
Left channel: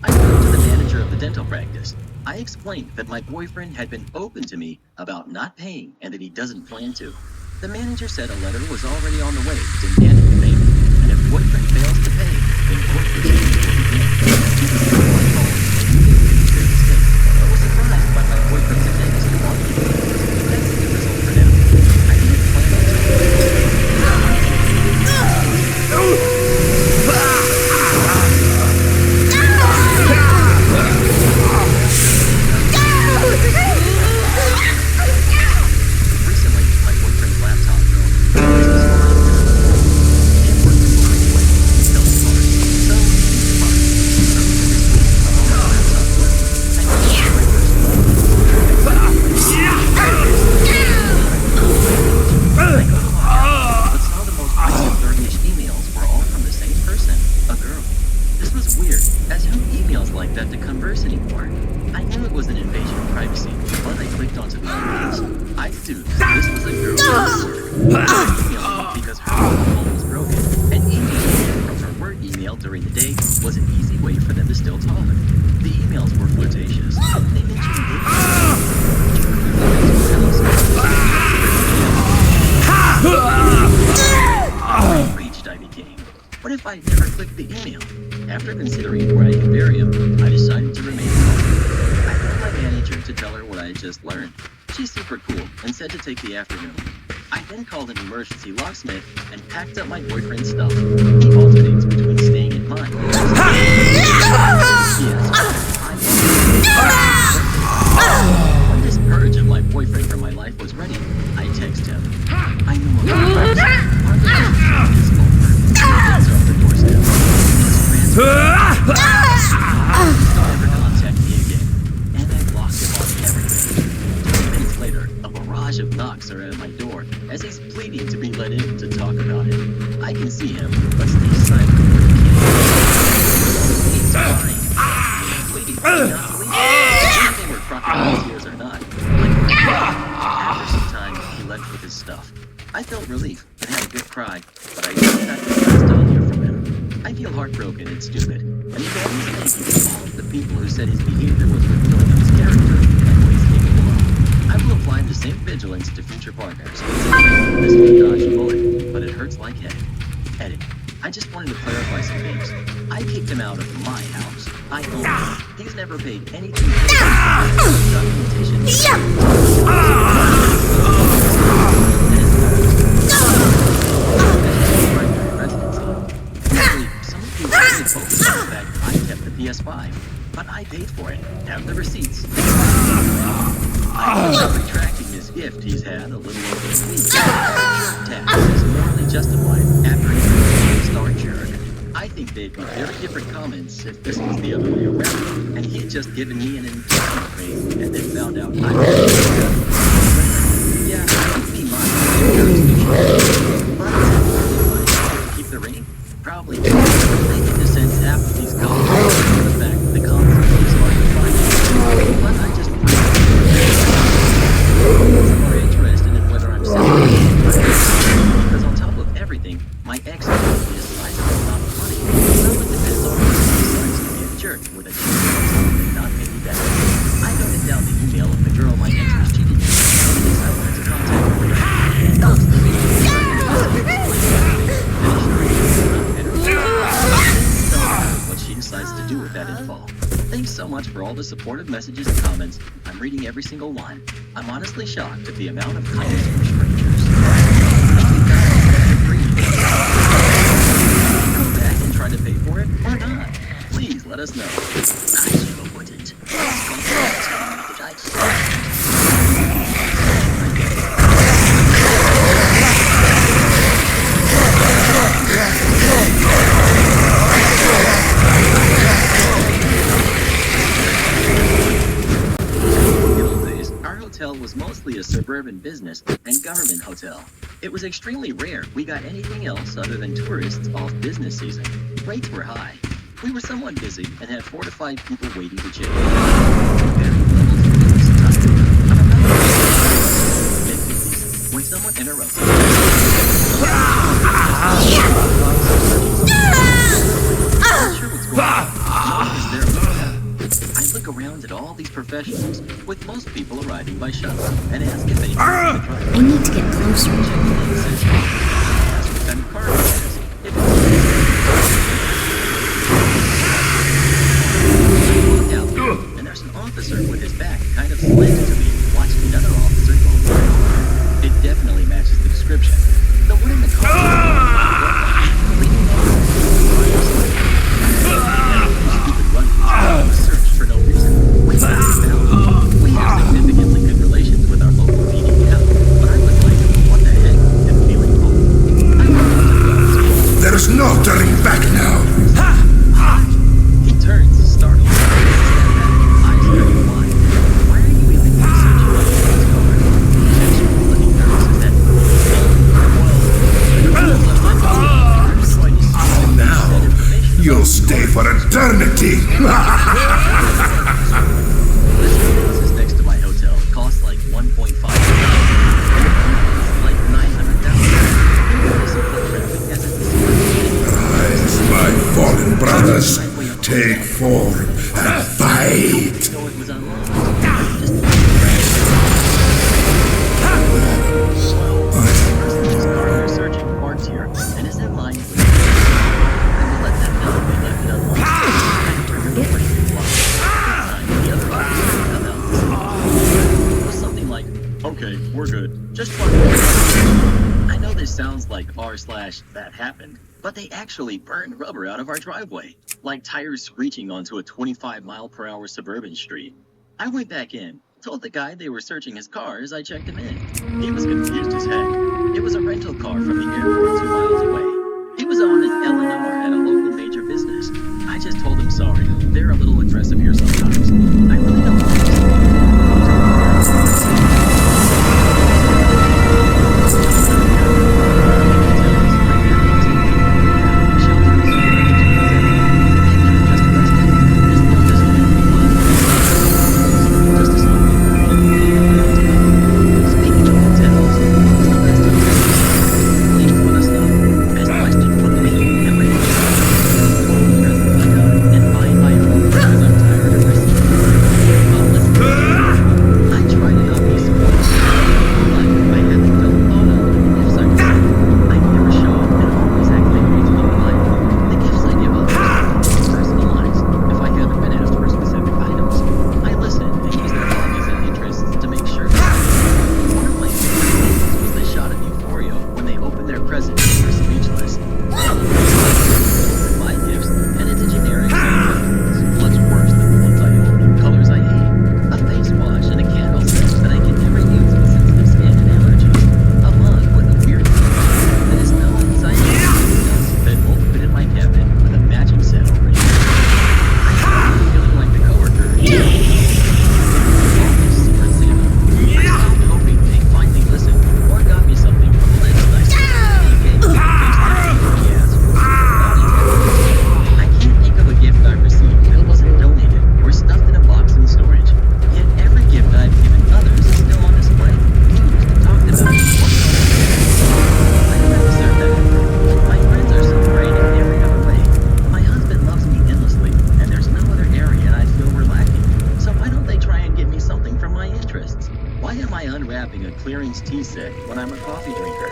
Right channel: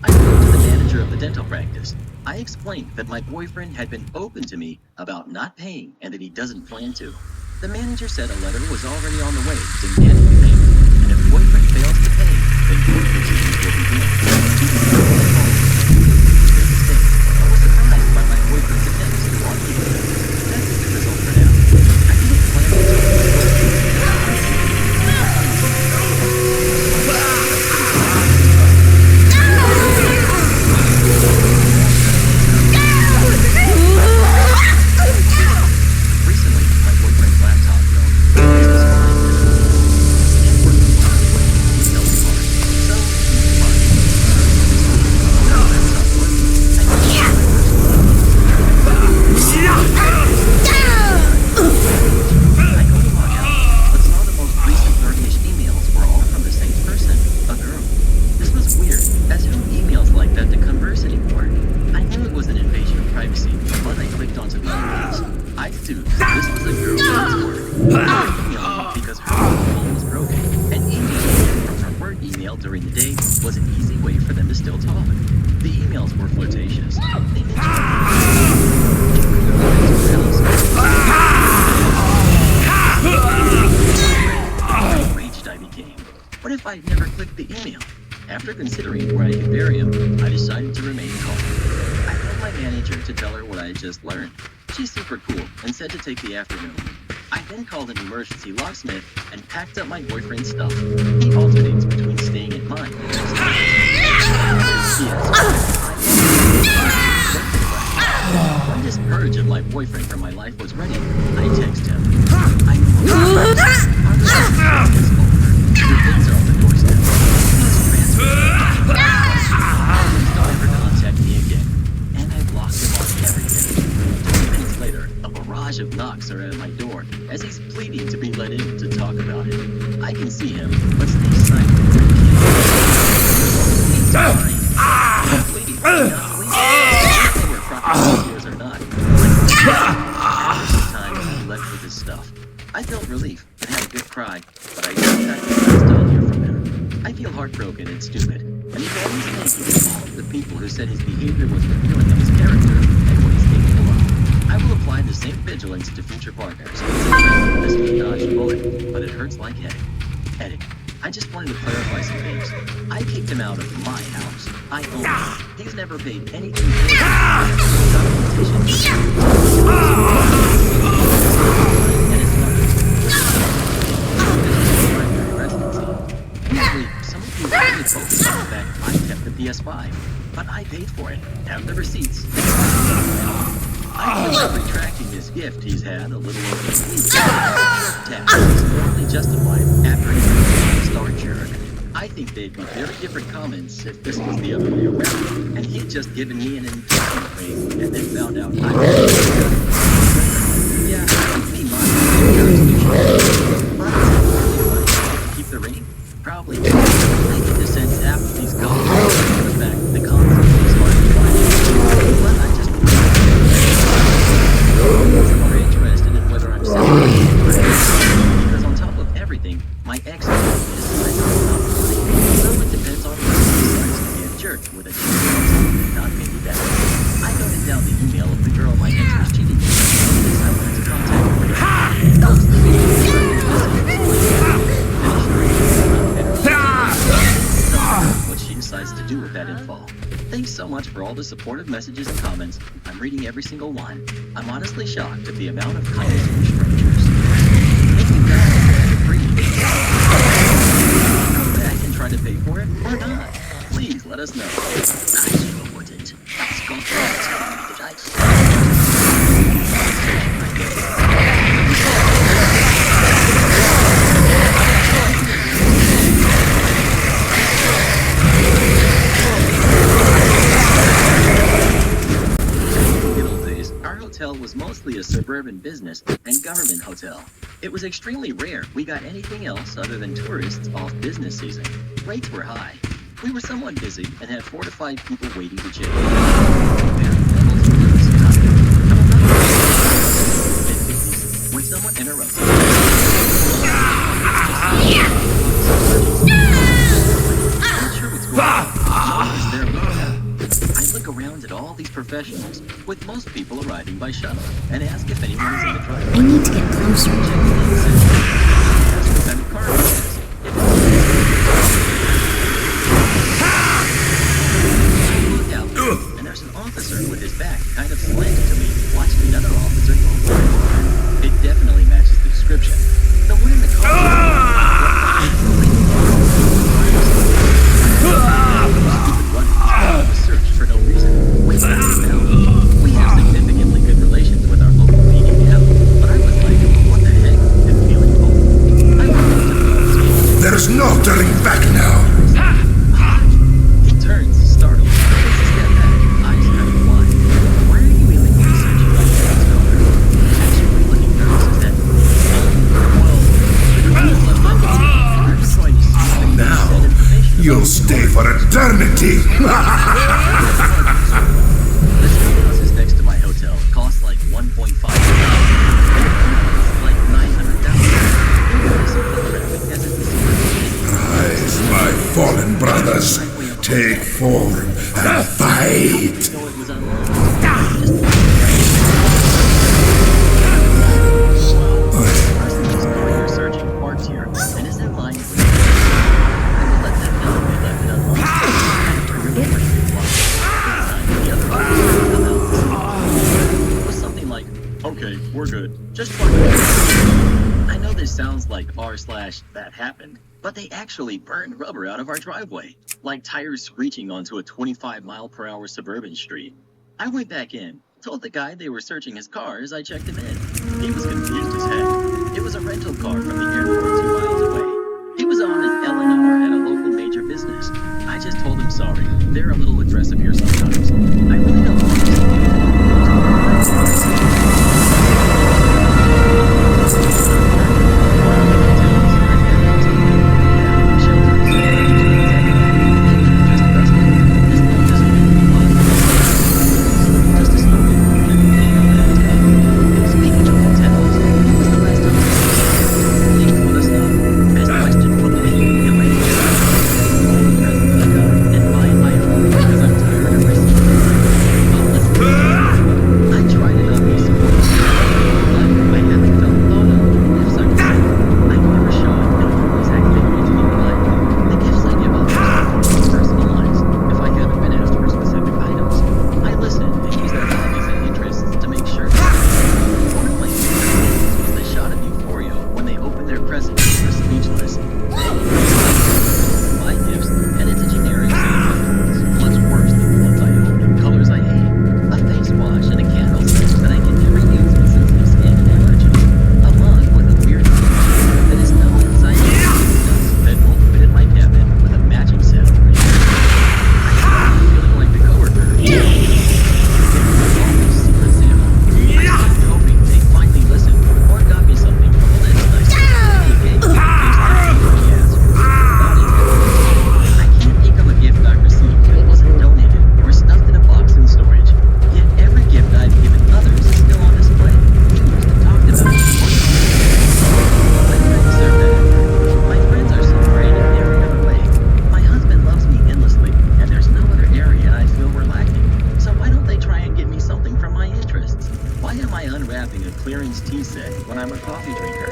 I spoke to the manager of the dental practice. I explained that my boyfriend had been open to me about not paying and that he doesn't plan to. The manager said a letter was already on the way demanding the payment, and if boyfriend fails to pay, then court proceedings will begin. He was my home. He knew it was their mistake, but was surprised by my boyfriend's attempts to argue with them. That's a good result for now. I didn't plan on telling my boyfriend. Recently, my boyfriend's laptop broke. This was fine because it was old. He can't work from home anyway. He fell apart. So, he was fine. Earlier this week, my laptop worked. I didn't my first phone. I go to log out, but saw the most recent 30-ish emails were all from the same person, a girl. This was weird, as who emails like that to converse anymore? I knew it was an invasion of privacy, but I clicked onto the emails. I deduced this was a girl at work. She was emailing me because her phone was broken, and emailing from her work email during the day was an easy way for them to still talk. The emails were flirtatious. They mentioned dating. How enraged I became. What if I'd never clicked the email? After considering where I could bury him, I decided to remain calm. I called my manager to tell her what I had just learned. She's super cool and said to take the afternoon. I then called an emergency locksmith and packed up my boyfriend's stuff. He alternates between staying at mine and when this purge of my boyfriend from my life was ready, I texted him. I know about this. Our relationship is over. Your things are on the doorstep. Don't ever contact me again. And I blocked him off everything. 20 minutes later, a barrage of knocks are at my door as he's pleading to be let in to talk about it. I can see him, but stay silent where he can't. He's fine. Wait, not to leave. Whether they were crocodile tears or not, my heart. After some time, he left with his stuff. I felt relief and had a good cry, but I never got the last I'll hear from him. I feel heartbroken and stupid, and he's always thanking all of the people who said his behavior was revealing of his character and what he's capable of. I will apply the same vigilance to future partners. This was a dodged bullet, but it hurts like heck. Edit. I just wanted to clarify some things. I kicked him out of my house. I own it. He's never paid anything for it. Documentation. And his mother's primary residency. Weirdly, some of you were really focused on the fact I kept the PS5, but I paid for it. Have the receipts. I'm retracting this gift he's had a little over a week. Tax is morally justified after he's a star jerk. I think they'd be very different comments if this was the other way around, and he'd just given me an engagement ring and then found out I was yeah, it'd be mine. But keep the ring? Probably. I think the sense after these comments the fact that the console was hard to find. But I just I'm more interested in whether I'm selling it. I'm excited because on top of everything, my ex decides I'm not funny. So it depends on whether he decides to be a jerk with a cheating not maybe that. I noted down the email of the girl my ex was cheating with, and I wanted to contact her. What she decides to do with that info. Thanks so much for all the supportive messages and comments. I'm reading every single one. I'm honestly shocked at the amount of kindness from strangers. Thank you guys for the free. Come back and try to pay for it or not. Please let us know. I sure wouldn't. Let's go for it. Searching my guess. Our hotel was mostly a suburban business and government hotel. It was extremely rare we got anything else other than tourists off business season. Rates were high. We were somewhat busy and had 4 to 5 people waiting to check in. Varying levels of business attire. I'm about mid-50s when someone interrupts me. I'm not sure what's going on. No one's there with them. I look around at all these professionals, with most people arriving by shuttle, and ask if anyone is in the driveway. I need to get closer. Ask what kind of car he has. If I look out there, and there's an officer with his back kind of slanted to me, watching another officer go for an order. It definitely matches the description. The one in the car leaning over the stupid running of a search for no reason. We got found. We have significantly good relations with our local PD captain, but I was like, what the heck? And feeling bold. I went up to the officer. There's no turning back now. Hi. He turns, startled, takes a step back, eyes kind of wide. Why are you illegally searching like that car? Actually looking nervous as that. Well, the car was left unopened, and I'm trying to see if the Now, you'll stay for eternity. This house is next to my hotel. It costs like $1.5 million. Like $900,000. Rise, my fallen brothers. Take form and fight. You know it was unlocked. Well, the person whose car you're searching parked here and is in line with I will let them know they left it unlocked. The other officer would come out to see it was something like, okay, we're good. Just trying to look up. I know this sounds like r/that happened, but they actually burned rubber out of our driveway, like tires screeching onto a 25-mile-per-hour suburban street. I went back in, told the guy they were searching his car as I checked him in. He was confused as heck. It was a rental car from the airport 2 miles away. He was on his L&R at a local major business. I just told him sorry. They're a little aggressive here sometimes. I really don't want to see the political post, but working in hotels, I have been taken their hobbies and interests to make sure. One of my favorite things was the shot of euphoria when they opened their presents and were speechless. Open my gifts, and it's a generic set of headphones, much worse than the ones I own in colors I hate. A face wash and a candle set that I can never use with sensitive skin and allergies. A mug with a weird symbol that is no inside dust that won't fit in my cabinet with a matching set already. I started feeling like the coworker. Secret Santa. I stopped hoping they'd finally listen or got me something from a list I specifically gave in case they asked. I can't think of a gift I've received that wasn't donated or stuffed in a box in storage. Yet every gift I've given others is still on display, used, talked about, or commented. I don't deserve that effort. My friends are so great in every other way. My husband loves me endlessly, and there's no other area I feel we're lacking. So why don't they try and get me something from my interests? Why am I unwrapping a clearance tea set when I'm a coffee drinker?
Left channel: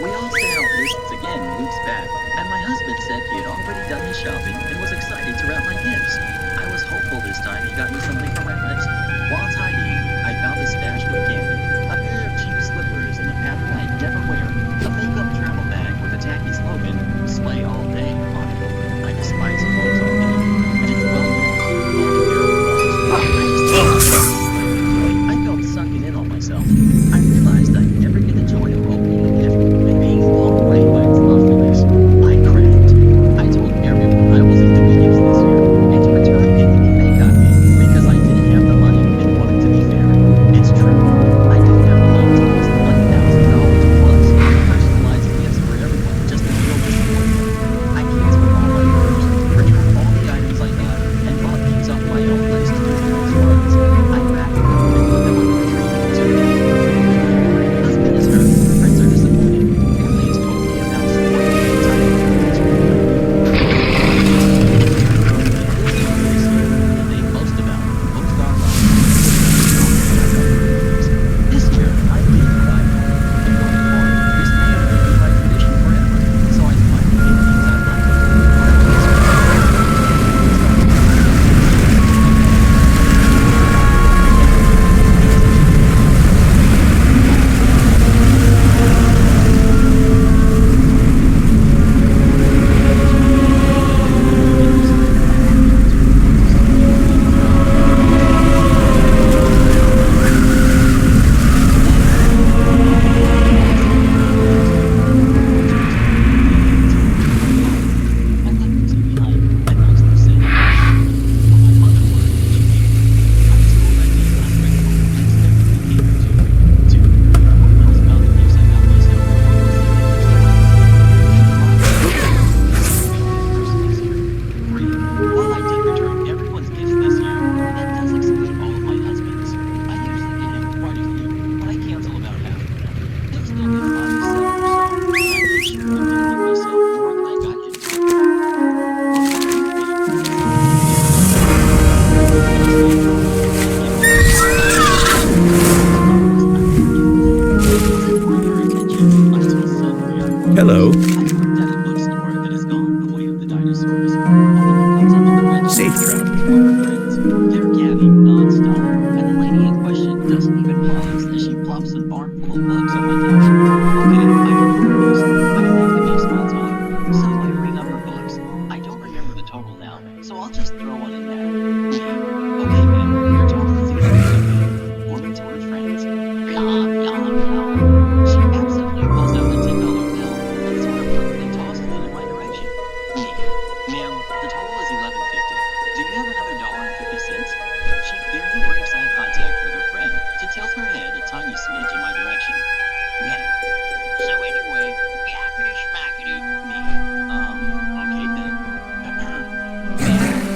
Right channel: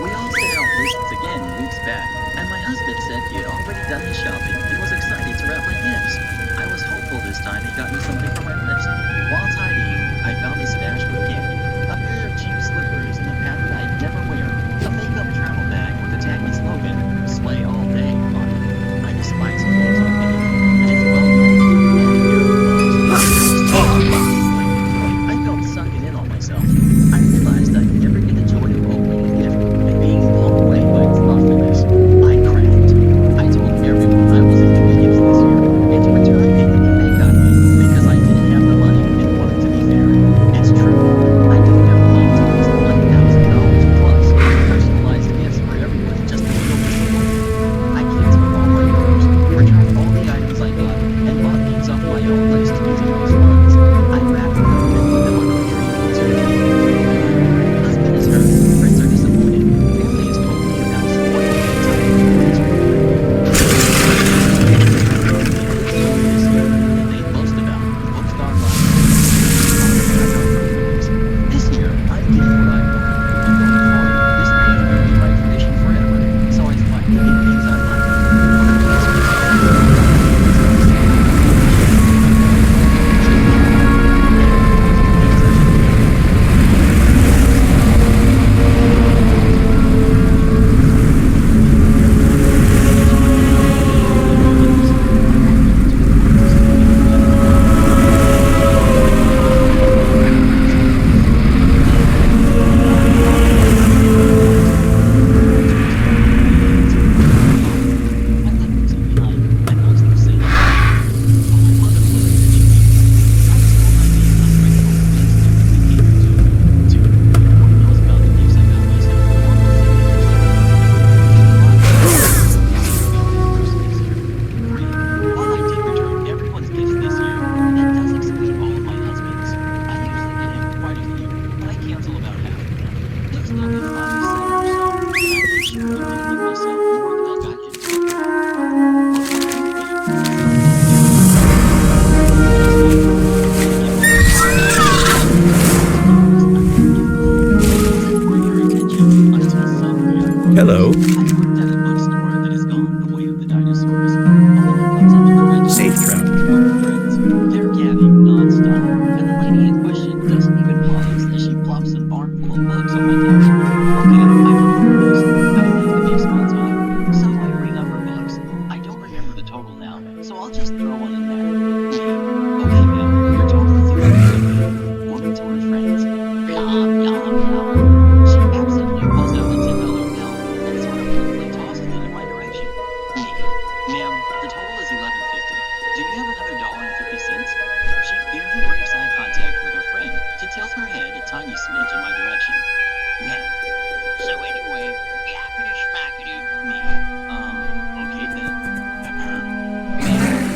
We all sent out lists again weeks back, and my husband said he had already done his shopping and was excited to wrap my gifts. I was hopeful this time he got me something from my list. While tidying, I found a stash with candy, a pair of cheap slippers in a pattern I'd never wear, a makeup travel bag with a tacky slogan, "Slay all day," on it. I despise clothes on me, and it's well known, and a pair of gloves. I felt sunken in on myself. I realized I'd never get the joy of opening a gift and being blown away by its thoughtfulness. I cracked. I told everyone I wasn't doing gifts this year, and to return anything they got me, because I didn't have the money and wanted to be fair. It's true, I don't have the money to waste $1,000 plus on personalized gifts for everyone just to feel disappointed. I canceled all my orders, returned all the items I got, and bought things off my own list using those funds. I wrapped them and put them under the tree to me. Husband is hurt, friends are disappointed, family has told me of how spoiled and entitled and screwed I've been. This year that they boast about and post online. This year, I'm getting what I want, and going forward, this may even be my tradition forever. So I finally get things I like. Hello. I worked at a bookstore that has gone the way of the dinosaurs. A woman comes up to the register. Safe travel. With friends. They're gabbing non-stop, and the lady in question doesn't even pause as she plops a barn full of books on my counter. Okay, I can do this. I don't have to make small talk. So I ring up her books. I don't remember the total now, so I'll just throw one in there. Me. Okay, ma'am, your total is $11.50. Woman to her friends. Blah, blah, blah. She absently pulls out a $10 bill and sort of quickly tosses it in my direction. Me. Ma'am, the total is $11.50. Do you have another $1.50? She barely breaks eye contact with her friend to tilt her head a tiny smidge in my direction. Ma'am. So anyway, yappity schmackety. Me. Okay then. Ma'am,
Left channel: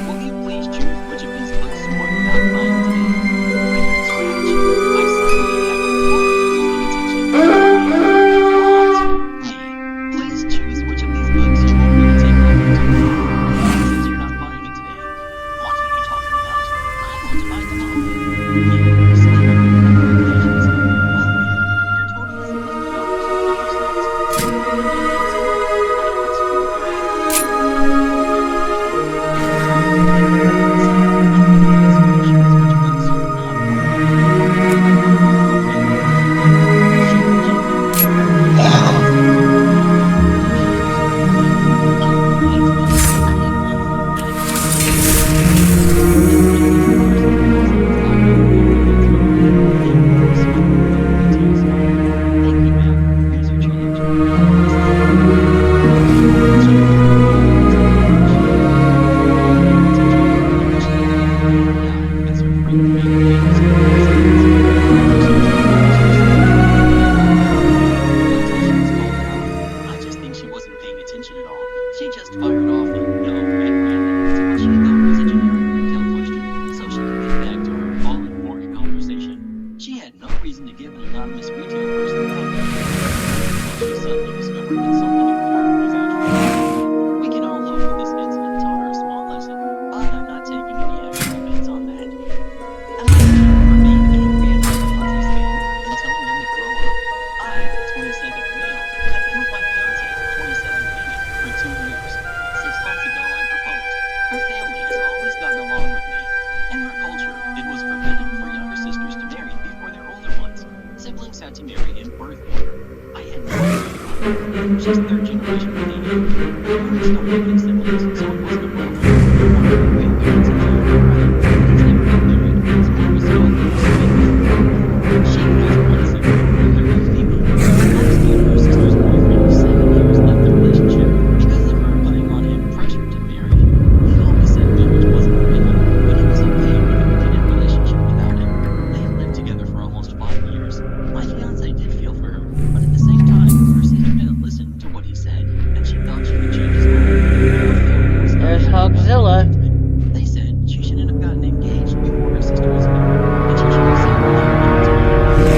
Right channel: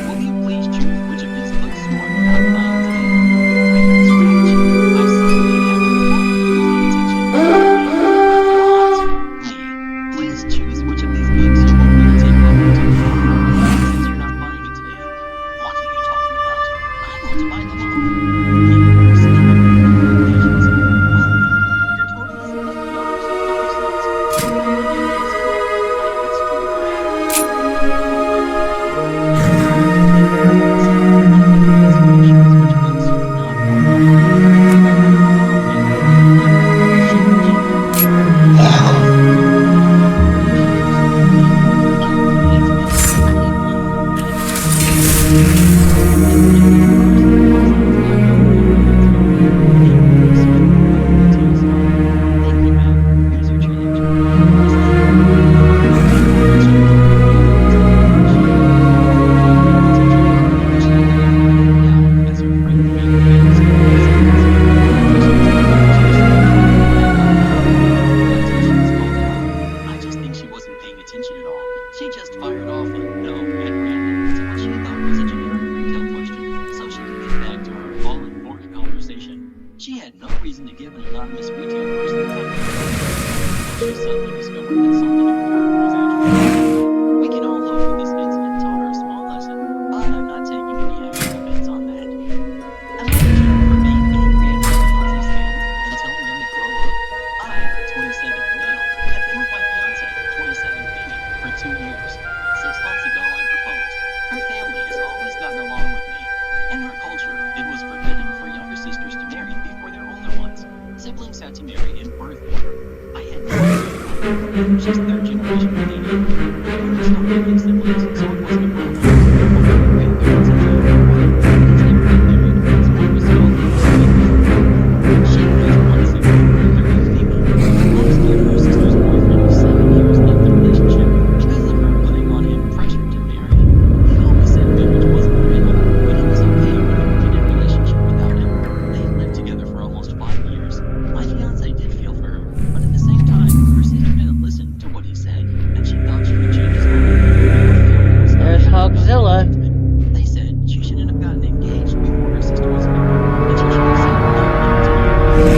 will you please choose which of these books you are not buying today? Record scratch. I suddenly have her full complete attention. What? Me. Please choose which of these books you want me to take off your table. Since you're not buying it today. What are you talking about? I want to buy them all. Me. Still with patience. Well, ma'am, your total is $11.50. I asked you if you had $1.50 total. conversation. She had no reason to give an anonymous retail person time. She suddenly discovered that something important was actually happening. We can all hope that this incident taught her a small lesson, but I'm not taking any actual bets on that. Am I the jerk for being angry at my fiance's family and telling them to grow up? I, 27 male, have been with my fiance, 27 female, for 2 years. 6 months ago I proposed. Her family has always gotten along with me. In her culture, it was forbidden for younger sisters to marry before their older ones. Siblings had to marry in birth order. I had no idea about that. She's third generation Canadian. Her parents don't have any siblings, so it wasn't a problem. One of her grandparents has a younger brother, but he's never been married. He's more of a scholar, so it wasn't a problem. She has one sibling, 30 female. Last year, her sister's boyfriend of 7 years left the relationship because of her putting on him pressure to marry. He always said marriage wasn't for him, but he was okay with a committed relationship without it. They had lived together for almost 5 years. My fiance did feel for her, but at the same time, her sister didn't listen to what he said, and she thought she could change his mind. Her family was not There's happy about Hogzilla. the engagement. They said she shouldn't have gotten engaged before her sister was married, and she should have said not yet to my proposal.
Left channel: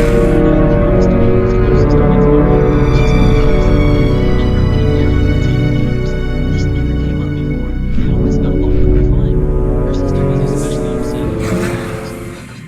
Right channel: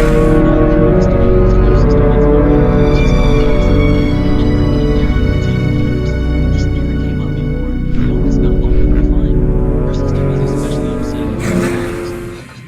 Now they want us to wait until their sister gets married. She's going to hospital now, and her getting married would take years. This never came up before. They always got along with me fine. Her sister was especially upset at her parents.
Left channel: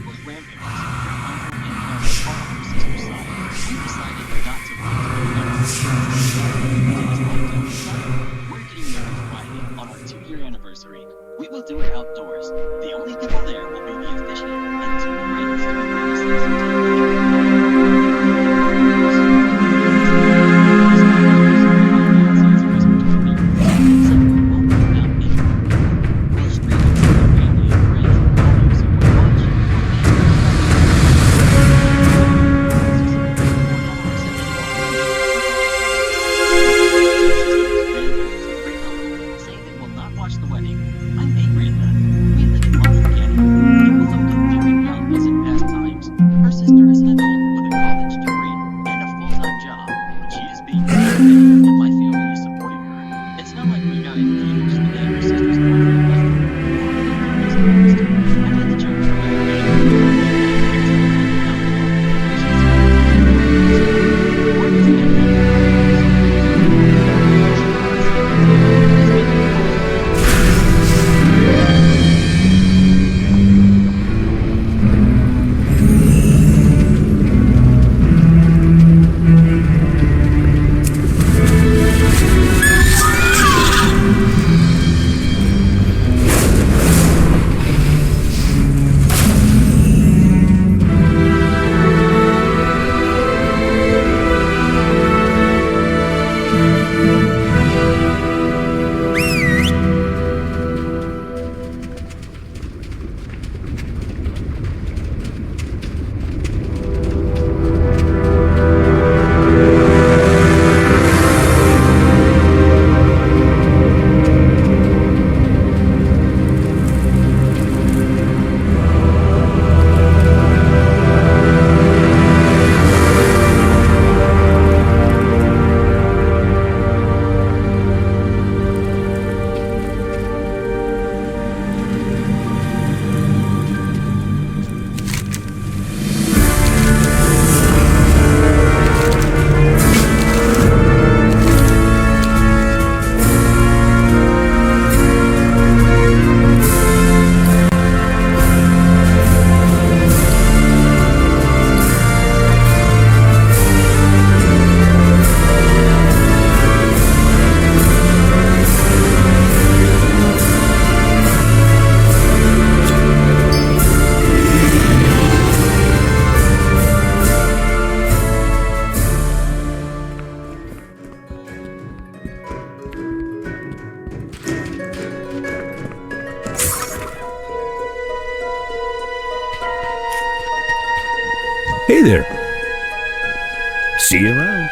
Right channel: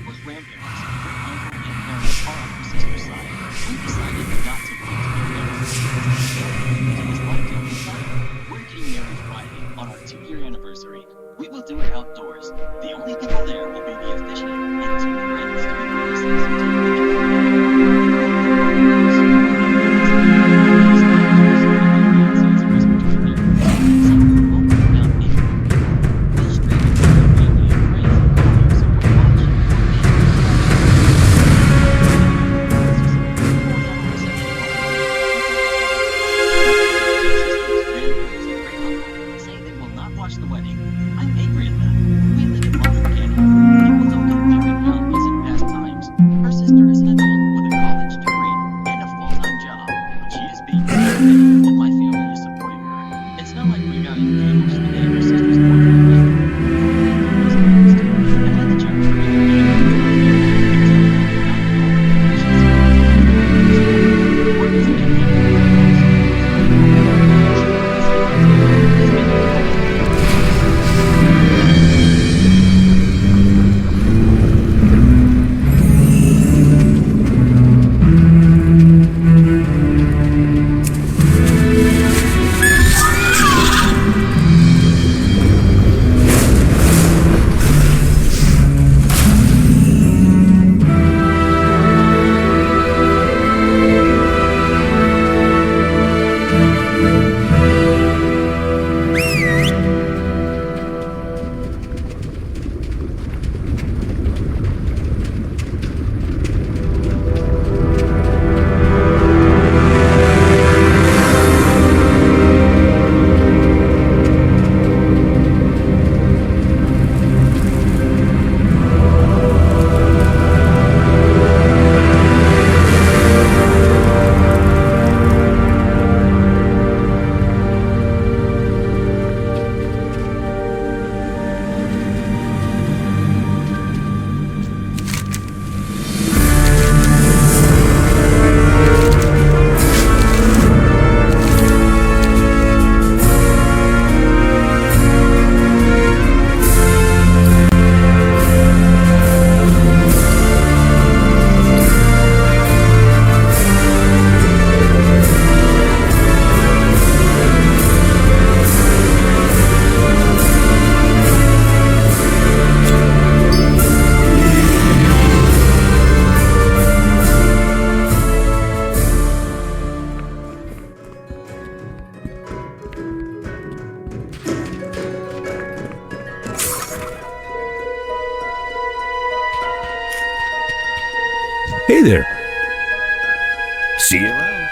Her grandparents, great uncle, and parents are on her sister's side. We decided not to wait to get married to this lockdown society. We're getting married Friday on our 2-year anniversary. We will do it outdoors. The only people there will be the officiant and 2 friends to be witnesses and take pictures and video. The 3 of them are girls. We live in hospital. I'm in astrologers, and my fiance is a respiratory therapist. So we'll be around anywhere we go. We'll stream it to our family and friends. I'll use it when watch. We'll make it like we won't have a reception or a meeting until we do it. Sisters, grandparents, and great uncle say they will not watch the wedding. I'm angry at them. We live in London, Canada. People don't get married young as in past times. Her sister is an adult with a college degree and a full-time job, but she is being married, and my family is supporting her. It's not like we got engaged the day her sister's boyfriend left her. Or anything crazy happens to her. Am I the jerk for being angry with her family and telling them not at all? She's hard to have no support. Work has been heavy for both of us. What's going on with her? She always thinks it's her own. It's been like always. Hey there. See you around.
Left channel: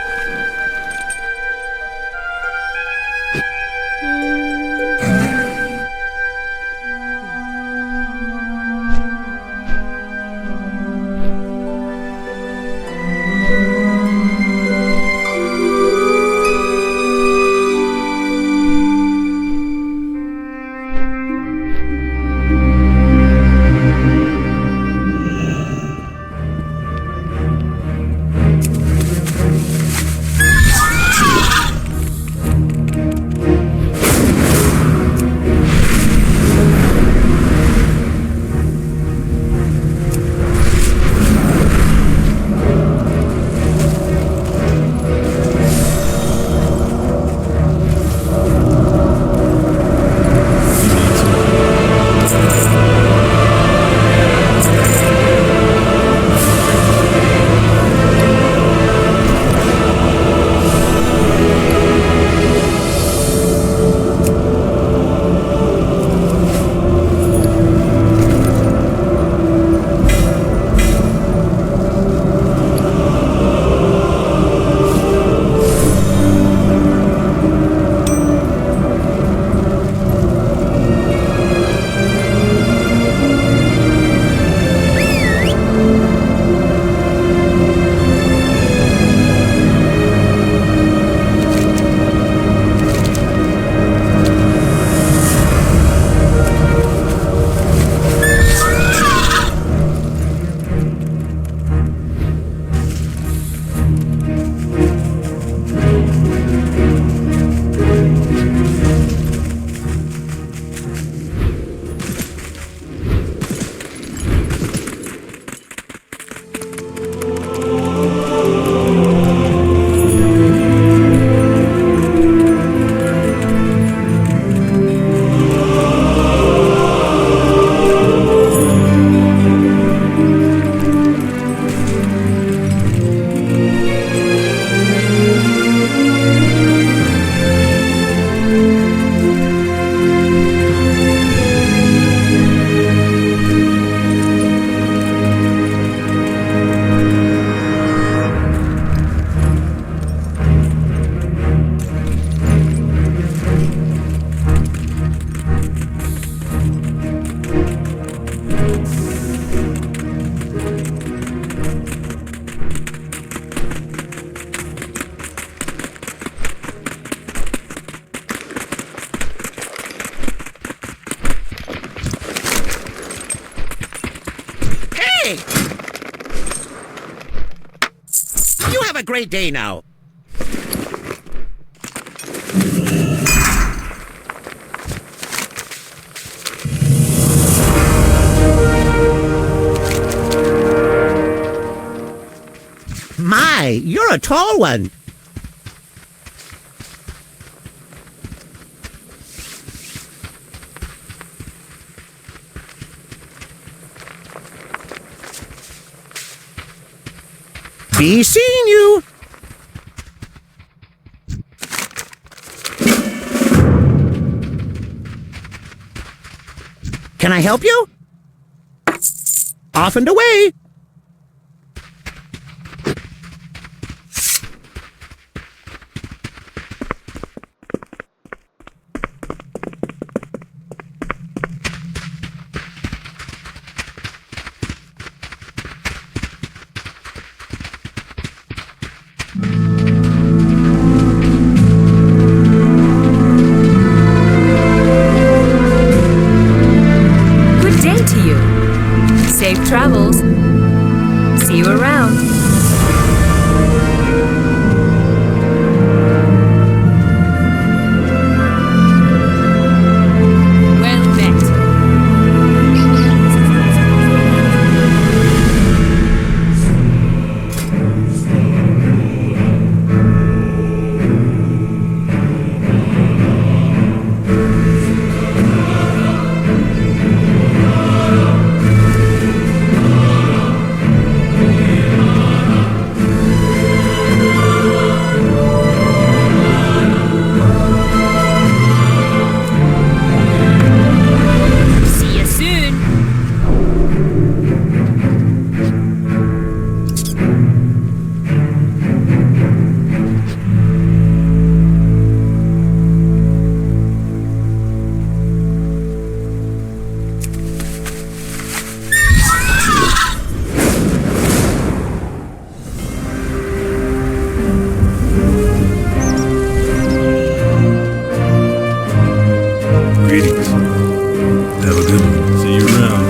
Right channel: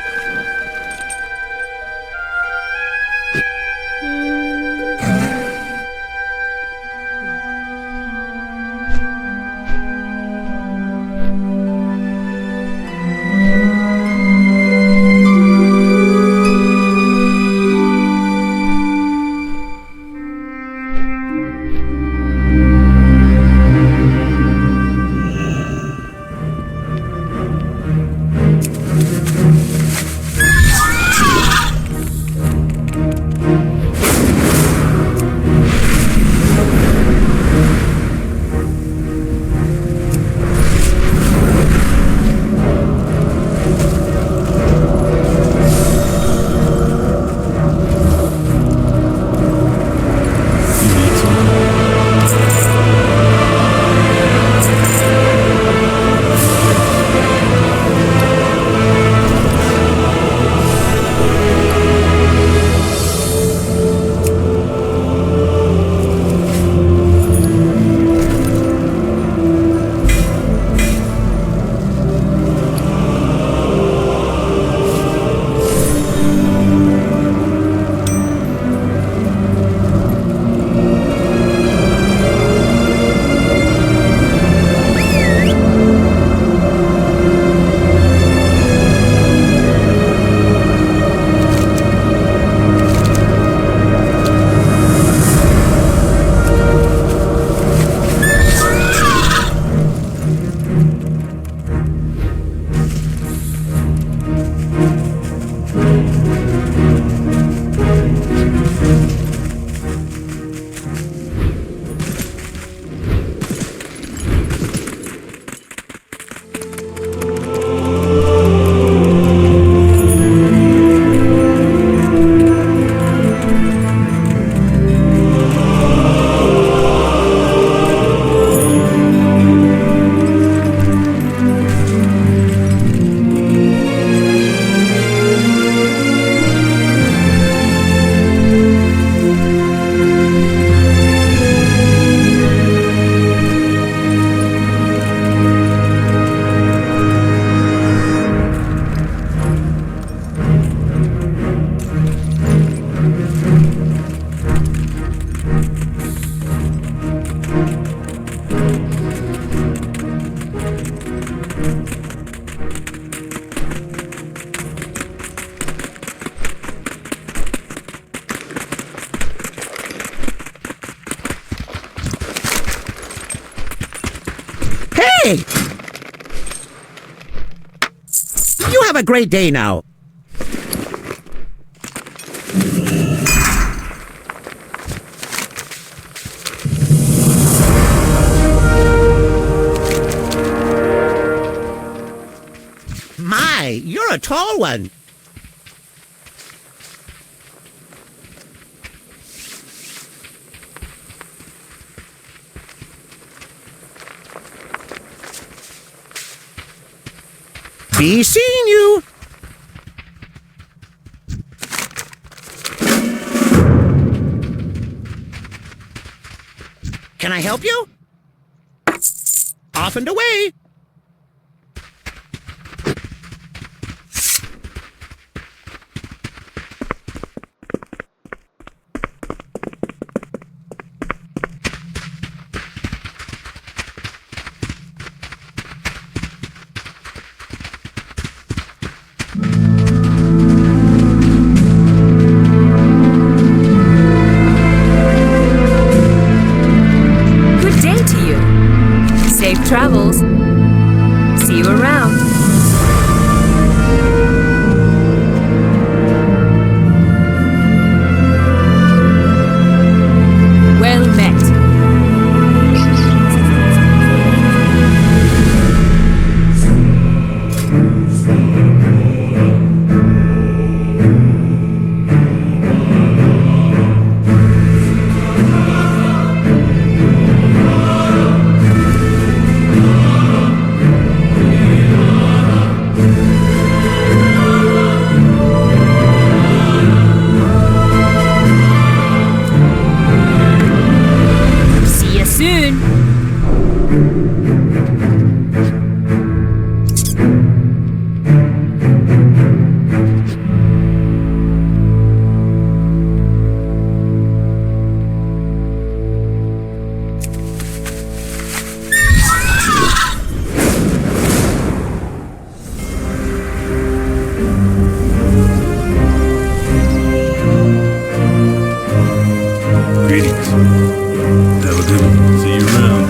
Hey! You have a great day now. My, you're a tall one. Be seeing you. Can I help you? Off and away. Good day to you. Safe travels. See you around. Well met. See you soon. Greetings. Have a good one. See you around.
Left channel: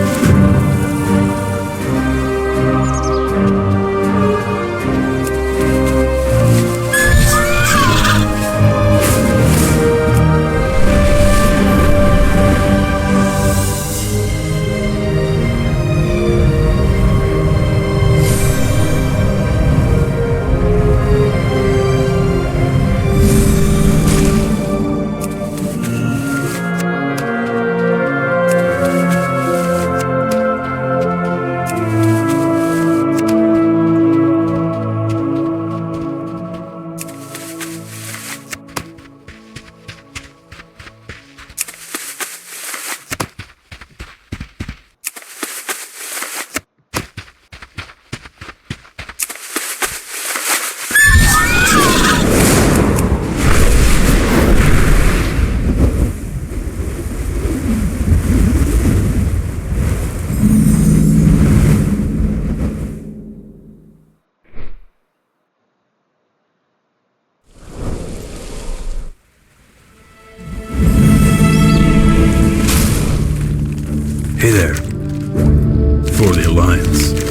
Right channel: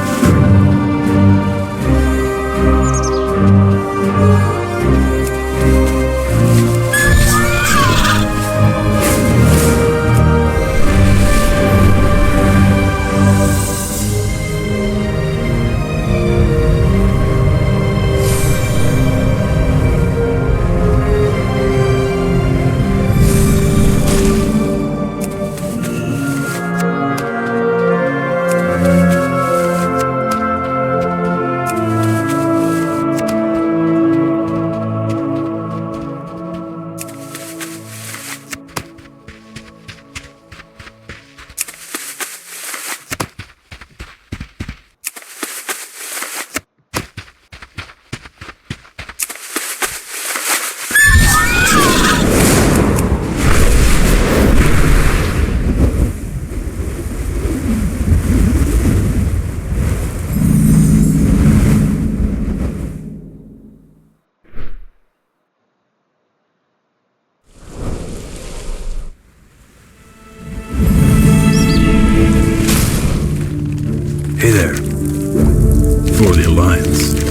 Hey there. For the Alliance.